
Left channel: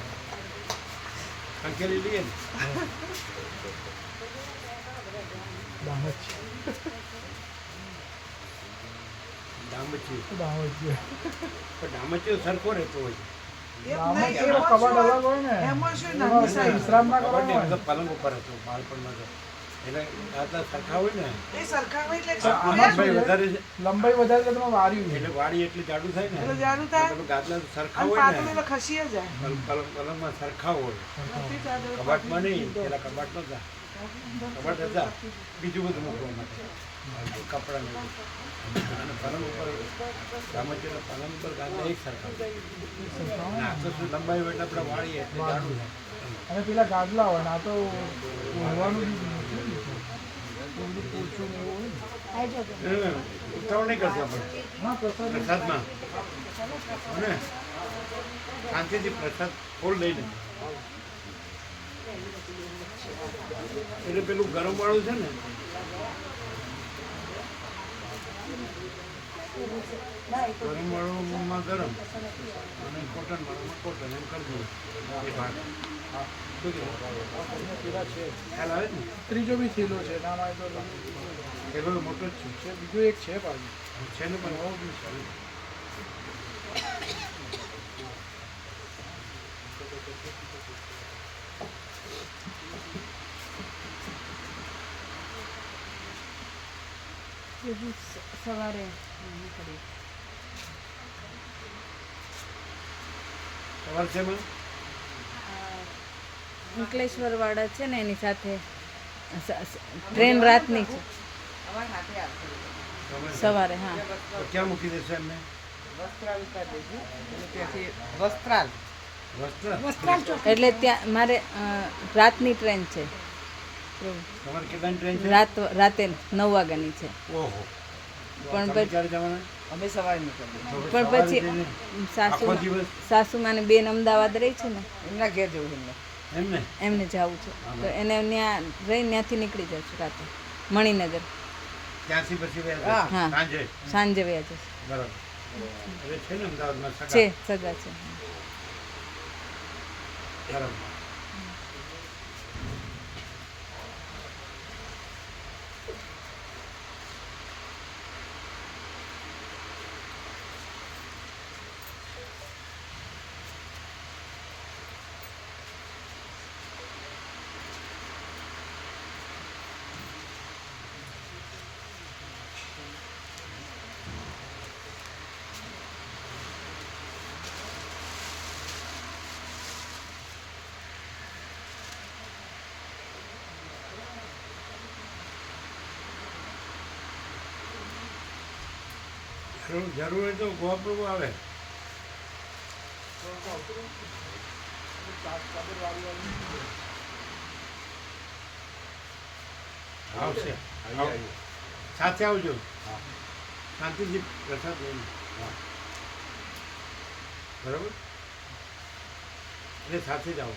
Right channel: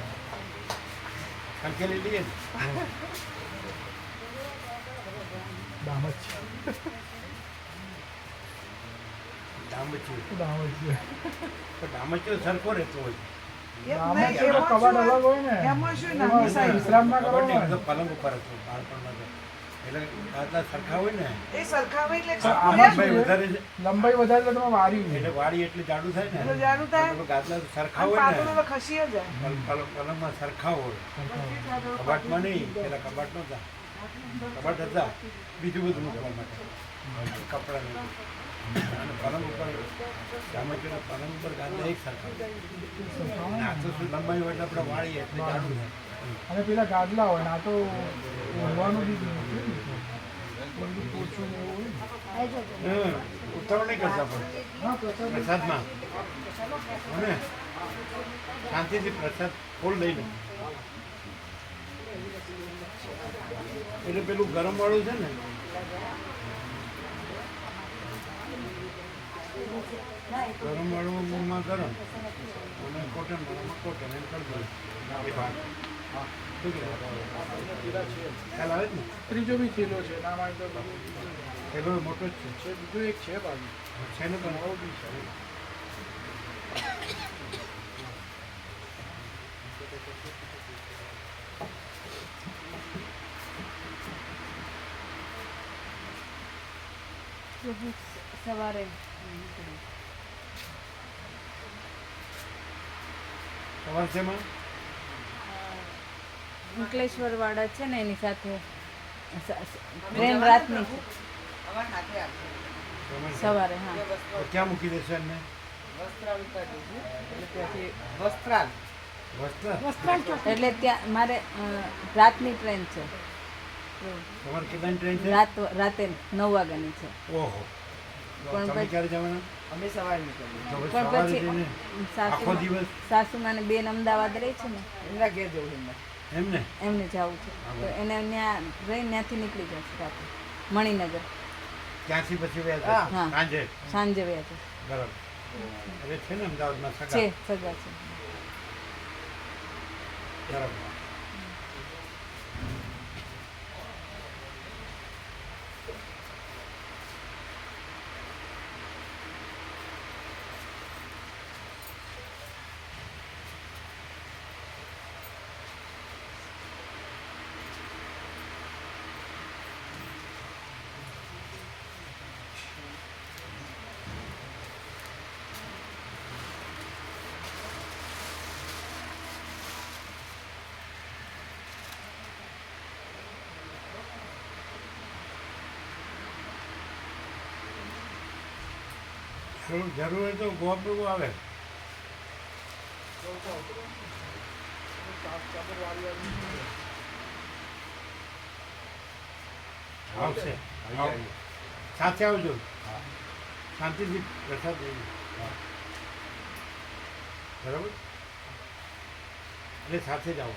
સંકેલી લઈએ ને દામજ ડામચી દામજ છે પણ ડામચીઓ સરખો રહેતો હોય દામજ એનો કબાટ અલગ હોય ને એમાં વિશ્રામ ના ખબર નહીં, કરવાનો અમે તો પલંગ ઉપર હતો બાળપણમાં તો એટલે દાદા સરખા હોય ને એ સરખાવે એટલે આનંદભાઈ વધારે છે લંબાઈ વધારે તો તમે વારી એટલે વાડી એટલી જાડું થાય ને એટલે જાડું થાય. તો પેલું ગાદલા સરખા હોય ને પાતળું ખસી જાય. પલંગમાં સરખા હોય કબાટમાં નહીં પેલા કબાટ નહોતા કબાટ હતા બીજું બધું મૂકવા માટે કપડાં ને બધું. અને પલંગ ઉપર ગામચીનો પલંગ ઉપર ગાદલા એક સરખા હોય અને આ તો શું લંબાઈ હોય એટલે આપણે વાળીએ એટલે જાડું થાય અને પેલા ગાદલા હોય ને આ તો ઓઢવાનું બી નથી. બધું પોચું ને એવું હોય ને. ઉતાવળ નહીં કરતા પણ હા પ્રસાદ પ્રસાદમાં અને શાંતિથી પ્રસાદ ફૂલ લઈને એટલે પેલું ગરમ વાળું છે ને ગરમ વાળુંમાં ગરમ અને કોટન વાળુંમાં કોટન એમ કરી દઈએ એ ભાગ શું કહેવાય ખ્યાલ આવે જ ને ત્રીજો બી થેલો છે ના માય તો પેલો મોટો જ છે બીજું એક છે બાજુ છે ને પણ બહુ બી છે સવારે સવાર છે માં અંકલેશ્વર વાળા છે ને એની સાથે ટ્રેન રાતની છે સવારે હા તો ક્યાં મૂકી દેશો એમને વસ્ત્ર એટલે ત્યાં મારે રાતની ટ્રેન છે તમારે કેટલાની ટ્રેન છે રાતે 9 વાગ્યાની છે ઓહો તો પણ તમે પછી- ક્યારે જવાના તો પણ સવારે પછી જઈને સાસુ આખો દિવસ સાસુમાં ને બેન અમદાવાદ રહી છે ને એમને એમને જવું છે તો એને ત્યાં રહી ત્યાંથી નીકળી જશે રાતે મણિનગર ત્યાંથી પછી વ્યા હા. સાંજે સાંજે વયા જશે બરાબર એટલે છે ને અમદાવાદમાં છે સગા સગા છે બરાબર જરૂર હોય તો ગોવા આવે આવશે સાથે આવજો શાંતિથી પ્રસાદ લઈને બરાબર એટલે સાથે જ આવો